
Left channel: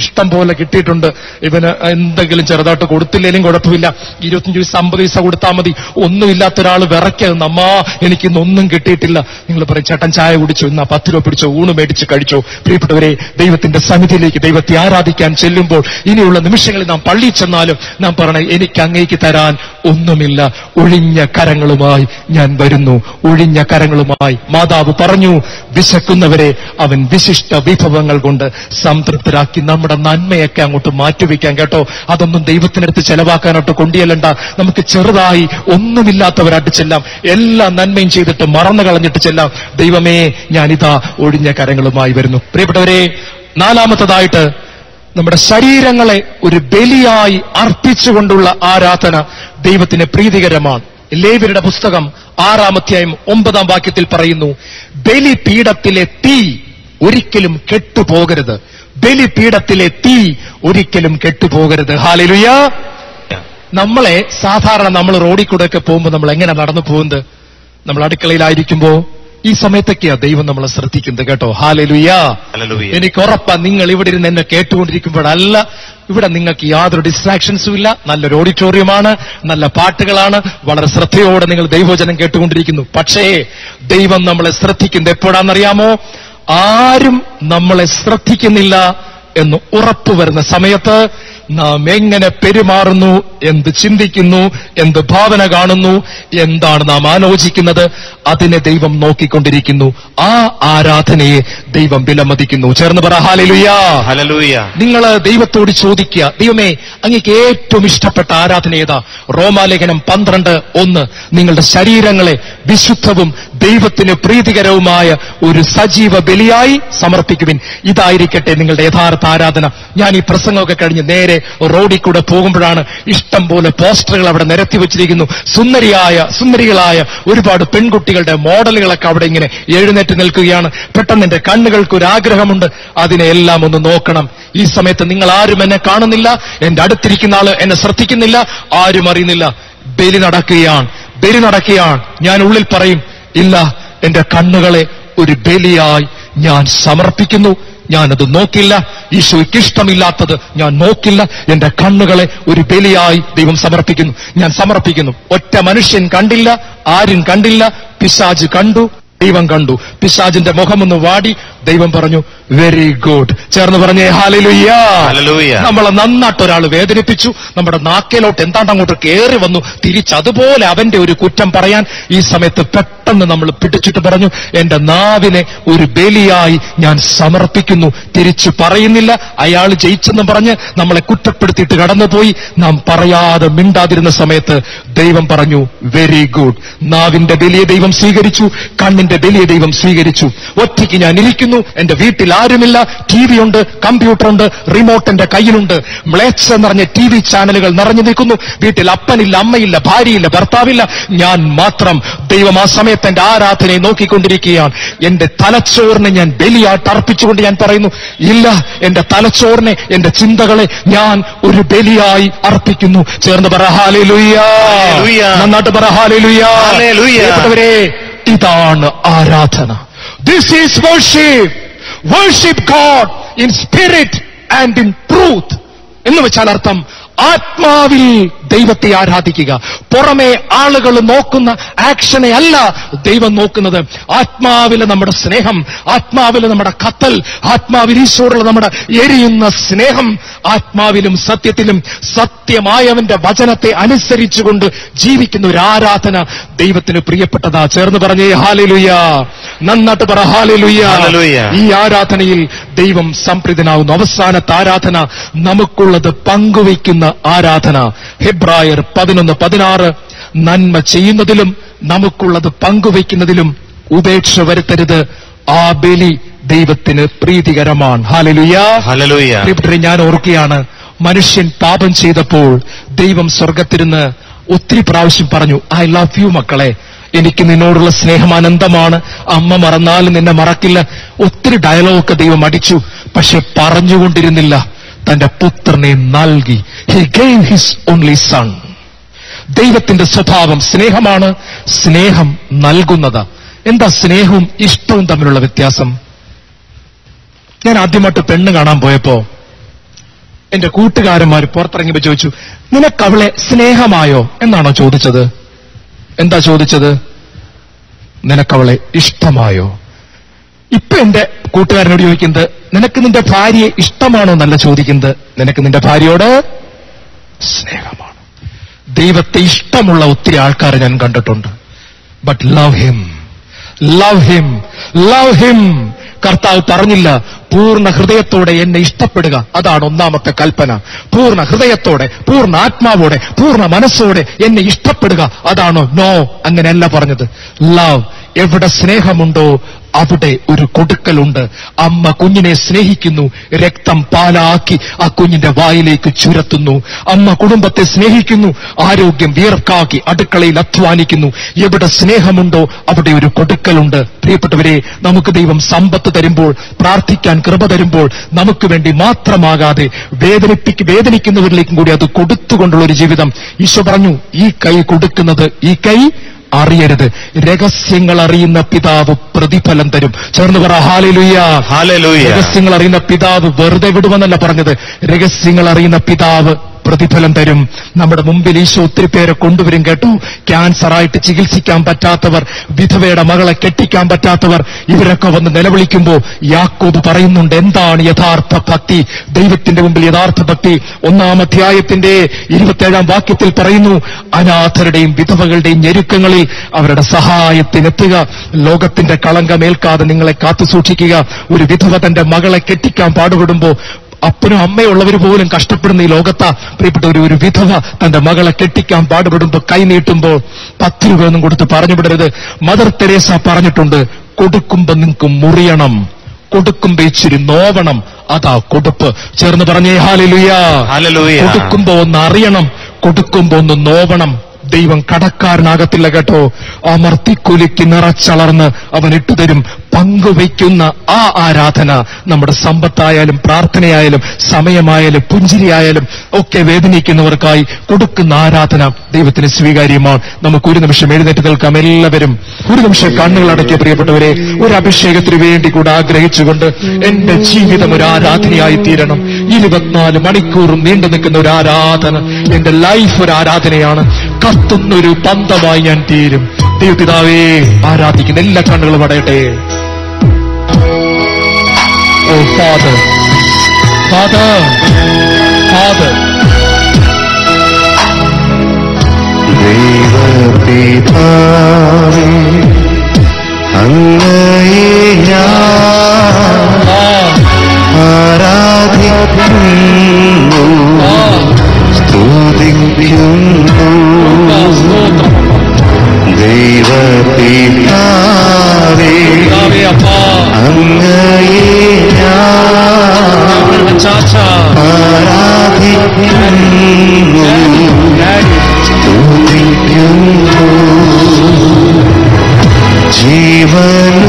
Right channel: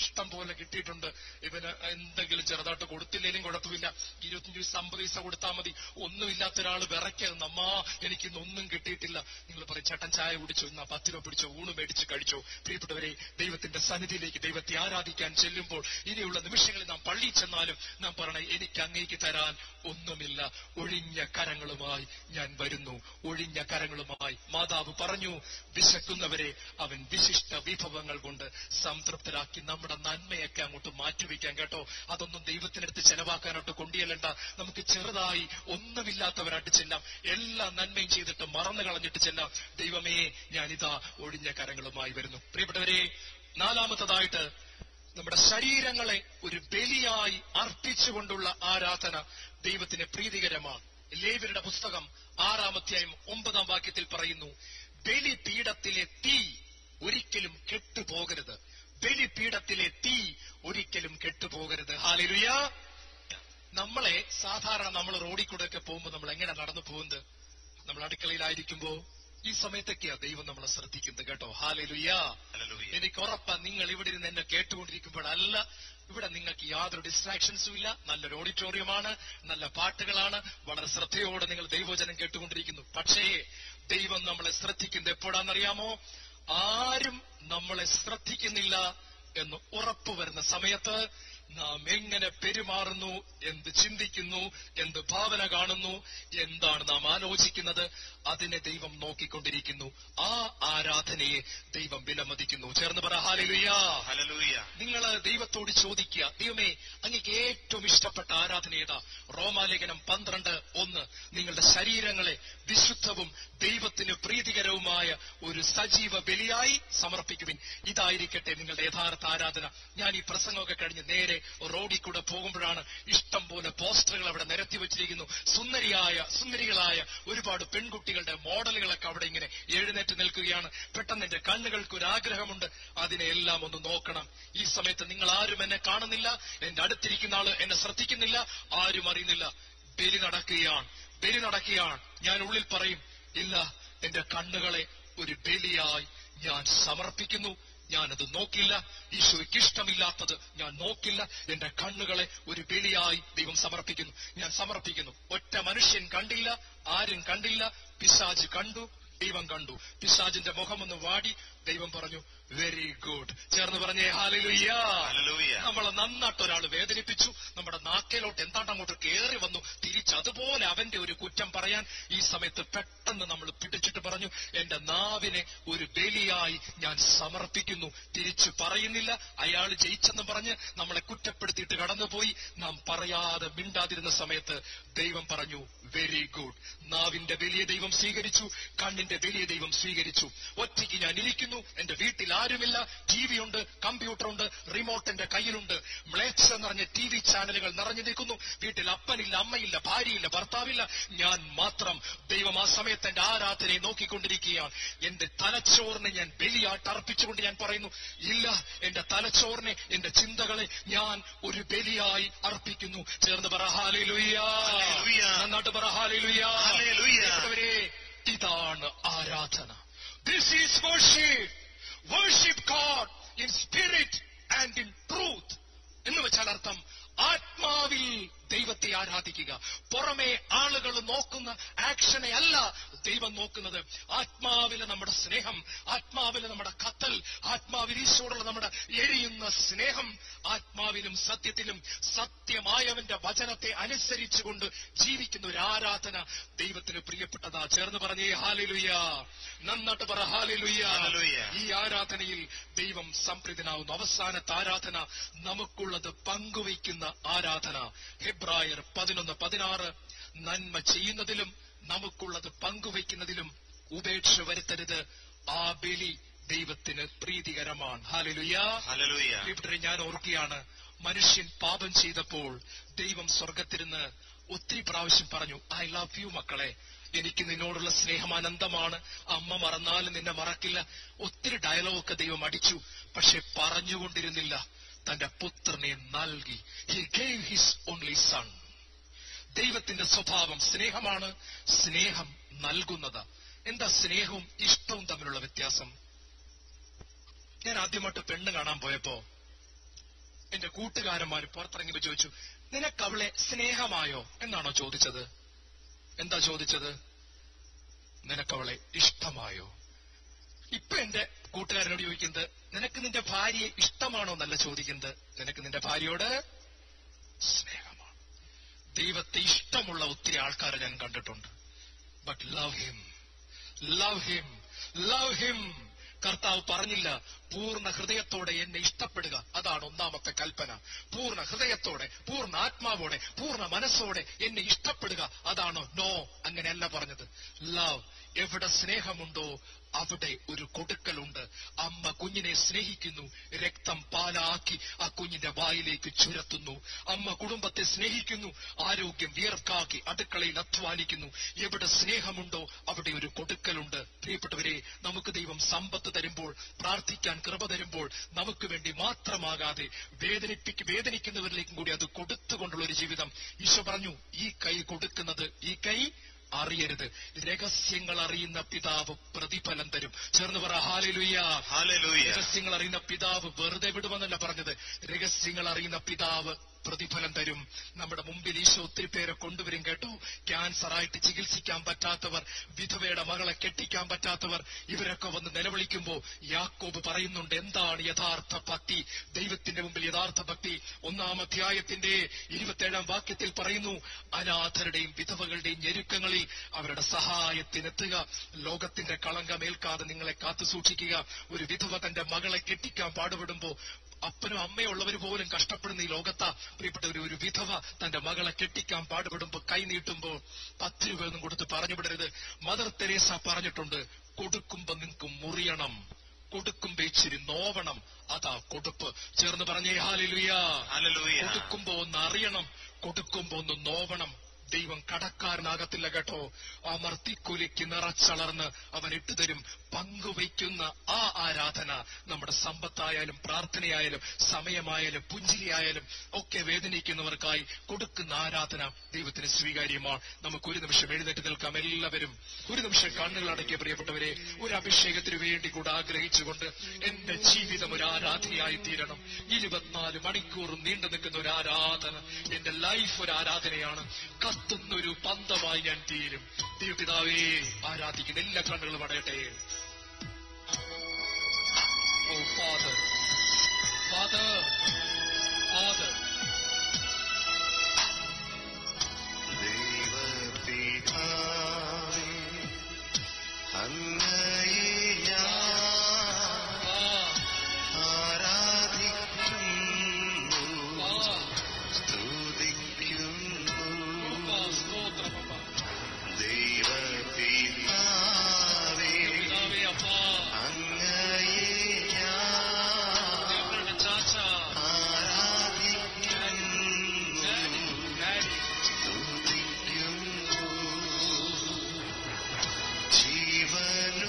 ഇഷ്ടം പോലെ കിട്ടിയിട്ടുണ്ട്, ഇവന് എന്തെങ്കിലും ചെറുതായിട്ട് കൊടുത്തില്ലേലും കുഴപ്പമില്ല, 25 പൈസ 50 പൈസ കൊടുത്താൽ മതി. ഒന്നുമില്ലാത്ത ഒരാൾ വിറയ്ക്കുന്നു, അമ്മ എനിക്കിന്നൊന്നും കിട്ടിയിട്ടില്ല. നിങ്ങൾ പറയും, ചേട്ടൻ ചായ കുടിച്ചോ, ഇന്നാ 10 രൂപ പിടിച്ചോ, ഊണ് മേടിച്ച് കഴിച്ചോ. പ്രിയപ്പെട്ടവരെ, ദൈവത്തിന്റെ സന്നിധിയിലേക്ക് ദൈവത്തെ ആരാധിക്കാൻ ചെല്ലുമ്പോൾ ഇനിയുള്ള നിമിഷങ്ങളിൽ നാം പള്ളിയിൽ ചെന്നാലും നാം പറയണേ, എനിക്ക് അങ്ങേക്ക് തരാൻ ഒന്നുമില്ല, ഒഴിഞ്ഞ കരങ്ങളുമായി ഞാൻ വരുന്നു. ഒഴിഞ്ഞ കരങ്ങളുമായി മാതാവ് പറഞ്ഞു, വിശക്കുന്നവരെ അവൻ വിശിഷ്ട വിഭവങ്ങൾ കൊണ്ട് സംതൃപ്തരാക്കി. നമ്മുടെ നന്മയൊക്കെ അങ്ങോട്ട് മാറ്റിവെക്കാൻ കേട്ടോ. അതൊന്നും ദൈവത്തിനടുത്ത് ചെലവാക്കാനായിട്ട് കൊണ്ടുചെല്ലണ്ട. നമുക്ക് ചെറുതായി ഒന്നുമില്ലാത്തവരായിട്ട് ചെല്ലാം, എല്ലാ നന്മയും ചെയ്തിട്ട് മറന്നു കളഞ്ഞിട്ട് ചെല്ലാം. ദൈവമേ, ഞാനിതാ ഒഴിഞ്ഞ കരങ്ങളുമായി വരുന്നു. പ്രിയപ്പെട്ടവരെ, 4-മത്തതായിട്ട് നമ്മുടെ ശരീരങ്ങളെ ഒരു ബലിയായി അർപ്പിച്ചുകൊണ്ടുള്ള ആരാധന ദൈവത്തിന് പ്രീതികരമാണ്. ലേവ്യരുടെ പുസ്തകം 6-ാം അധ്യായം 9-ാം വാക്യത്തിൽ പറയുന്നു, ബലിപീഠത്തിലെ തീ ഒരിക്കലും കെട്ടുപോകരുത്. ബലിപീഠത്തിലെ തീ ഒരിക്കലും കെട്ടുപോകരുത്. ഹല്ലേലൂയ. നമ്മളെ സാധാരണ നമ്മൾ റോഡിൽ കൂടെ ഒക്കെ പോകുമ്പോൾ നമ്മൾ എങ്ങനെ നടന്നു പോകുന്നത്? നമ്മൾ അടുക്കളയിലായിരിക്കുമ്പോ ഈ സമയത്തൊക്കെയാ ദൈവം നമ്മളെ ശ്രദ്ധിക്കുന്നത് കേട്ടോ. ഹല്ലേലൂയ. എനിക്ക് ഉറപ്പാ, നിങ്ങൾ ഇവിടെ ഇരുന്ന് എന്നെ കേട്ടുകൊണ്ടിരിക്കുമ്പോഴല്ല, ഇവിടെ നിങ്ങൾക്ക് യാതൊരു ഡിസ്ട്രാക്ഷൻസും ഇല്ല. നല്ലൊരു ഓഡിറ്റോറിയമാണ്, നല്ല പാട്ടുകളാണ്, വളരെ ശ്രദ്ധയോടെ നിങ്ങൾ ദൈവവചനം കേട്ടുകൊണ്ടിരിക്കുന്നു. പക്ഷേ ദൈവം നമ്മളെ ശ്രദ്ധിക്കുന്നത് എപ്പോഴാണെന്നറിയാമോ? ആരും നമ്മളെ ശ്രദ്ധിക്കുന്നില്ല എന്ന് ഉറപ്പുവരുന്ന സമയത്ത് നാം എങ്ങനെ പെരുമാറുന്നു, എന്ത് ചിന്തിക്കുന്നു, എന്ത് ഭാവന കാണുന്നു, എന്താണ് നാം ആലോചിക്കുന്നത്, അതിനെ ദൈവം നോക്കിക്കൊണ്ടിരിക്കുന്നു. ആ ആരാധനയെ ദൈവം വിലമതിക്കുന്നു. ചേർന്ന് പറ ഹല്ലേലൂയ. ഹല്ലേലൂയ. നിങ്ങൾ ദൈവത്തോട് ചോദിക്കുക, ദൈവമേ, അങ്ങേക്ക് ഏറ്റവും ഇഷ്ടപ്പെട്ട ആരാധന ഏതാ? റോമാലേഖനം 12:1, നിങ്ങളുടെ ശരീരങ്ങളെ വിശുദ്ധവും ദൈവത്തിന് പ്രീതികരവുമായ ഒരു സജീവ ബലിയായി സമർപ്പിക്കുവിൻ. ഇതായിരിക്കട്ടെ നിങ്ങളുടെ യഥാർത്ഥ ആരാധന. ഞാൻ ഈ പ്രസംഗമൊക്കെ കഴിഞ്ഞ് നേരെ റോഡിൽ കൂടെ പോകുമ്പോഴാണ് ഇഷ്ടം പോലെ പോസ്റ്ററുകൾ അവിടെ നിരത്തി വെച്ചിരിക്കുന്നു. സുന്ദരികളായ ഒരുപാട് പെൺകുട്ടികളുടെ മോഡലുകളൊക്കെ അവിടെ ഇങ്ങനെ എഴുന്നേറ്റ് നിൽക്കുകയാണ്. പെട്ടെന്ന് എന്റെ കണ്ണുകൾക്ക് ഒരു ആഗ്രഹമുണ്ട്, അതിനെ എല്ലാം ഒന്ന് നോക്കണം. ഈ സമയത്ത് നിങ്ങൾ ആരും എന്നെ കാണുന്നില്ല, എന്റെ അടുത്തിരിക്കുന്ന ആള് എന്നെ ശ്രദ്ധിക്കുന്നില്ല, ആരും അറിയുന്നില്ല. ബലി നടക്കുകയാണ്. ഞാൻ ഉള്ളിൽ പറയും, ഇല്ല, എന്റെ കണ്ണുകളെ ഒരു ബലിയായി ഞാൻ സമർപ്പിക്കുന്നു. ഞാനത് നോക്കില്ല. ഈശോയ്ക്ക് ഇഷ്ടമില്ലാത്തത് ഞാൻ നോക്കില്ല. എന്റെ കണ്ണുകളെ ഒരു ബലിയായി ദൈവം സമർപ്പിക്കുന്നു. ഞാൻ സമർപ്പിക്കുന്നു. ഒറ്റ മനുഷ്യൻ കണ്ടില്ല, ആരും കണ്ടില്ല. പിശാച് കണ്ടു, ദൈവം കണ്ടു. പിശാചിന്റെ മുഖമൊന്ന് വാടി. ദൈവം പറഞ്ഞു, വെരി ഗുഡ്. ചേർന്ന് പറഞ്ഞേ ഹല്ലേലൂയ. നമ്മളെ നന്നായിട്ട് ഒരാൾ വേദനിപ്പിച്ചു, നമ്മുടെ നാക്കേലോട്ട് എന്താണ്ട് അങ്ങോട്ട് കയറി വന്നു. തിരിച്ചതുപോലെ അവന്റെ ഒരു കുറ്റം പറയാൻ ഈ സമയത്ത് പെട്ടെന്ന് നമ്മൾ പിടിച്ചിട്ട് പറഞ്ഞു, എന്റെ നാവിനെ ഒരു ബലിയായി ഞാൻ സമർപ്പിക്കുന്നു. തിരിച്ചു പറയുന്നില്ല. അയാൾ ജയിച്ചെന്ന് പറഞ്ഞ് നമ്മളെ കുറ്റപ്പെടുത്തിയിട്ട് കടന്നുപോയി. നാം പറയാതെ മിണ്ടാതിരുന്ന സമയത്ത് ദൈവം പറഞ്ഞു, വെരി ഗുഡ്. നാവിന്റെ ബലിയെ ദൈവം സ്വീകരിച്ചു, കണ്ണിന്റെ ബലിയെ ദൈവം സ്വീകരിച്ചു. ഒറ്റയ്ക്ക് ഞാൻ ഇരിക്കുന്നു, എന്റെ വീട്ടിൽ ആരുമില്ല, TV ഉണ്ട്, കമ്പ്യൂട്ടർ ഉണ്ട്, റിമോട്ട് എന്റെ കയ്യിലുണ്ട്. മ്ലേച്ഛ നിറഞ്ഞ TV ചാനലുകൾ നിറഞ്ഞു നിൽക്കുന്നു. വീട്ടിൽ അപ്പനില്ല, അമ്മയില്ല, ഭാര്യയില്ല, ഭർത്താവില്ല, ഞാൻ മാത്രം. ദൈവം ആ സമയത്ത് എന്റെ ആരാധനയെ നോക്കിക്കൊണ്ടിരിക്കുകയാണ്. എന്റെ തലച്ചോറിനെ ഞാൻ ബലിയായിട്ട് അർപ്പിച്ചുകൊണ്ട് ഞാൻ പറയുന്നു, ഇല്ല, എന്റെ തലച്ചോറിനെ, എന്റെ ചിന്തകളെ ഞാൻ ഒരു ബലിയായി അർപ്പിക്കുന്നു. ചേർന്ന് പറ ഹല്ലേലൂയ. നന്നായിട്ട് പറ ഹല്ലേലൂയ. ഇതാണ് ആരാധന. This is worship. Worship God in spirit and in truth. എന്ന് വെച്ചാൽ അർത്ഥം, ആത്മാവിൽ ദൈവത്തെ ആരാധിക്കുക. പുറമെ ആളുകൾ നോക്കുന്ന ആക്ഷനെ അല്ല ദൈവം നോക്കുന്നത്. ആത്മാവിലെ നമ്മുടെ സ്നേഹം, ആത്മാവിലെ നമ്മുടെ കത്തൽ, ആത്മാവിൽ ഈശോടുള്ള നമ്മുടെ എരിയുന്ന സ്നേഹം, ആത്മാവിലും സത്യത്തിലും സത്യമായവന്റെ വചനത്തെ അനുസരിച്ചുകൊണ്ട് ജീവിക്കുന്ന ഒരു ആരാധന ദൈവത്തിന് പ്രിയപ്പെട്ടതാ. ചേർന്ന് പറഞ്ഞേ ഹല്ലേലൂയ. നന്നായിട്ട് പറ ഹല്ലേലൂയ. ഈ ആരാധനയിൽ ദൈവം സംപ്രീതനാകുന്നു. അവസാനത്തെ ആരാധന നമുക്കുള്ളത് പങ്കുവയ്ക്കുന്ന ആരാധന. ഹെബ്രായർ 11:16 നന്മ ചെയ്യുന്നതിലും നമുക്കുള്ളത് പങ്കുവയ്ക്കുന്നതിലും ഉപേക്ഷ വരുത്തരുത്, ആ ബലി ദൈവത്തിന് പ്രീതികരമാണ്. ഹല്ലേലൂയ. പ്രിയപ്പെട്ടവരെ, ഞാൻ ഓർക്കുകയാണ്, മനുഷ്യൻ പാപം ചെയ്തപ്പോൾ ദൈവം സ്വർഗത്തിരുന്ന് ഒത്തിരി പ്രാവശ്യം പറഞ്ഞു, ഐ ലവ് യു മക്കളെ, എനിക്ക് നിന്നോടുള്ള സ്നേഹം അനന്തമാണ്, അമ്മ മറന്നാലും നിന്നെ മറക്കില്ല. ഒത്തിരി ഡയലോഗൊക്കെ ദൈവം അടിച്ചു. പക്ഷെ പറഞ്ഞുകൊണ്ടിരുന്നില്ല, തന്റെ പുത്രനെ നൽകി. He gave his only sun. ദൈവത്തിന്റെ സ്വഭാവം സ്നേഹമാണ്, സ്നേഹം നൽകുന്നത്. എന്താ സ്നേഹവും ഇഷ്ടവും തമ്മിലുള്ള വ്യത്യാസം? ഞാൻ ആദ്യമായിട്ട് പെണ്ണ് കാണാൻ പോയപ്പോ എന്റെ കൂട്ടുകാരന്മാർ പുറത്തിറങ്ങിയപ്പോ ചോദിച്ചു, നിനക്കവളെ സ്നേഹമായോ എന്നാണോ ചോദിച്ചത്? എന്താ ചോദിച്ചത്? നിനക്കവളെ ഇഷ്ടമായോ? ഇപ്പൊ എന്റെ കൂട്ടുകാരനോട് ചോദിക്കുന്നത്, നിനക്ക് നിന്റെ ഭാര്യയെ ഇഷ്ടമാണോ എന്നല്ല ചോദിക്കുന്നത്, നിനക്ക് നിന്റെ ഭാര്യയോട് സ്നേഹമാണ്. ദൈവത്തെ ഇഷ്ടമുള്ള ഒത്തിരി ആൾക്കാരെ ഞാൻ കണ്ടിട്ടുണ്ട്. But love him, love him, love him. കർത്താവ് പറഞ്ഞില്ല പൂർണ്ണ ഹൃദയത്തോടെ എന്നെ ഇഷ്ടപ്പെടുക, അതാണ് ഒന്നാമത്തെ കൽപ്പന. പൂർണ്ണ ഹൃദയത്തോടെ, പൂർണ്ണ ആത്മാവോടെ, പൂർണ്ണ മനസ്സോടെ എന്നെ ഇഷ്ടപ്പെടുക, അതാണോ? നോ, അങ്ങനെയല്ല പറഞ്ഞത്. ലവ്, എവിടെ സ്നേഹമുണ്ടോ അവിടെ ഒരു കൊടുക്കലുണ്ട്. അമ്മ കുഞ്ഞിനെ സ്നേഹിക്കുന്നു, രക്തം പാലാക്കി ആ കുഞ്ഞിന്റെ വായിലേക്ക് ചുരത്തുന്നു. അമ്മ കുടുംബത്തെ സ്നേഹിക്കുന്നു, ആരോഗ്യം വിയർക്കാക്കി അടുക്കളയിൽ അധ്വാനിക്കുന്നു. എവിടെ സ്നേഹമുണ്ടോ അവിടെ ഒരു കൊടുക്കലുണ്ട്. പ്രിയപ്പെട്ടവരെ, നമുക്ക് ദൈവം സമ്പത്ത് തരുമ്പോൾ, പ്രാർത്ഥിക്കാൻ കൃപ തരുമ്പോൾ നമുക്ക് വേണ്ടി മാത്രമാകാതെ വേദനിക്കുന്നവരിലേക്കും കൂടി അത് കൊടുത്തുകൊണ്ടുള്ള ഒരു ജീവിതം. ഈശോ പറഞ്ഞു, ഈ കൈ കൊടുക്കുന്നത് ഈ കൈ അറിയരുത്, രഹസ്യങ്ങൾ അറിയുന്ന പിതാവ് പ്രതിഫലം തരും. ചേർന്ന് പറ ഹല്ലേലൂയ. രഹസ്യങ്ങൾ അറിയുന്ന പിതാവ് വെറുതെ വിടുമെന്നല്ല പറഞ്ഞത്, രഹസ്യങ്ങൾ അറിയുന്ന പിതാവ് പ്രതിഫലം തരും. നമ്മുടെ മുമ്പിൽ ഈശോ ഒത്തിരി പേരെ കൊണ്ടുവരും കേട്ടോ. ക്യാൻസറായിട്ട് ചികിത്സിക്കാൻ പറ്റാത്തവർ, വിധവയുടെ മകളെ കെട്ടിക്കാൻ പറ്റാത്തവർ, ഇവരൊക്കെ വന്ന് നിലവിളിക്കുമ്പോൾ യാക്കോബ് പറയുന്നുണ്ട്, എന്താണ് യഥാർത്ഥ ഭക്തി? ദൈവത്തിന്റെ മുമ്പിൽ യഥാർത്ഥ ഭക്തി 1-ാം അധ്യായത്തിന്റെ 27-ാം വാക്യത്തിൽ പറയുന്നു, അനാഥരുടെയും വിധവകളുടെയും ഞെരുക്കങ്ങളിൽ അവരുടെ സഹായത്തിനെത്തുക, ലോകത്തിന്റെ കളങ്കമേൽക്കാതെ നിങ്ങളെ കാത്തു സൂക്ഷിക്കുക. ഒരു വിധവ തന്റെ മകളെ കെട്ടിക്കാൻ പാടുപെടുമ്പോ, അപ്പനും അമ്മയുള്ളവർ പോലും കഷ്ടപ്പെടുന്ന ഈ ലോകത്താ പ്രിയപ്പെട്ട ഒരു വിധവ തന്റെ മകളെ കെട്ടിക്കാൻ പാടുപെടുമ്പോ കൈ നീട്ടുമ്പോൾ 10 രൂപയൊന്നും കൊടുത്ത് പറഞ്ഞു വിടരുത്. മദർ തെരേസ പറഞ്ഞിട്ടുണ്ട്, കൊടുക്കുമ്പോ നിങ്ങൾക്ക് മുറിയണം, കൊടുക്കുമ്പോ ഇച്ചിരി നോവണം, അതാ കൊടുപ്പ്. ചേർന്ന് പറഞ്ഞേ ഹല്ലേലൂയ. കൊടുക്കുമ്പോ ഒന്ന് അറിയണം, കൊടുക്കുമ്പോ ഒന്ന് നോവണം. ദൈവം കടക്കാരനാകത്തില്ല കേട്ടോ. അമർത്തിക്കുലുക്കി നിറച്ചളർന്ന് അവൻ ഇട്ടുതരും. പങ്കുവയ്ക്കുന്ന ആ ആരാധന നമ്മുടെ സമ്പത്തായാലും പ്രാർത്ഥനയായാലും സമയമായാലും പുഞ്ചിരിയായാലും ഒക്കെ വേദനിക്കുന്നവർക്കായി കൊടുക്കുന്ന ആരാധന ദൈവത്തിന് സ്വീകാര്യമാണ്. നമുക്ക് ഒരു നിമിഷം എഴുന്നേറ്റ് നിൽക്കാം. എല്ലാവരും ഒരു നിമിഷം കണ്ണുകൾ അടക്കിയ പ്രിയപ്പെട്ടവരെ, ഒരു അഭിഷേകത്തിന് വേണ്ടി കൂടെ ആഗ്രഹിച്ചുകൊണ്ട്, എന്റെ ജീവിതം ഒരു ആരാധനയായി തീരണം. 24 മണിക്കൂറും നീണ്ടു നിൽക്കുന്ന ഒരു ആരാധന, എന്റെ ലൈഫ് ഒരു ആരാധനയാണ്. കത്തുന്നൊരു പന്തമായി ഞാൻ തീരും. ദൈവപിതാവേ, ആരാധിക്കുന്ന എല്ലാ കണ്ണുകളും അടയട്ടെ. ഓ ഫാദർ, ഫാദർ, ഫാദർ. ദൈവപിതാവേ, അങ്ങയെ ഞാൻ ആരാധിക്കുന്നു, സ്തുതിക്കുന്നു. ദൈവപിതാവേ, അങ്ങയെ ഞാൻ ആരാധിക്കുന്നു, സ്തുതിക്കുന്നു.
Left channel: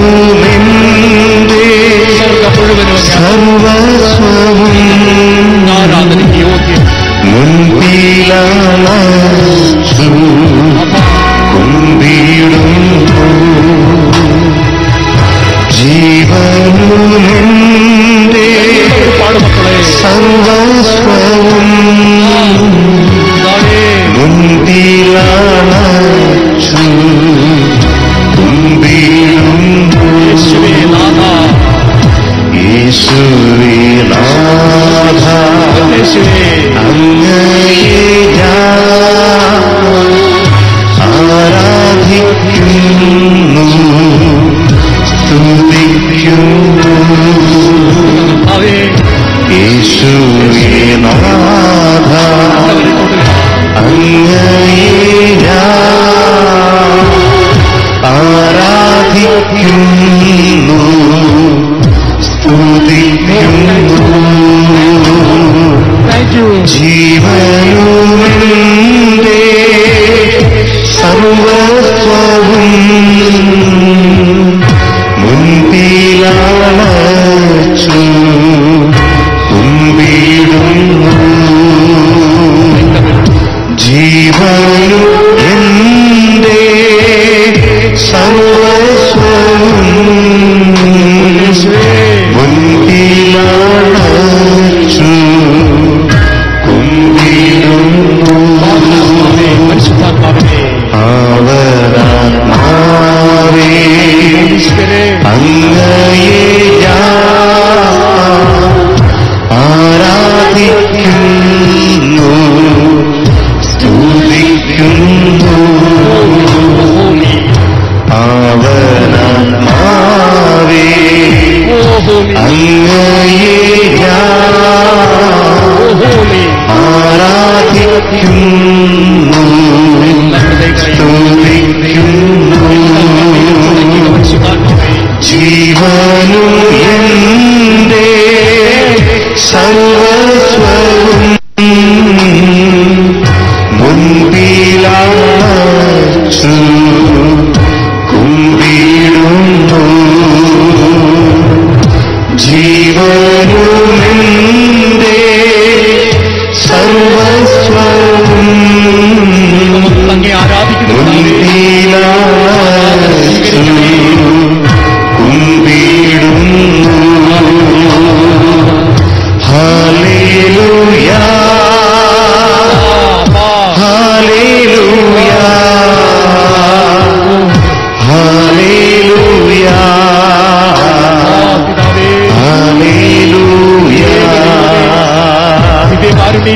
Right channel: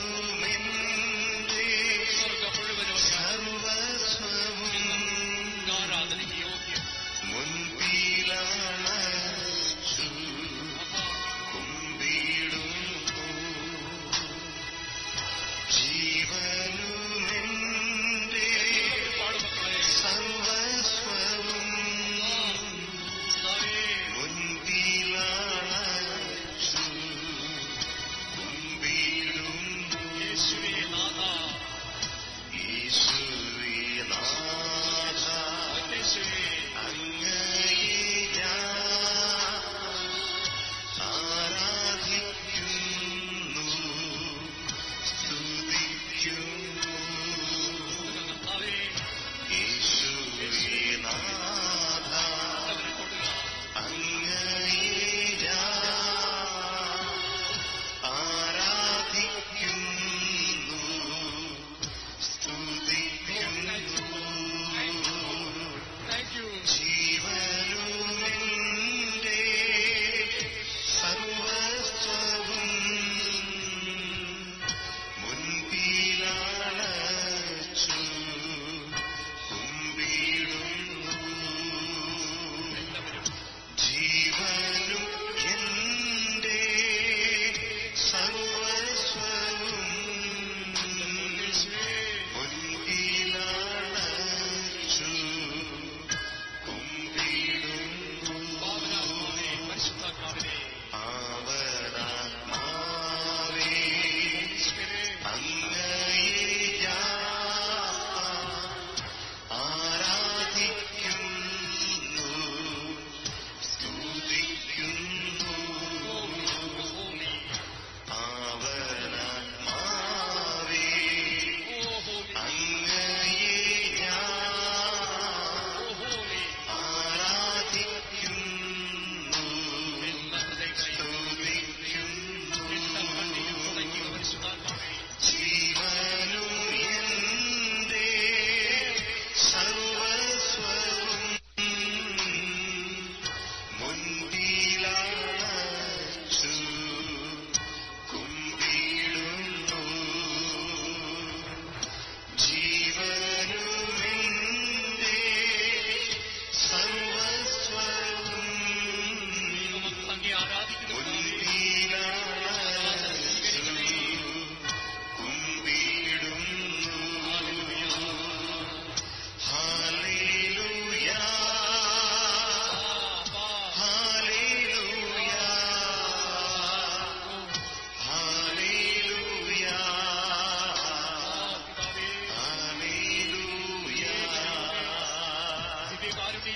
ജീവനുമെന്റെ സർവസ്വവും മുൻപിലണച്ചു കുമ്പിടുന്നു. ജീവനുമെന്റെ സർവസ്വവും ജീവനു എന്റെ സർവസ്വവും മുൻപിലാച്ചു കുമ്പിടുന്നു. ജീവനുമെന്റെ സർവസ്വവും മുൻപിലാച്ചു കുമ്പിടുന്നു. Hallelujah hallelujah hallelujah hallelujah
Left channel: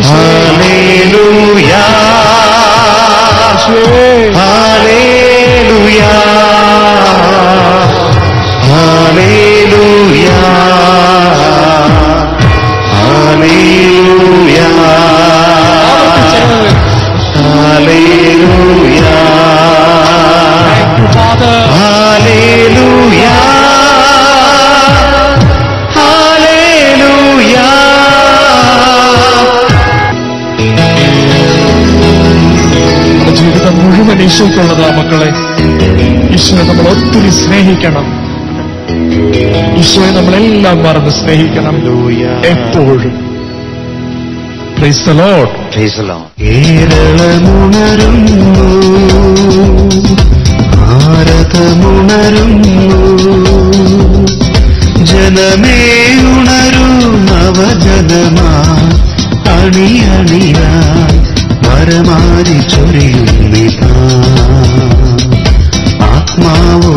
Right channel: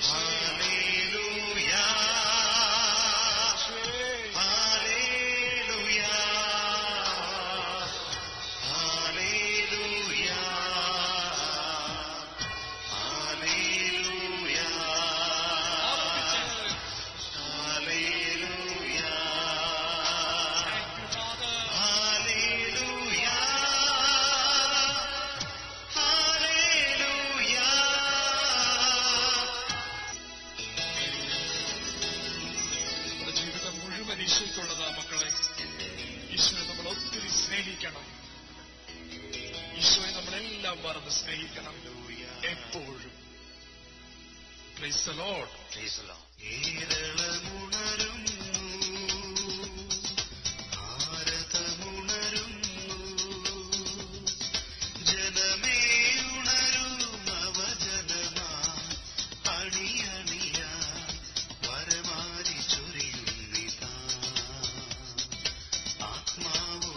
hallelujah hallelujah hallelujah hallelujah hallelujah hallelujah hallelujah. ജീവിതം മുഴുവൻ ഈശോയ്ക്കുള്ളതാ മക്കളെ. ഈശോയെ നമ്മൾ ഒത്തിരി സ്നേഹിക്കണം. ഈശോയെ നമ്മളെല്ലാം മറന്ന് സ്നേഹിക്കണം എപ്പോഴും. Praise the Lord. കേരളമുണരുന്നു, ഭാരതമുണരുന്നു, ജനമേ ഉണരൂ നവജനമാ അണിയണിയായി വരമാരി ചൊരിയുന്നിതാ. ആത്മാവോ